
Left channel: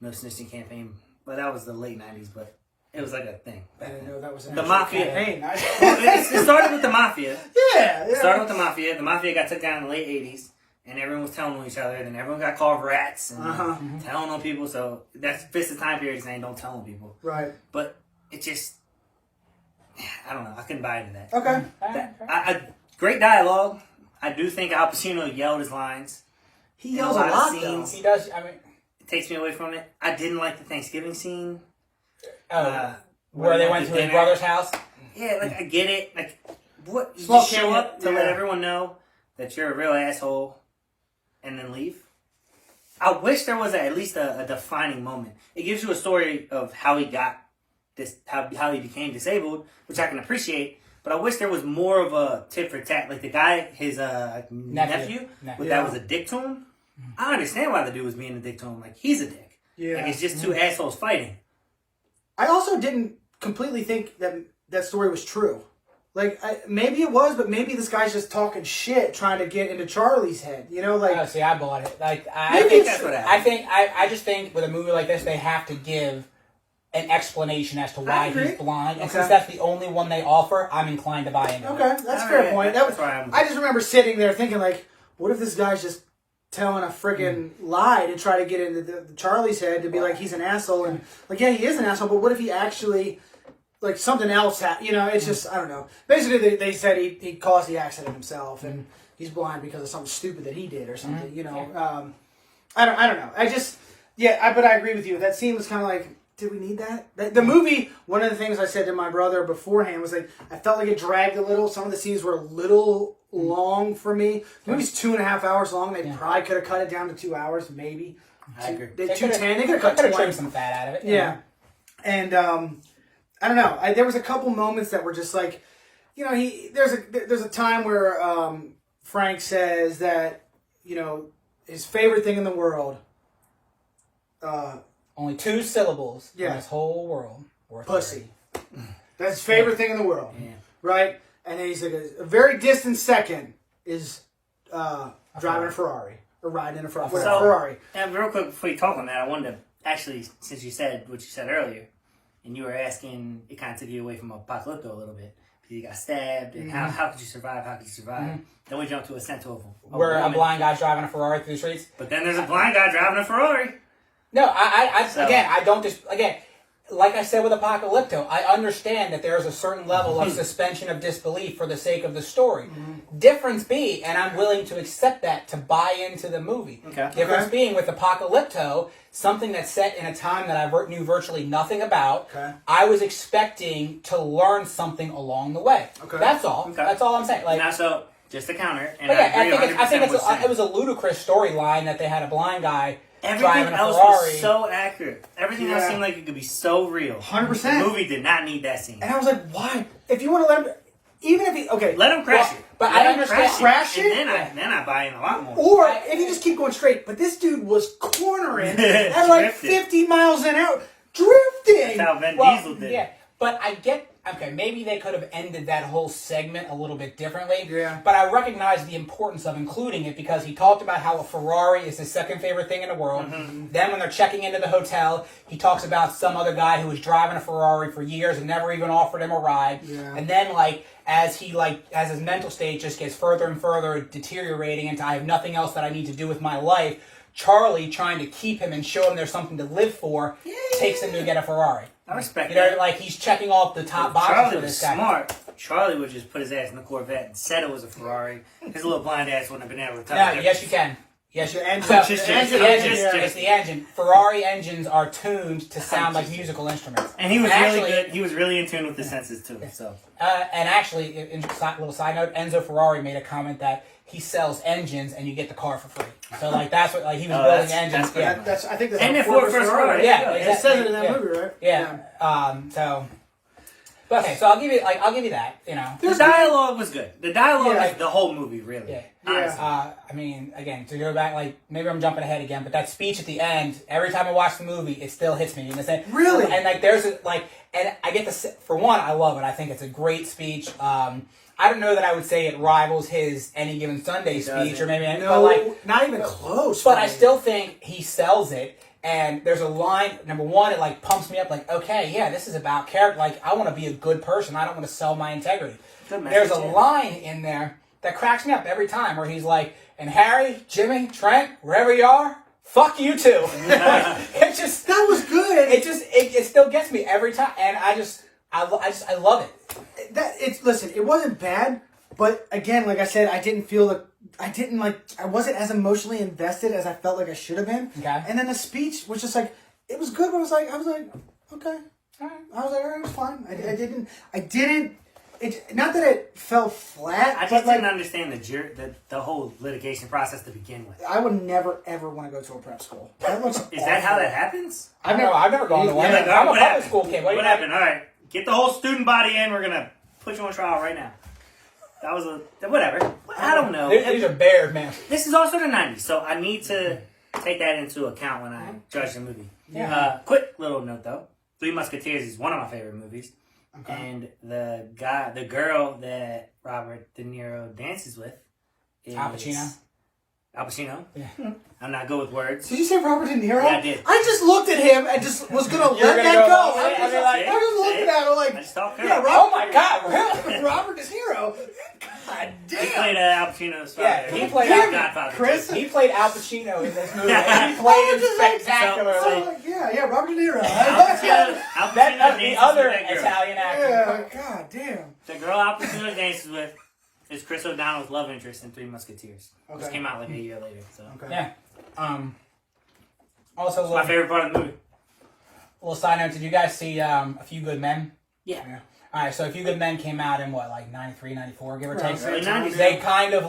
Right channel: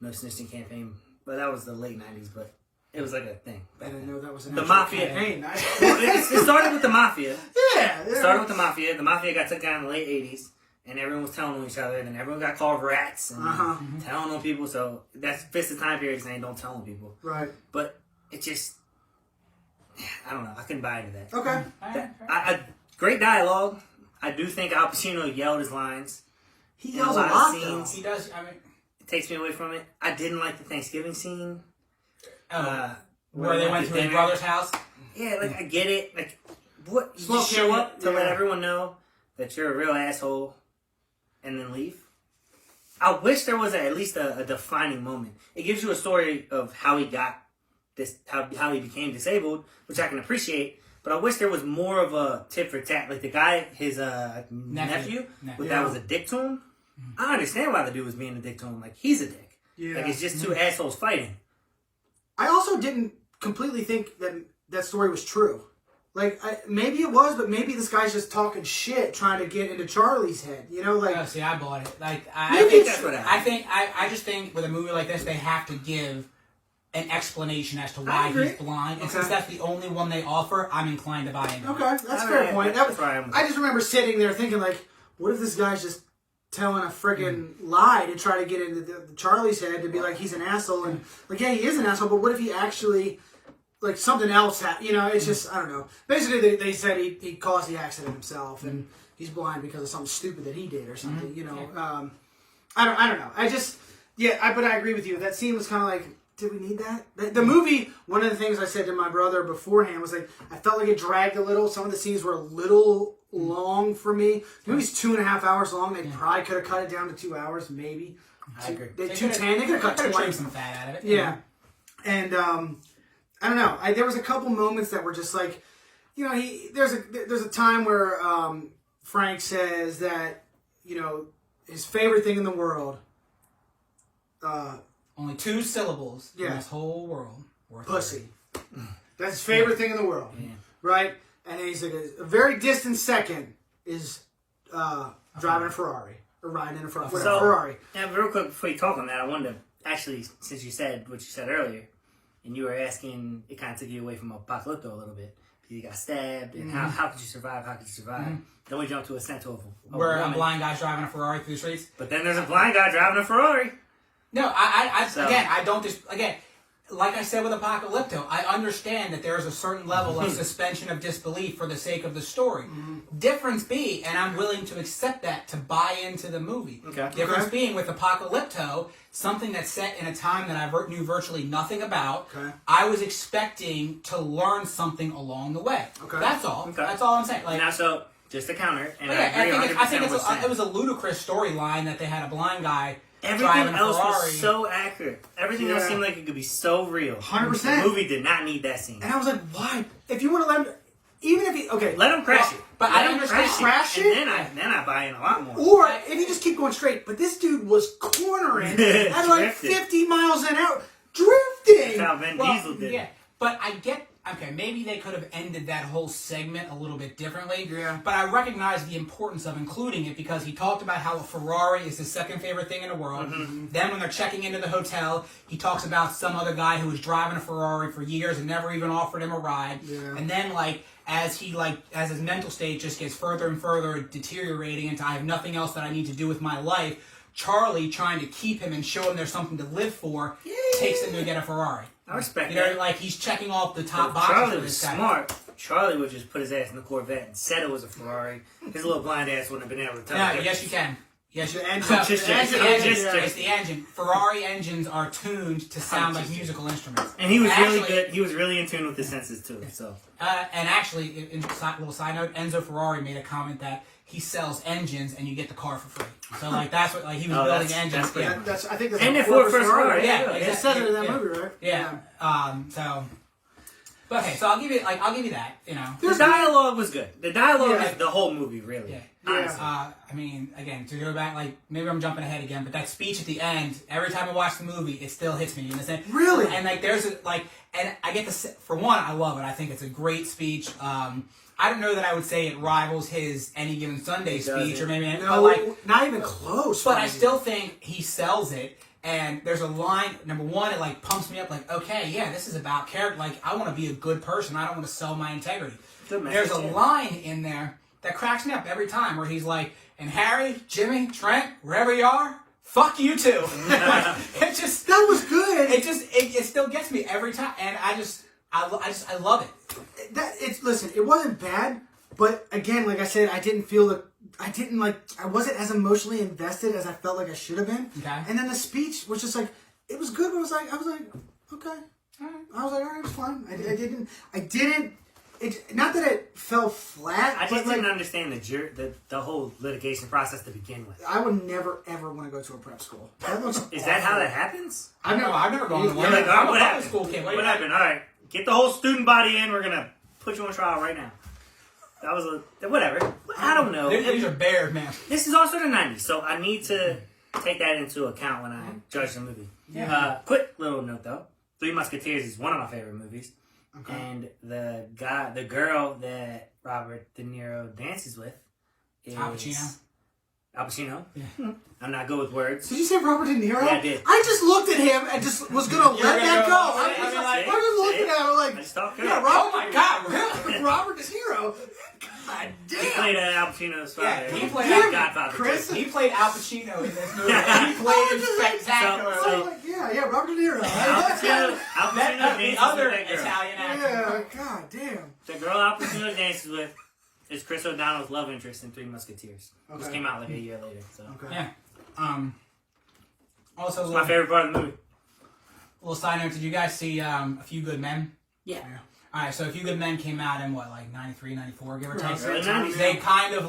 no snitching campaign. But that was the late 90s. But It was like a thing. I didn't know that was an The actual mafia. campaign. Well, it started with the mafia. Yeah. It started with the mafia. The mafia got took down in the late 80s. And everyone was telling on each other. Then everyone got called rats. And telling on people. So that's fits the time period saying don't tell on people. Right. But it just... I don't know. I couldn't buy into that. Okay. Great dialogue. I do think Al Pacino yelled his lines. He yells a lot, though. scenes. He does. I mean, It takes me away from it. I didn't like the Thanksgiving scene. where they went to his brother's house. Yeah, like I get it. Like, what? You Small just show cameo, up to let everyone know that you're a real asshole, and then leave. I wish there was at least a defining moment. It gives you a story of how he got this, how he became disabled, which I can appreciate. But I wish there was more of a tit for tat. Like the guy, his nephew. That was a dick to him. I understand why the dude was being a dick to him. Like, he's a dick. Yeah. Like, it's just two assholes fighting. I also didn't completely think that that story was true. Like, maybe it was, but maybe this guy's just talking shit, trying to get into Charlie's head. You know, like... Oh, see, I bought it. Like, I think that's what happened. I just think with a movie like this, they have to give an explanation as to why he's blind. And since that's the only one they offer, I'm inclined to buy into it. Okay, that's a fair point. I just remember sitting there thinking, like, what if this guy's just telling a friggin' lie to try to get into the Charlie's head to be like he's an asshole, and like, yeah, he is an asshole, but what if he actually, like, something else you know, it's just, I don't know. Basically, they said he caused the accident himself, and he's blind because of something stupid that he did or something, you know. I don't know. But I agree with you. That scene was kind of like, did we need that? The movie, one of the things I said to my brother beforehand was, like, I felt like it dragged a little. Some of the scenes were a little long for me. The movie's 2.5 hours long. They probably could have cut it down to 2 hours, maybe. I agree. 2:10. They could have cut trimmed some fat out of it. Yeah. And I don't know. There was a couple moments that were just like, you know, there's a time where Frank says that, you know, his favorite thing in the world. Only 2 syllables in this whole world. Pussy. That's his favorite thing in the world. Yeah. Right? And then he's like, a very distant second is driving a Ferrari. Or riding in a Ferrari. Ferrari. And real quick, before you talk on that, I wanted to, actually, since you said what you said earlier, and you were asking, it kind of took you away from Apocalypto a little bit. You got stabbed, and how could you survive? How could you survive? Then we jump to a scent of where a blind guy's driving a Ferrari through the streets. But then there's a blind guy driving a Ferrari. No, again, like I said with Apocalypto, I understand that there is a certain level of suspension of disbelief for the sake of the story. Difference being, and I'm willing to accept that to buy into the movie. Difference being with Apocalypto, something that's set in a time that I knew virtually nothing about. I was expecting to learn something along the way. That's all. That's all I'm saying. Like, now, so just to counter, and I think it was a ludicrous storyline that they had a blind guy. Everything else was so accurate. Everything else seemed like it could be so real. 100%. The movie did not need that scene. And I was like, why? If you want to let him... Even if he... Okay. Let him crash it. But I understand. Crash it? And then I buy in a lot more. Or if you just keep going straight. But this dude was cornering at like 50 miles an hour. Drifting! That's how Vin Diesel did. Yeah. But I get... Okay, maybe they could have ended that whole segment a little bit differently. Yeah. But I recognize the importance of including it because he talked about how a Ferrari is his second favorite thing in the world. Then when they're checking into the hotel, he talks about some other guy who was driving a Ferrari for years and never even offered him a ride. Yeah. And then, as his mental state just gets further and further deteriorating into I have nothing else that I need to do with my life, Charlie, trying to keep him and show him there's something to live for, takes him to get a Ferrari. I respect that. You know, like he's checking off the top boxes for this guy. Charlie was smart. Charlie would just put his ass in the Corvette and said it was a Ferrari. His little blind ass wouldn't have been able to tell. No, yes you can. Yes, the engine. It's the engine. Ferrari engines are tuned to sound like musical instruments. And he was really good. He was really in tune with the senses too. So. And actually, little side note, Enzo Ferrari made a comment that he sells engines and you get the car for free. So that's what he was building engines. I think that's and the first Ferrari. Yeah, it says it in that movie, right? Yeah. But okay, so I'll give you that. You know, the dialogue was good. The dialogue is the whole movie, really. Yeah. I mean, again, to go back, maybe I'm jumping ahead again, but that speech at the end, every time I watch the movie, it still hits me in the same. Really? And and I get for one, I love it. I think it's a great speech. I don't know that I would say it rivals his Any Given Sunday speech, or maybe not even close. But I still think he sells it And there's a line, number one, it like pumps me up like, okay, yeah, this is about character. Like, I want to be a good person. I don't want to sell my integrity. There's a line in there that cracks me up every time where he's like, and Harry, Jimmy, Trent, wherever you are, fuck you too. Like, it just, That was good. it still gets me every time. And I love it. Listen, it wasn't bad, but again, like I said, I wasn't as emotionally invested as I felt like I should have been. Okay. And then the speech was just like, it was good, but I was like, okay. All right. I was like, all right, it was fine. I didn't, not that it fell flat. I just didn't understand the whole litigation process to begin with. I would never, ever want to go to a prep school. That looks Is that how that happens? I've never gone to one. Like, I'm a what public happened? school kid. What happened? All right, get the whole student body in. We're gonna put you on trial right now. That was whatever. I don't know. These are bears, man. This is also the 90s, so I need to take that into account when I judge the movie. Yeah. Quick little note though. Three Musketeers is one of my favorite movies. Okay. And the girl that Robert De Niro dances with is Al Pacino. Al Pacino? Yeah. I'm not good with words. Did you say Robert De Niro? Yeah, I did. I just looked at him and just was gonna let gonna that go go. along with I it? was I mean, just looking at him like, I just talked yeah, Oh my God, really? Robert De Niro. God He damn. played Al Pacino's father. Yeah, he played His Al- Godfather. Chris? He played Al Pacino in this movie, and he played him spectacularly. I was like, yeah, Robert De Niro. Al Pacino That, dances the with other that girl. Italian actor. Yeah, god damn. The girl Al Pacino dances with is Chris O'Donnell's love interest in Three Musketeers. Which Okay. came out like a year later. So. Okay. Yeah. Also, It's my favorite part of the movie. little side note, did you guys see A Few Good Men? Yeah. All right, so A Few Good Men came out in what, like 93, 94, give or Right. take? Early 90s. They kind of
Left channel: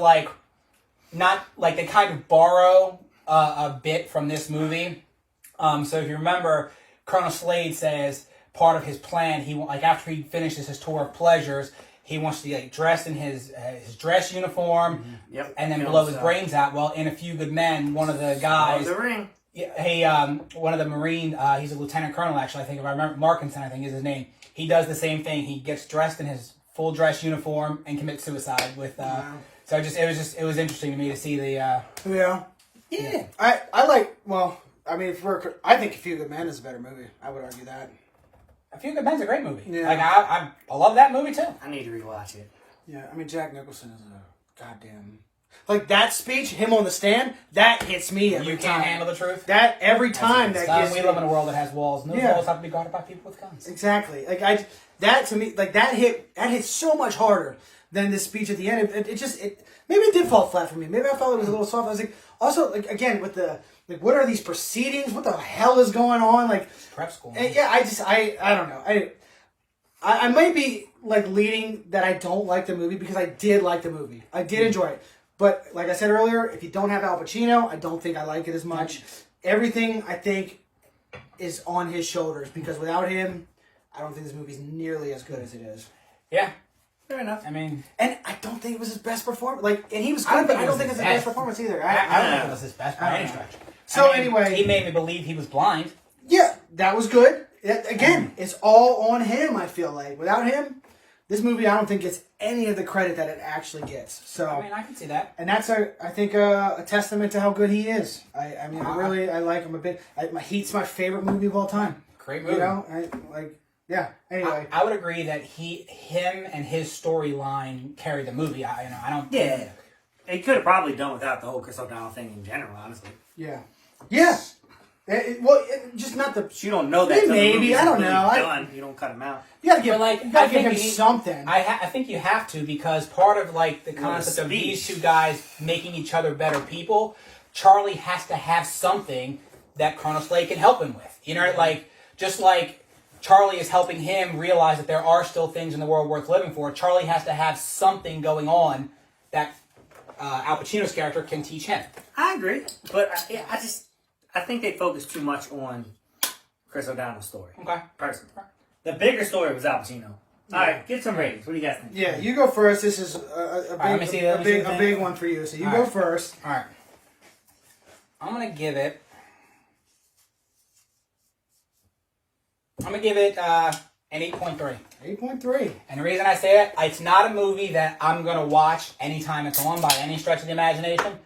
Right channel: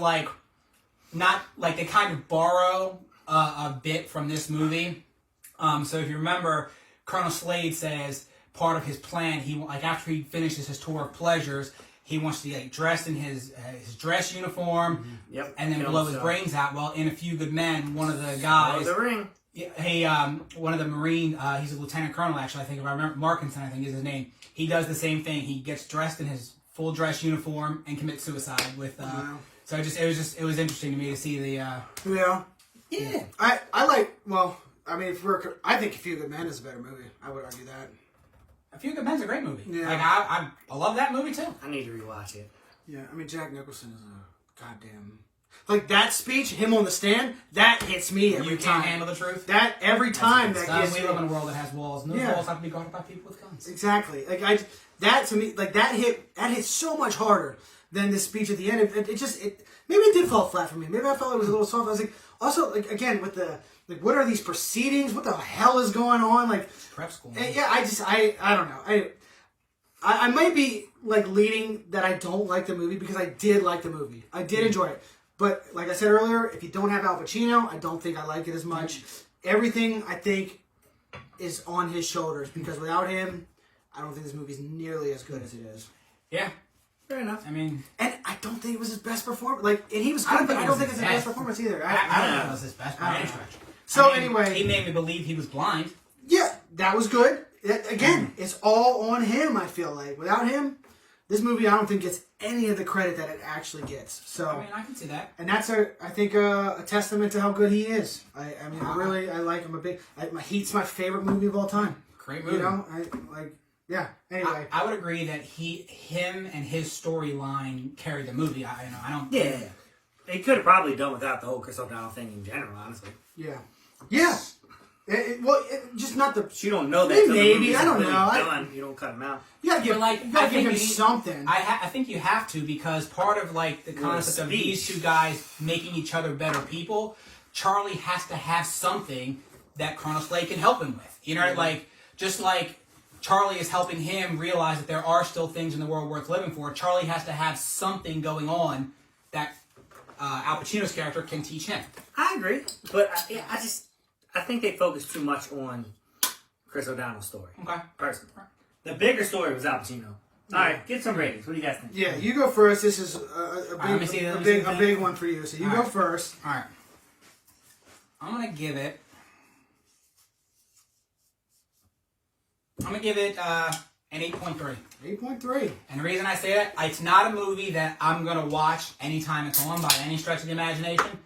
they kind of borrow a bit from this movie. So if you remember, Colonel Slade says part of his plan, after he finishes his tour of pleasures, he wants to get dressed in his dress uniform, Yep. and then Kill blow his himself. brains out. Well, in A Few Good Men, one of the Oh, guys, the ring. one of the Marine, he's a lieutenant colonel actually. I think if I remember, Markinson, I think is his name. He does the same thing. He gets dressed in his full dress uniform and commits suicide with. Wow. So it was interesting to me to see the. Yeah. Yeah. I like, well, I mean, I think A Few Good Men is a better movie. I would argue that. A Few Good Men's a great movie. Yeah. Like I love that movie too. I need to rewatch it. Yeah, I mean, Jack Nicholson is a goddamn... Like, that speech, him on the stand, that hits me every You time. can't handle the truth. That, every time, that gets We me. live in a world that has walls, and those Yeah. walls have to be guarded by people with guns. Exactly. Like, that to me, like, that hit so much harder than the speech at the end. Maybe it did fall flat for me. Maybe I felt it was a little soft. I was like, also, like, again, with the, like, what are these proceedings? What the hell is going on? Like, Prep school. and yeah, I don't know. I might be, like, leading that I don't like the movie because I did like the movie. I did enjoy it. But, like I said earlier, if you don't have Al Pacino, I don't think I like it as much. Everything, I think, is on his shoulders because without him, I don't think this movie's nearly as good as it is. Yeah. Fair enough. I mean, And I don't think it was his best performance. Like, and he was I don't good, but think I it don't was think it's his his best best. performance either. I don't think it was his best by any stretch. So I mean, anyway, he made me believe he was blind. yeah, that was good. Again, it's all on him, I feel like. Without him, this movie, I don't think gets any of the credit that it actually gets. So, I mean, I can see that. and that's I think a testament to how good he is. I like him a bit. Heat's my favorite movie of all time. Great movie. You know, yeah. Anyway, I would agree that him and his storyline carry the movie. I don't. Yeah. He could have probably done without the whole Chris O'Donnell thing in general, honestly. yeah. Just not the. You don't know that. Maybe, till the movie's I don't completely know. Done. You don't cut him out. You gotta give, But, like, you gotta I give think him you- something. I think you have to because part of like the concept of speech. these two guys making each other better people, Charlie has to have something that Colonel Slade can help him with. You know, like just like Charlie is helping him realize that there are still things in the world worth living for. Charlie has to have something going that Al Pacino's character can teach him. I agree, but I think they focused too much on Chris O'Donnell's story. Okay. Personally, the bigger story was Al Pacino. All right, get some ratings. What do you guys think? Yeah, you go first. This is let me see a the big one for you. So you All go right. first. All right. I'm gonna give it an 8.3. 8.3. And the reason I say that, it's not a movie that I'm going to watch anytime it's on by any stretch of the imagination.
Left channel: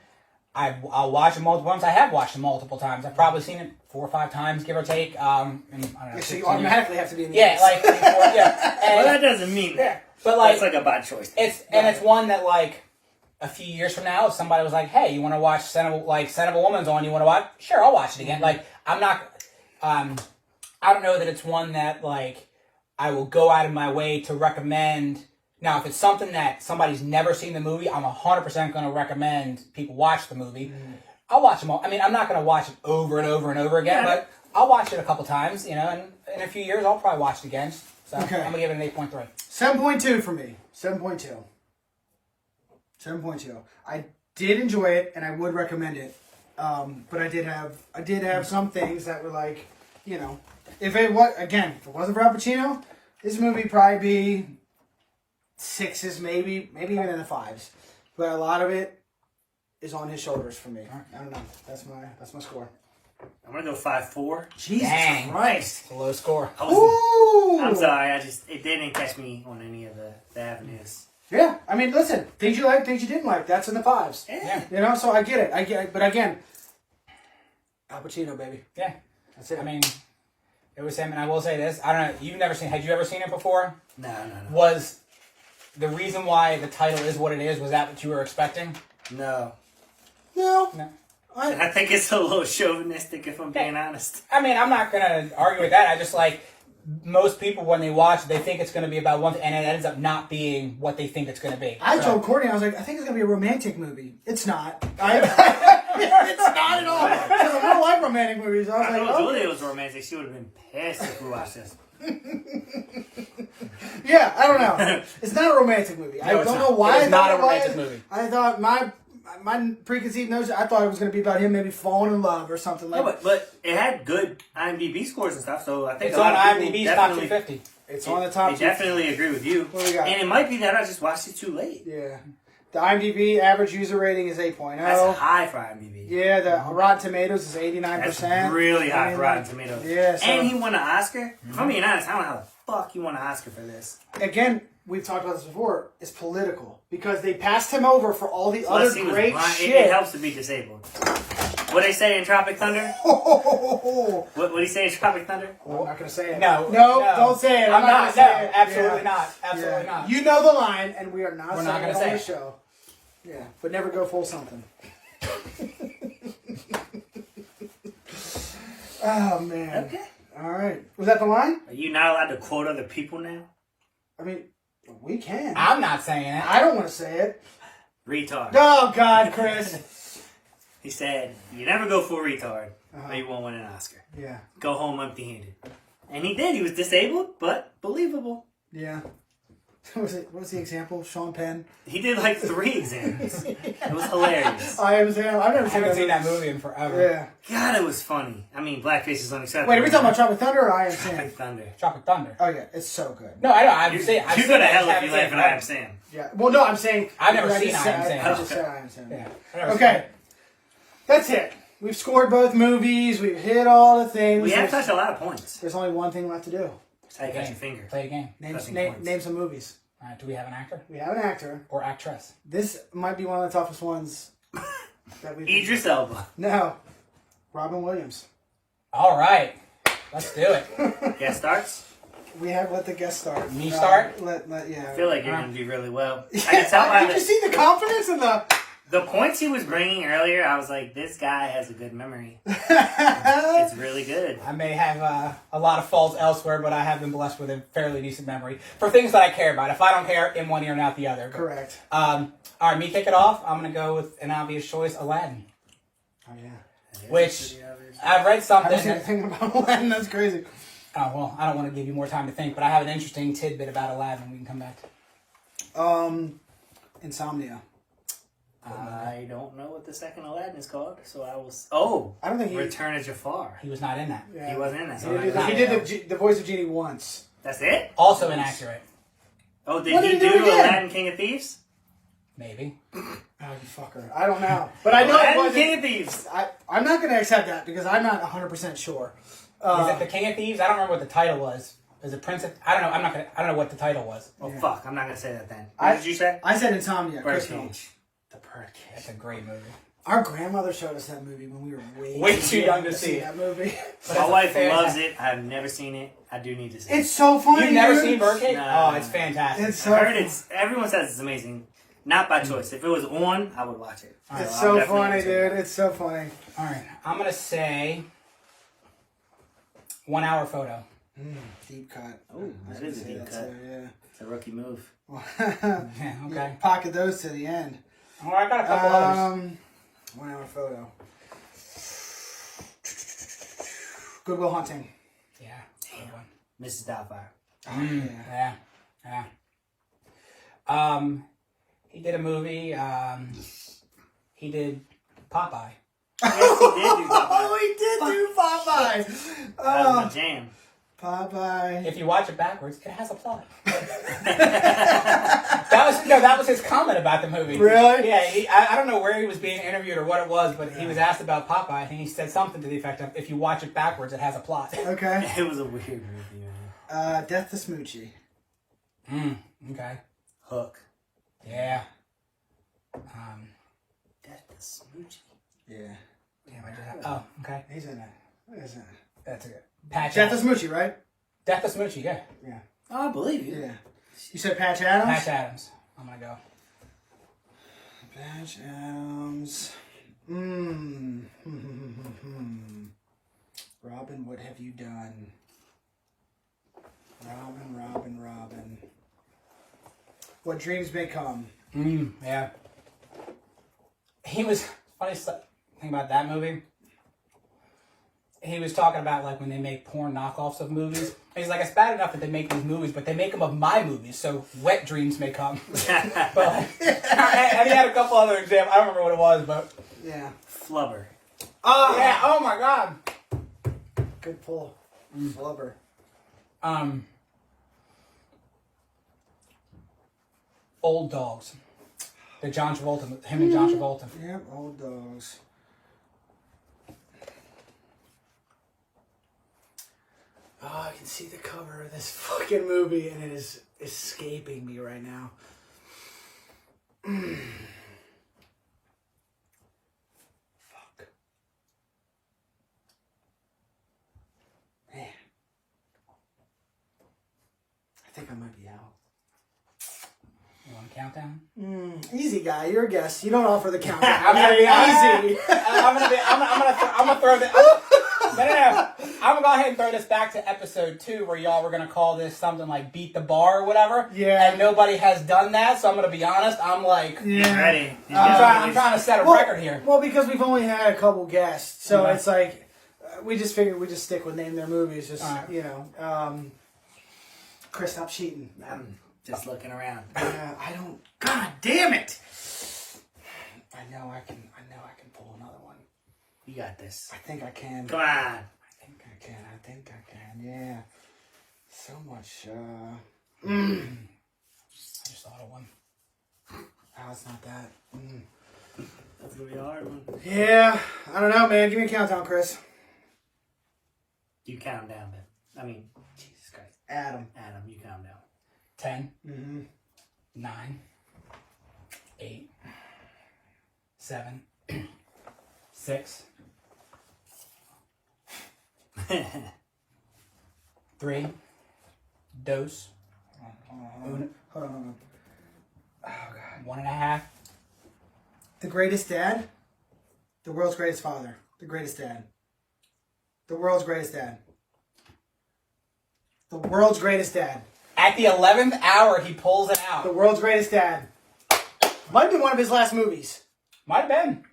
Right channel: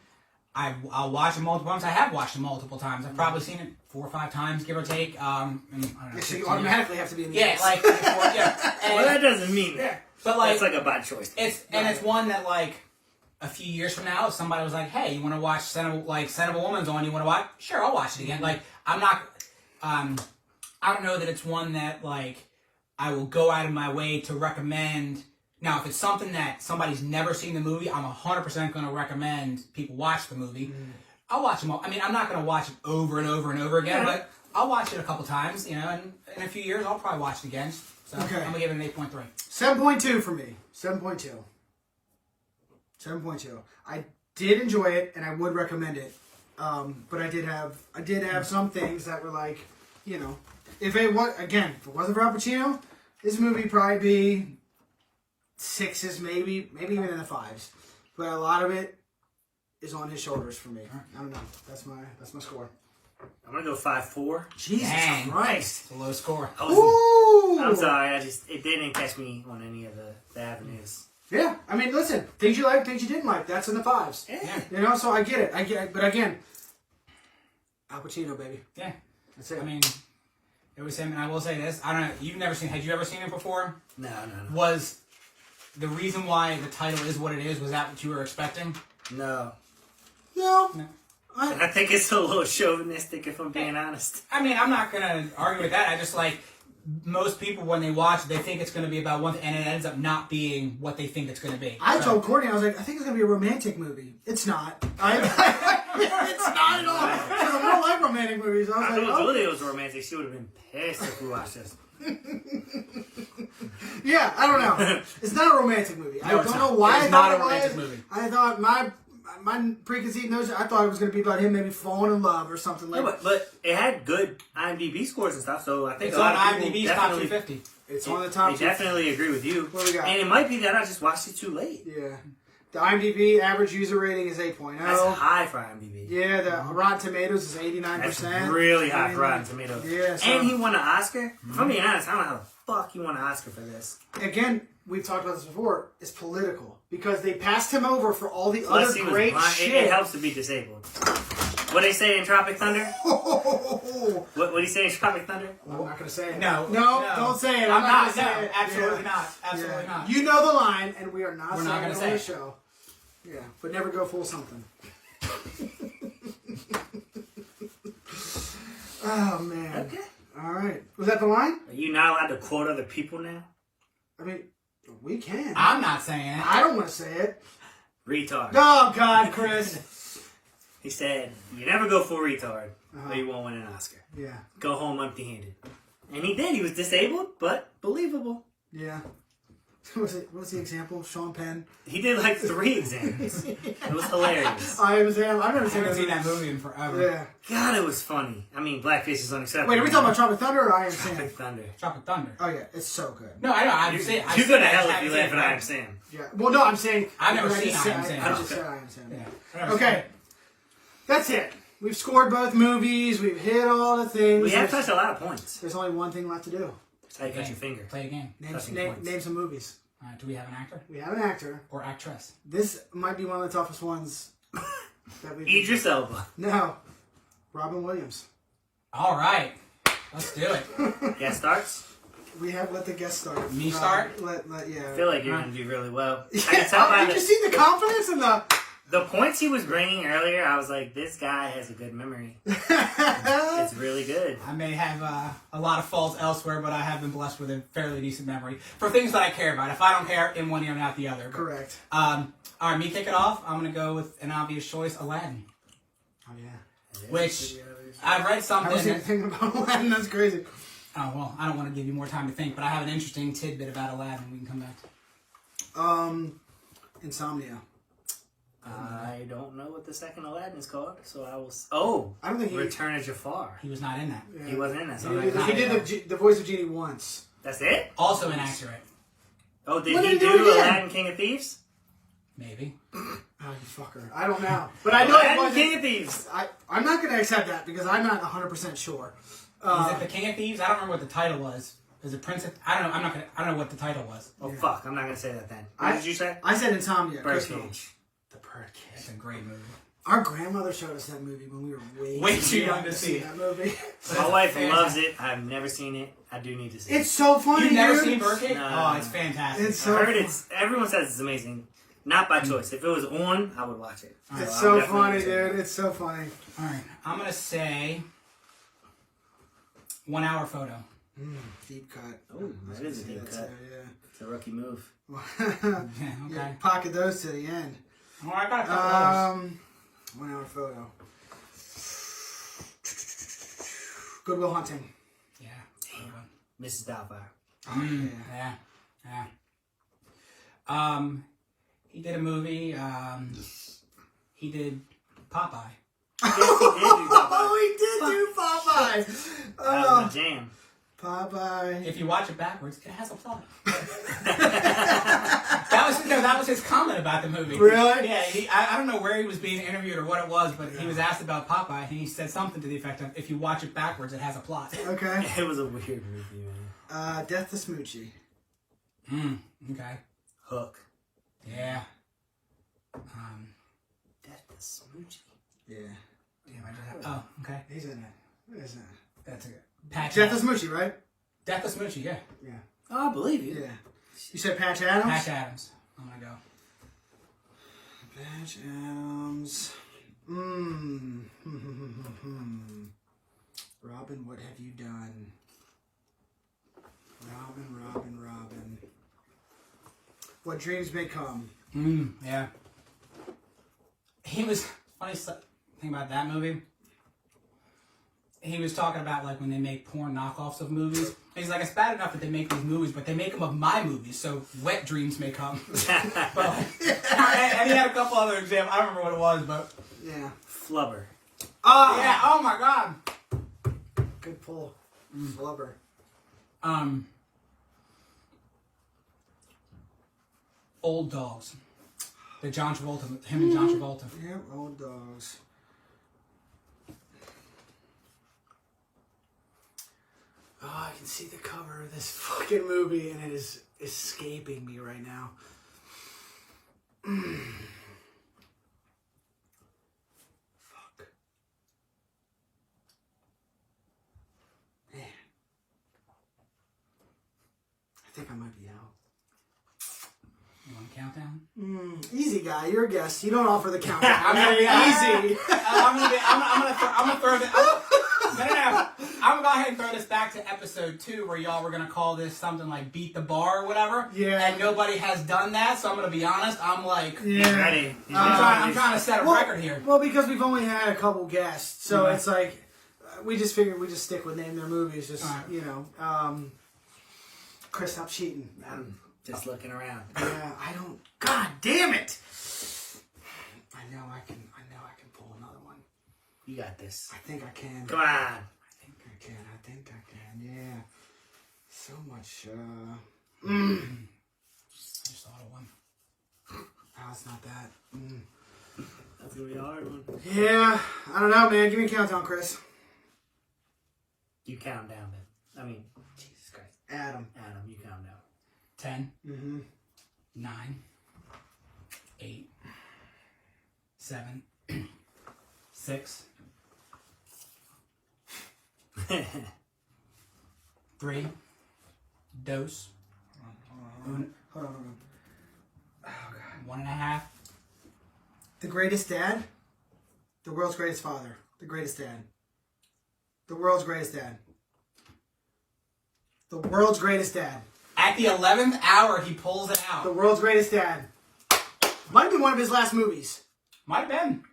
I'll watch it multiple times. I have watched it multiple times. I've probably seen it 4 or 5 times, give or take. And I don't know, So you automatically have to be in the yeah, like 3 or 4, yeah. And, well, that doesn't mean that. But like, it's like a bad choice. It's one that like a few years from now, if somebody was like, "Hey, you want to watch Scent of a Woman's on? You want to watch? Sure, I'll watch it again." Like I'm not. I don't know that it's one that like I will go out of my way to recommend. Now, if it's something that somebody's never seen the movie, I'm 100% going to recommend people watch the movie. I'll watch them all. I mean, I'm not going to watch it over and over and over again, but I'll watch it a couple times, you know, and in a few years, I'll probably watch it again. So I'm going to give it an 8.3. 7.2 for me. 7.2. 7.2. I did enjoy it, and I would recommend it. But I did have some things that were like, you know, if it wasn't for Al Pacino, this movie would probably be 6s, maybe even in the 5s. But a lot of it is on his shoulders for me. I don't know. That's my score. I'm gonna go 5.4. Jesus Christ! It's a low score. I'm sorry. It didn't catch me on any of the avenues. Yeah, I mean, listen, things you like, things you didn't like. That's in the 5s. Yeah. You know, so I get it. But again, Al Pacino, baby. Yeah. That's it. I mean, it was him, and I will say this. I don't know. Had you ever seen it before? No. Was the reason why the title is what it is, was that what you were expecting? No. I I think it's a little chauvinistic, if I'm being honest. I mean, I'm not going to argue with that. I just like, most people when they watch it, they think it's going to be about one thing, and it ends up not being what they think it's going to be. I told Courtney, I was like, I think it's going to be a romantic movie. It's not. It's not at all. Because I don't like romantic movies. I was I like, told Julia it was romantic. She would have been pissed if we watched this. Yeah, I don't know. It's not a romantic movie. I don't know why. It's not a romantic movie. I thought my preconceived notion, I thought it was going to be about him maybe falling in love or something like that. But it had good IMDb scores and stuff, so I think It's a lot on of people IMDb's top 250. It's on the top They definitely agree with you. What do we got? And it might be that I just watched it too late. Yeah. The IMDb average user rating is 8.0. That's high for IMDb. Yeah, the Rotten Tomatoes is 89%. That's really high for Rotten Tomatoes. Yeah. So, And he won an Oscar? If I'm being honest, I don't know how the fuck he won an Oscar for this. again, we've talked about this before, it's political. Because they passed him over for all the Plus, other he was great blind. shit. It helps to be disabled. What they say in Tropic Thunder? What do you say in Tropic Thunder? I'm not going to say it. No, don't say it. I'm not not. going to say No, it. absolutely Yeah. not. Absolutely Yeah. not. You know the line, and we are not We're saying not it gonna on say the it. show. Yeah, but never go full something. Oh, man. Okay. All right. Was that the line? Are you not allowed to quote other people now? I mean, we can. I'm not saying it. I don't want to say it. Retard. Oh, God, Chris. He said, you never go full retard, or you won't win an Oscar. Yeah. Go home empty-handed. And he did. He was disabled, but believable. Yeah. What was the example? Sean Penn. He did like 3 exams. It was hilarious. I've never I seen haven't seen that movie in forever. Yeah. God, it was funny. I mean, blackface is unacceptable. Wait, are we talking about Tropic Thunder or I Am Sam? Tropic Thunder? Tropic Thunder. Oh, yeah. It's so good. No, I know. I'm saying. You go to hell if you laugh at I Am Sam. Yeah. Well, no, I'm saying. I've never I seen just I Am said- Sam. I just said I Am Sam. Yeah. Okay. That's it. We've scored both movies. We've hit all the things. We have touched a lot of points. There's only one thing left to do. That's how you cut your finger. Play a game. Touching points. Name some movies. All right. Do we have an actor We have an actor. or actress? This might be one of the toughest ones that we. Idris Elba. No. Robin Williams. All right. Let's do it. Guest starts. We have let the guest start. Me start? Yeah. I feel like you're going to do really well. I Yeah, can tell by did you see the confidence in the points he was bringing earlier. I was like, this guy has a good memory. It's really good. I may have a lot of faults elsewhere, but I have been blessed with a fairly decent memory for things that I care about. If I don't care, in one ear and out the other. But, Correct. all right, me kick it off. I'm going to go with an obvious choice, Aladdin. Oh, yeah. Which I've read I something. was thinking about Aladdin. That's crazy. Oh, well, I don't want to give you more time to think, but I have an interesting tidbit about Aladdin we can come back to. Insomnia. I don't know what the second Aladdin is called, so I will. Oh, I don't think he. Return of Jafar. He was not in that. Yeah. He wasn't in that. He So did, I- he did the voice of Genie once. That's it. Also inaccurate. Oh, did What he did he do do again? Aladdin King of Thieves? Maybe. Oh, you fucker. I don't know. But I know it Aladdin wasn't. King of Thieves. I'm not going to accept that because I'm not 100% sure. Is it the King of Thieves? I don't remember what the title was. Is it Prince of... I don't know. I don't know what the title was. Oh Yeah. fuck! I'm not gonna say that then. What did you say? I said Insomnia. Birdcage. Chris knows. The Birdcage. It's a great movie. Our grandmother showed us that movie when we were way too young to see that movie. My wife loves it. I've never seen it. I do need to see it. It's so funny. You've never dude. seen Birdcage? No. Oh, it's fantastic. It's so I heard fun. it's. Everyone says it's amazing. Not by choice. If it was on, I would watch it. It's So so I'll definitely funny, check it dude. out. It's so funny. All right, I'm gonna say 1 hour photo. Deep cut. Oh, that is a deep That's cut. it, It's a rookie move. yeah. Yeah, okay. Yeah, pocket those to the end. All right, I got a couple others. 1 hour photo. Goodwill Hunting. Yeah, good one. Mrs. Doubtfire. Yeah. He did a movie. He did Popeye. Yes, he did do Doubtfire. Oh, he did do Popeye. That was my jam. Popeye. If you watch it backwards, it has a plot. that was his comment about the movie. Really? Yeah. I don't know where he was being interviewed or what it was, but he was asked about Popeye, and he said something to the effect of, "If you watch it backwards, it has a plot." Okay. It was a weird movie, man. Death to Smoochie. Okay. Hook. Yeah. Death to Smoochie. Yeah. Damn, I just have, oh, okay. He's in it. He's in it. That's a good. Patch Death to Adams. Smoochie, right? Death to Smoochie, yeah. Yeah. Oh, I believe you. Yeah. You said Patch Adams? Patch Adams. I'm gonna go. Patch Adams. Robin, what have you done? Robin. What dreams may come. Yeah. He was funny thing about that movie. He was talking about like when they make porn knockoffs of movies. He's like, it's bad enough that they make these movies, but they make them of my movies, so wet dreams may come. But like, and he had a couple other examples. I don't remember what it was, but Yeah. Flubber. Oh! yeah. Oh my god. Good pull. Flubber. Old Dogs. The John Travolta, him and John Travolta. Yep, Old Dogs. Oh, I can see the cover of this fucking movie and it is escaping me right now. Fuck. Man. I think I might be out. You want a countdown? Easy guy, you're a guest. You don't offer the countdown. I'm gonna be easy. I'm gonna throw this. No. I'm gonna go ahead and throw this back to episode 2, where y'all were gonna call this something like "Beat the Bar" or whatever. Yeah. And nobody has done that, so I'm gonna be honest. I'm like, Yeah. Ready. I'm trying to set a record here. Well, because we've only had a couple guests, so Mhm. it's like we just figured we just stick with name their movies. Just Alright. you know, Chris, stop cheating. I'm just looking around. I don't. God damn it! I know I can pull another one. You got this. I think I can. Come on. I think I can. Yeah. So much. I just thought of one. Oh, it's not that. That's gonna be a hard one. Yeah. I don't know, man. Give me a countdown, Chris. You count down, man. I mean, Jesus Christ. Adam. Adam, you count down. 10, Mm-hmm. 9, 8, 7, 6, 3, dos, Hold on. Oh God. 1.5. The greatest dad. The world's greatest father. The greatest dad. The world's greatest dad. The world's greatest dad. At the 11th hour, he pulls it out. The world's greatest dad. Might have been one of his last movies. Might have been.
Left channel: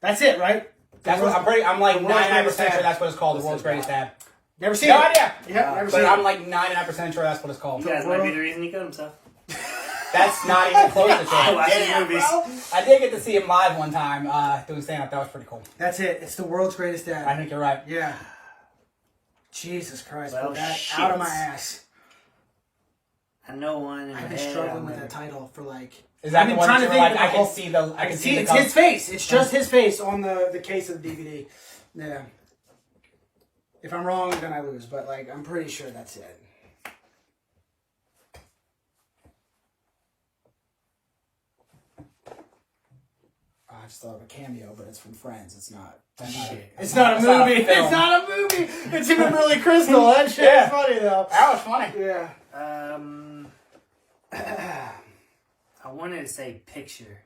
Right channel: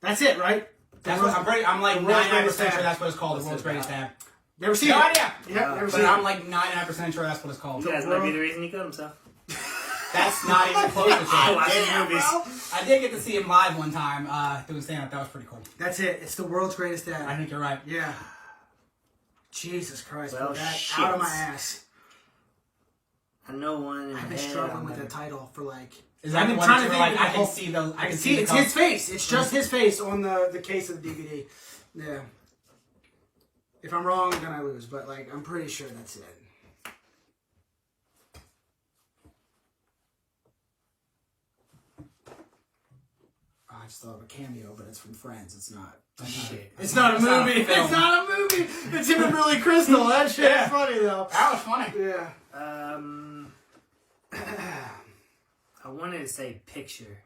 That's it, right? That's what I'm like The World's 99% Greatest sure Dad. that's what it's called. The World's Greatest Dad. Never seen No it. idea. Yeah, never But seen I'm it. like 99% sure that's what it's called. You guys might be the reason he killed himself. That's not even close to I it. watch these Damn, movies. bro. I did get to see him live one time doing stand-up. That was pretty cool. That's it. It's the world's greatest dad. I think you're right. Yeah. Jesus Christ. Well, Put that shit. out of my ass. I know one. In I've my been head, struggling I'm with gonna- that title for like... Is that I've the been one trying that to you were think like, of I the can see the... I can see It's the his face. It's just his face on the case of the DVD. Yeah. If I'm wrong, then I lose. But like, I'm pretty sure that's it. I just thought of a cameo, but it's from Friends. It's not. Shit. It's not a movie. It's not a movie. It's him and Billy Crystal. That shit is funny though. That was funny. Yeah. I wanted to say picture,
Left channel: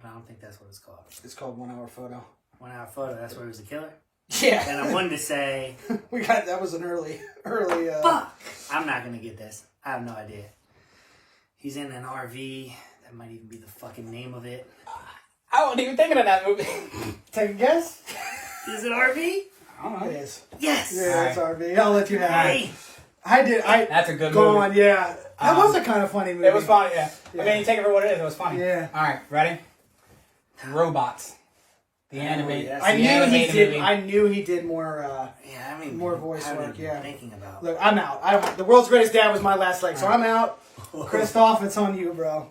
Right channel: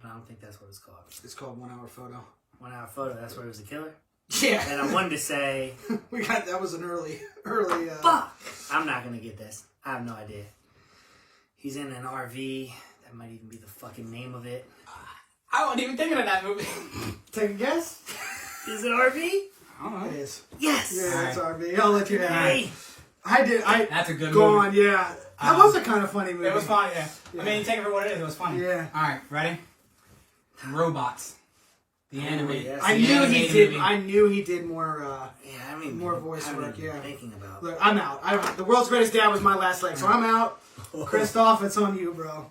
but I don't think that's what it's called. It's called 1 Hour Photo. 1 Hour Photo. That's where it was a killer. Yeah. And I wanted to say, that was an early. fuck. I'm not gonna get this. I have no idea. He's in an RV. That might even be the fucking name of it. I wasn't even thinking of that movie. Take a guess. Is it RV? I don't know. It is. Yes. Yeah, it's RV. I'll let you have Hey. it. That's a good Go movie. on, yeah. That was a kind of funny movie. It was funny, yeah. Yeah. I mean, you take it for what it is. It was funny. Yeah. All right, ready? Robots. The animated. yes. I the knew he animated did. movie. I knew he did more. Yeah, I mean, More voice I've work, been yeah. Thinking about. Look, I'm out. The World's Greatest Dad was my last leg, so I'm out. Christoph, it's on you, bro.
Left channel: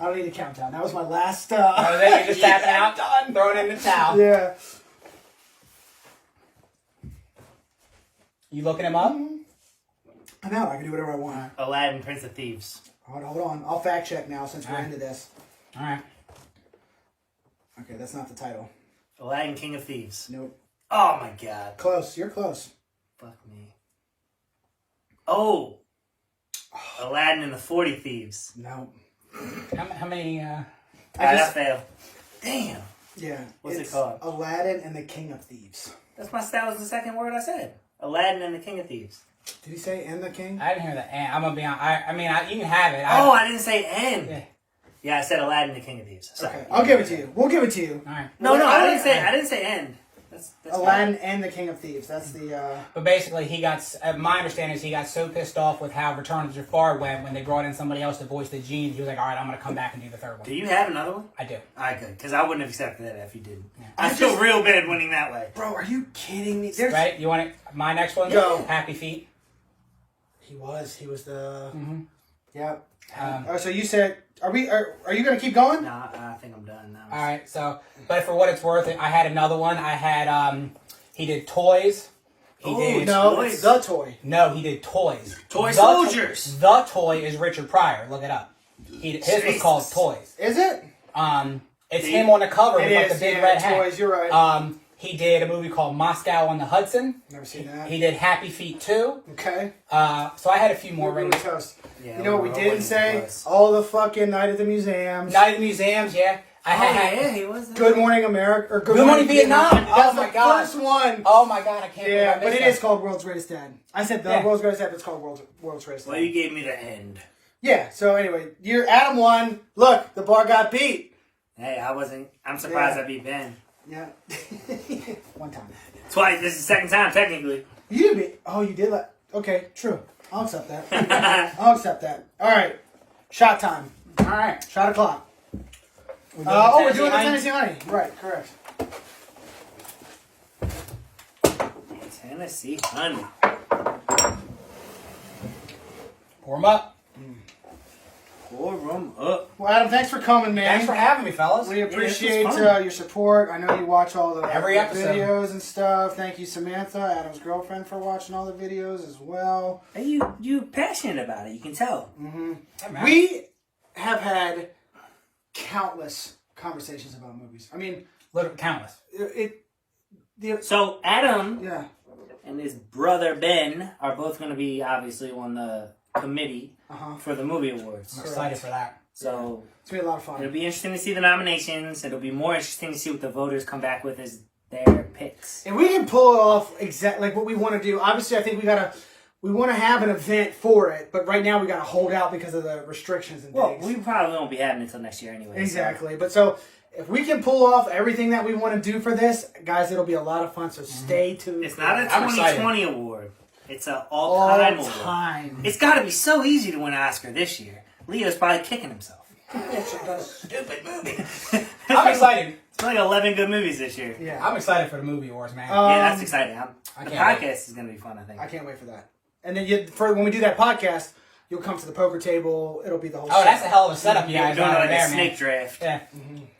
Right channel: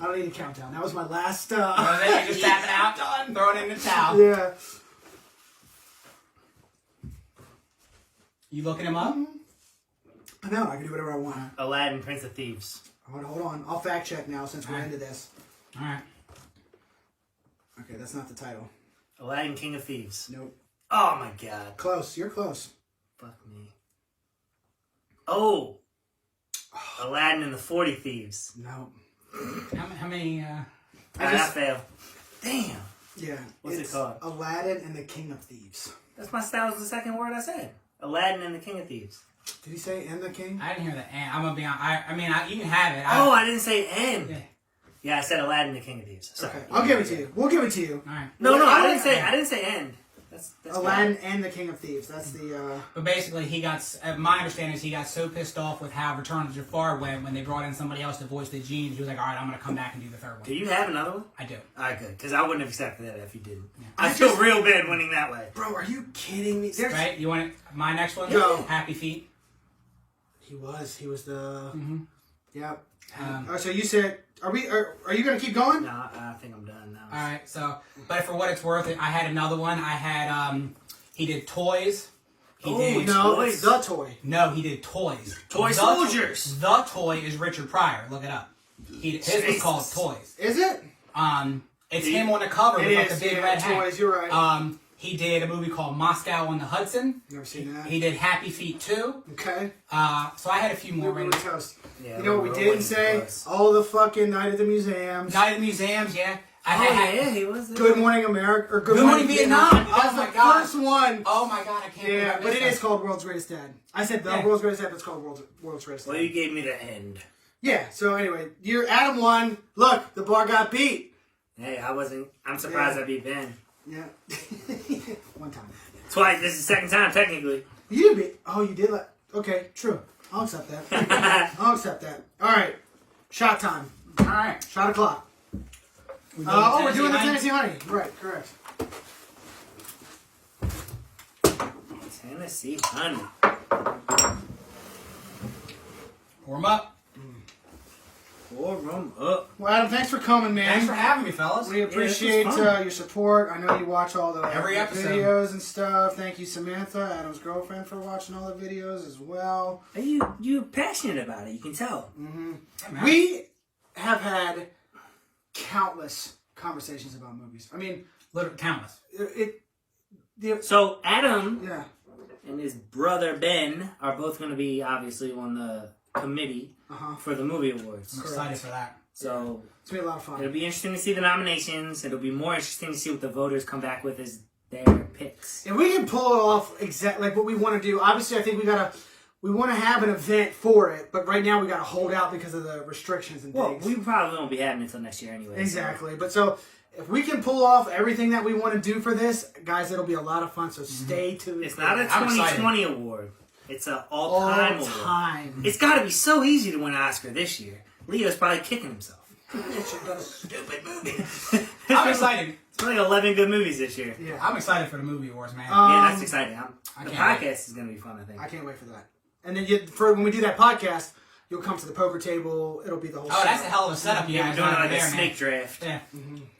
I don't need a countdown. That was my last. You're just tapping out, throwing in the towel. Yeah. You looking him up? I'm out. I can do whatever I want. Aladdin, Prince of Thieves. Hold on. I'll fact check now since we're into this. All right. Okay, that's not the title. Aladdin, King of Thieves. Nope. Oh my god. Close. You're close. Fuck me. Oh. Aladdin and the 40 Thieves. No. How many? I failed. Damn. Yeah. What's it it's called? Aladdin and the King of Thieves. That was the second word I said. Aladdin and the King of Thieves. Did he say and the King? I didn't hear that. I'm gonna be on. I mean, you can have it. I didn't say and. Yeah. Yeah, I said Aladdin and the King of Thieves. Sorry. Okay, I'll give it to you. We'll give it to you. All right. No, I didn't say end. That's Aladdin and the King of Thieves. That's the. But basically, my understanding is he got so pissed off with how Return of Jafar went when they brought in somebody else to voice the genes. He was like, "All right, I'm gonna come back and do the third one." Do you have another one? I do. Alright, good. Because I wouldn't have accepted that if you didn't. Yeah. I feel real bad winning that way. Bro, are you kidding me? Right? You want it? My next one? Go. Happy Feet. He was the. Mm-hmm. Yep. Um, So you said, are you going to keep going? No, I think I'm done now. All right. So, but for what it's worth, I had another one. I had he did toys. He did No, Toys. it's the toy. No, he did toys. Toy The Soldiers. The toy is Richard Pryor. Look it up. His was Jesus. called Toys. Is it? It's him on the cover It with like is, the big yeah, red hat. Toys, you're right. He did a movie called Moscow on the Hudson. Never seen that. He did Happy Feet 2. Okay. So I had a few more We're ratings. toast. Yeah, You know what we we're didn't waiting say? for us. All the fucking Night at the Museums. Night at the Museums, yeah. He was there. Good Morning America. Or Good Morning Vietnam. That's Oh my the God. first one. Oh my god, I can't believe I Yeah, missed but it that. is called World's Greatest Dad. I said the Yeah. World's Greatest Dad, but it's called World's Greatest Dad. Well, you gave me the end. Yeah, so anyway, you're Adam won. Look, the bar got beat. Hey, I'm surprised Yeah. I beat Ben. Yeah. One time. Twice. This is the second time, technically. You did beat. Oh, you did like. Okay, true. I'll accept that. I'll accept that. All right. Shot time. All right. Shot o'clock. We're doing the Tennessee Honey. Right, correct. Tennessee Honey. Pour them up. Pour them up. Well, Adam, thanks for coming, man. Thanks for having me, fellas. We appreciate this was fun. your support. I know you watch all the Every episode. videos and stuff. Thank you, Samantha, Adam's girlfriend, for watching all the videos as well. Hey, you passionate about it. You can tell. Hey, man. We have had countless conversations about movies. I mean, Literally countless. So Adam Yeah. and his brother Ben are both going to be obviously on the committee for the movie awards. I'm excited for that. So It's going to be a lot of it'll fun. be interesting to see the nominations. It'll be more interesting to see what the voters come back with as their picks. If we can pull it off exactly like what we want to do, obviously I think we want to have an event for it, but right now we got to hold out because of the restrictions and Well, things. we probably won't be having it until next year anyway. Exactly. But so if we can pull off everything that we want to do for this, guys, it'll be a lot of fun. So stay tuned. It's not a I'm excited. 2020 award. It's an all all-time award. time. It's got to be so easy to win an Oscar this year. Leo's probably kicking himself. Stupid movie. I'm excited. It's like 11 good movies this year. Yeah. I'm excited for the movie awards, man. Yeah, that's exciting. The can't podcast is going to be fun, I think. I can't wait for that. And then when we do that podcast, you'll come to the poker table. It'll be the whole. Oh, show. that's a hell of a setup you Yeah, we're guys doing got like over a there, snake man. draft. Yeah.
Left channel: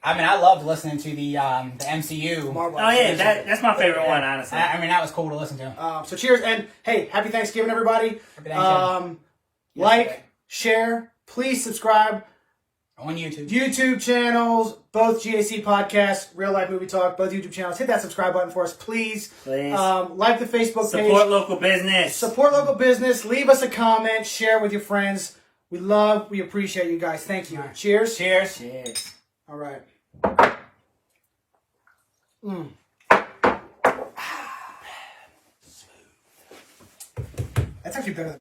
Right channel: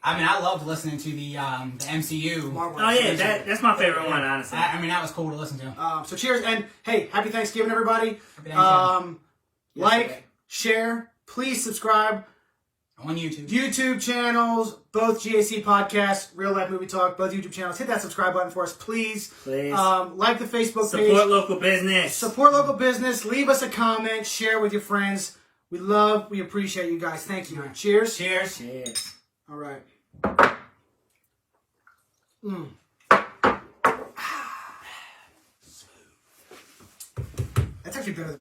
I mean, I loved listening to the MCU. Marvel. Oh, yeah, that's my favorite one, honestly. I mean, that was cool to listen to. So cheers and hey, happy Thanksgiving, everybody. Happy Thanksgiving. Like, share, please subscribe. On YouTube. YouTube channels, both GAC Podcasts, Real Life Movie Talk, both YouTube channels. Hit that subscribe button for us, please. Like the Facebook page. Support local business. Support local business. Leave us a comment. Share with your friends. We appreciate you guys. Thank you. Right. Cheers. Cheers. Cheers. All right. That's actually better than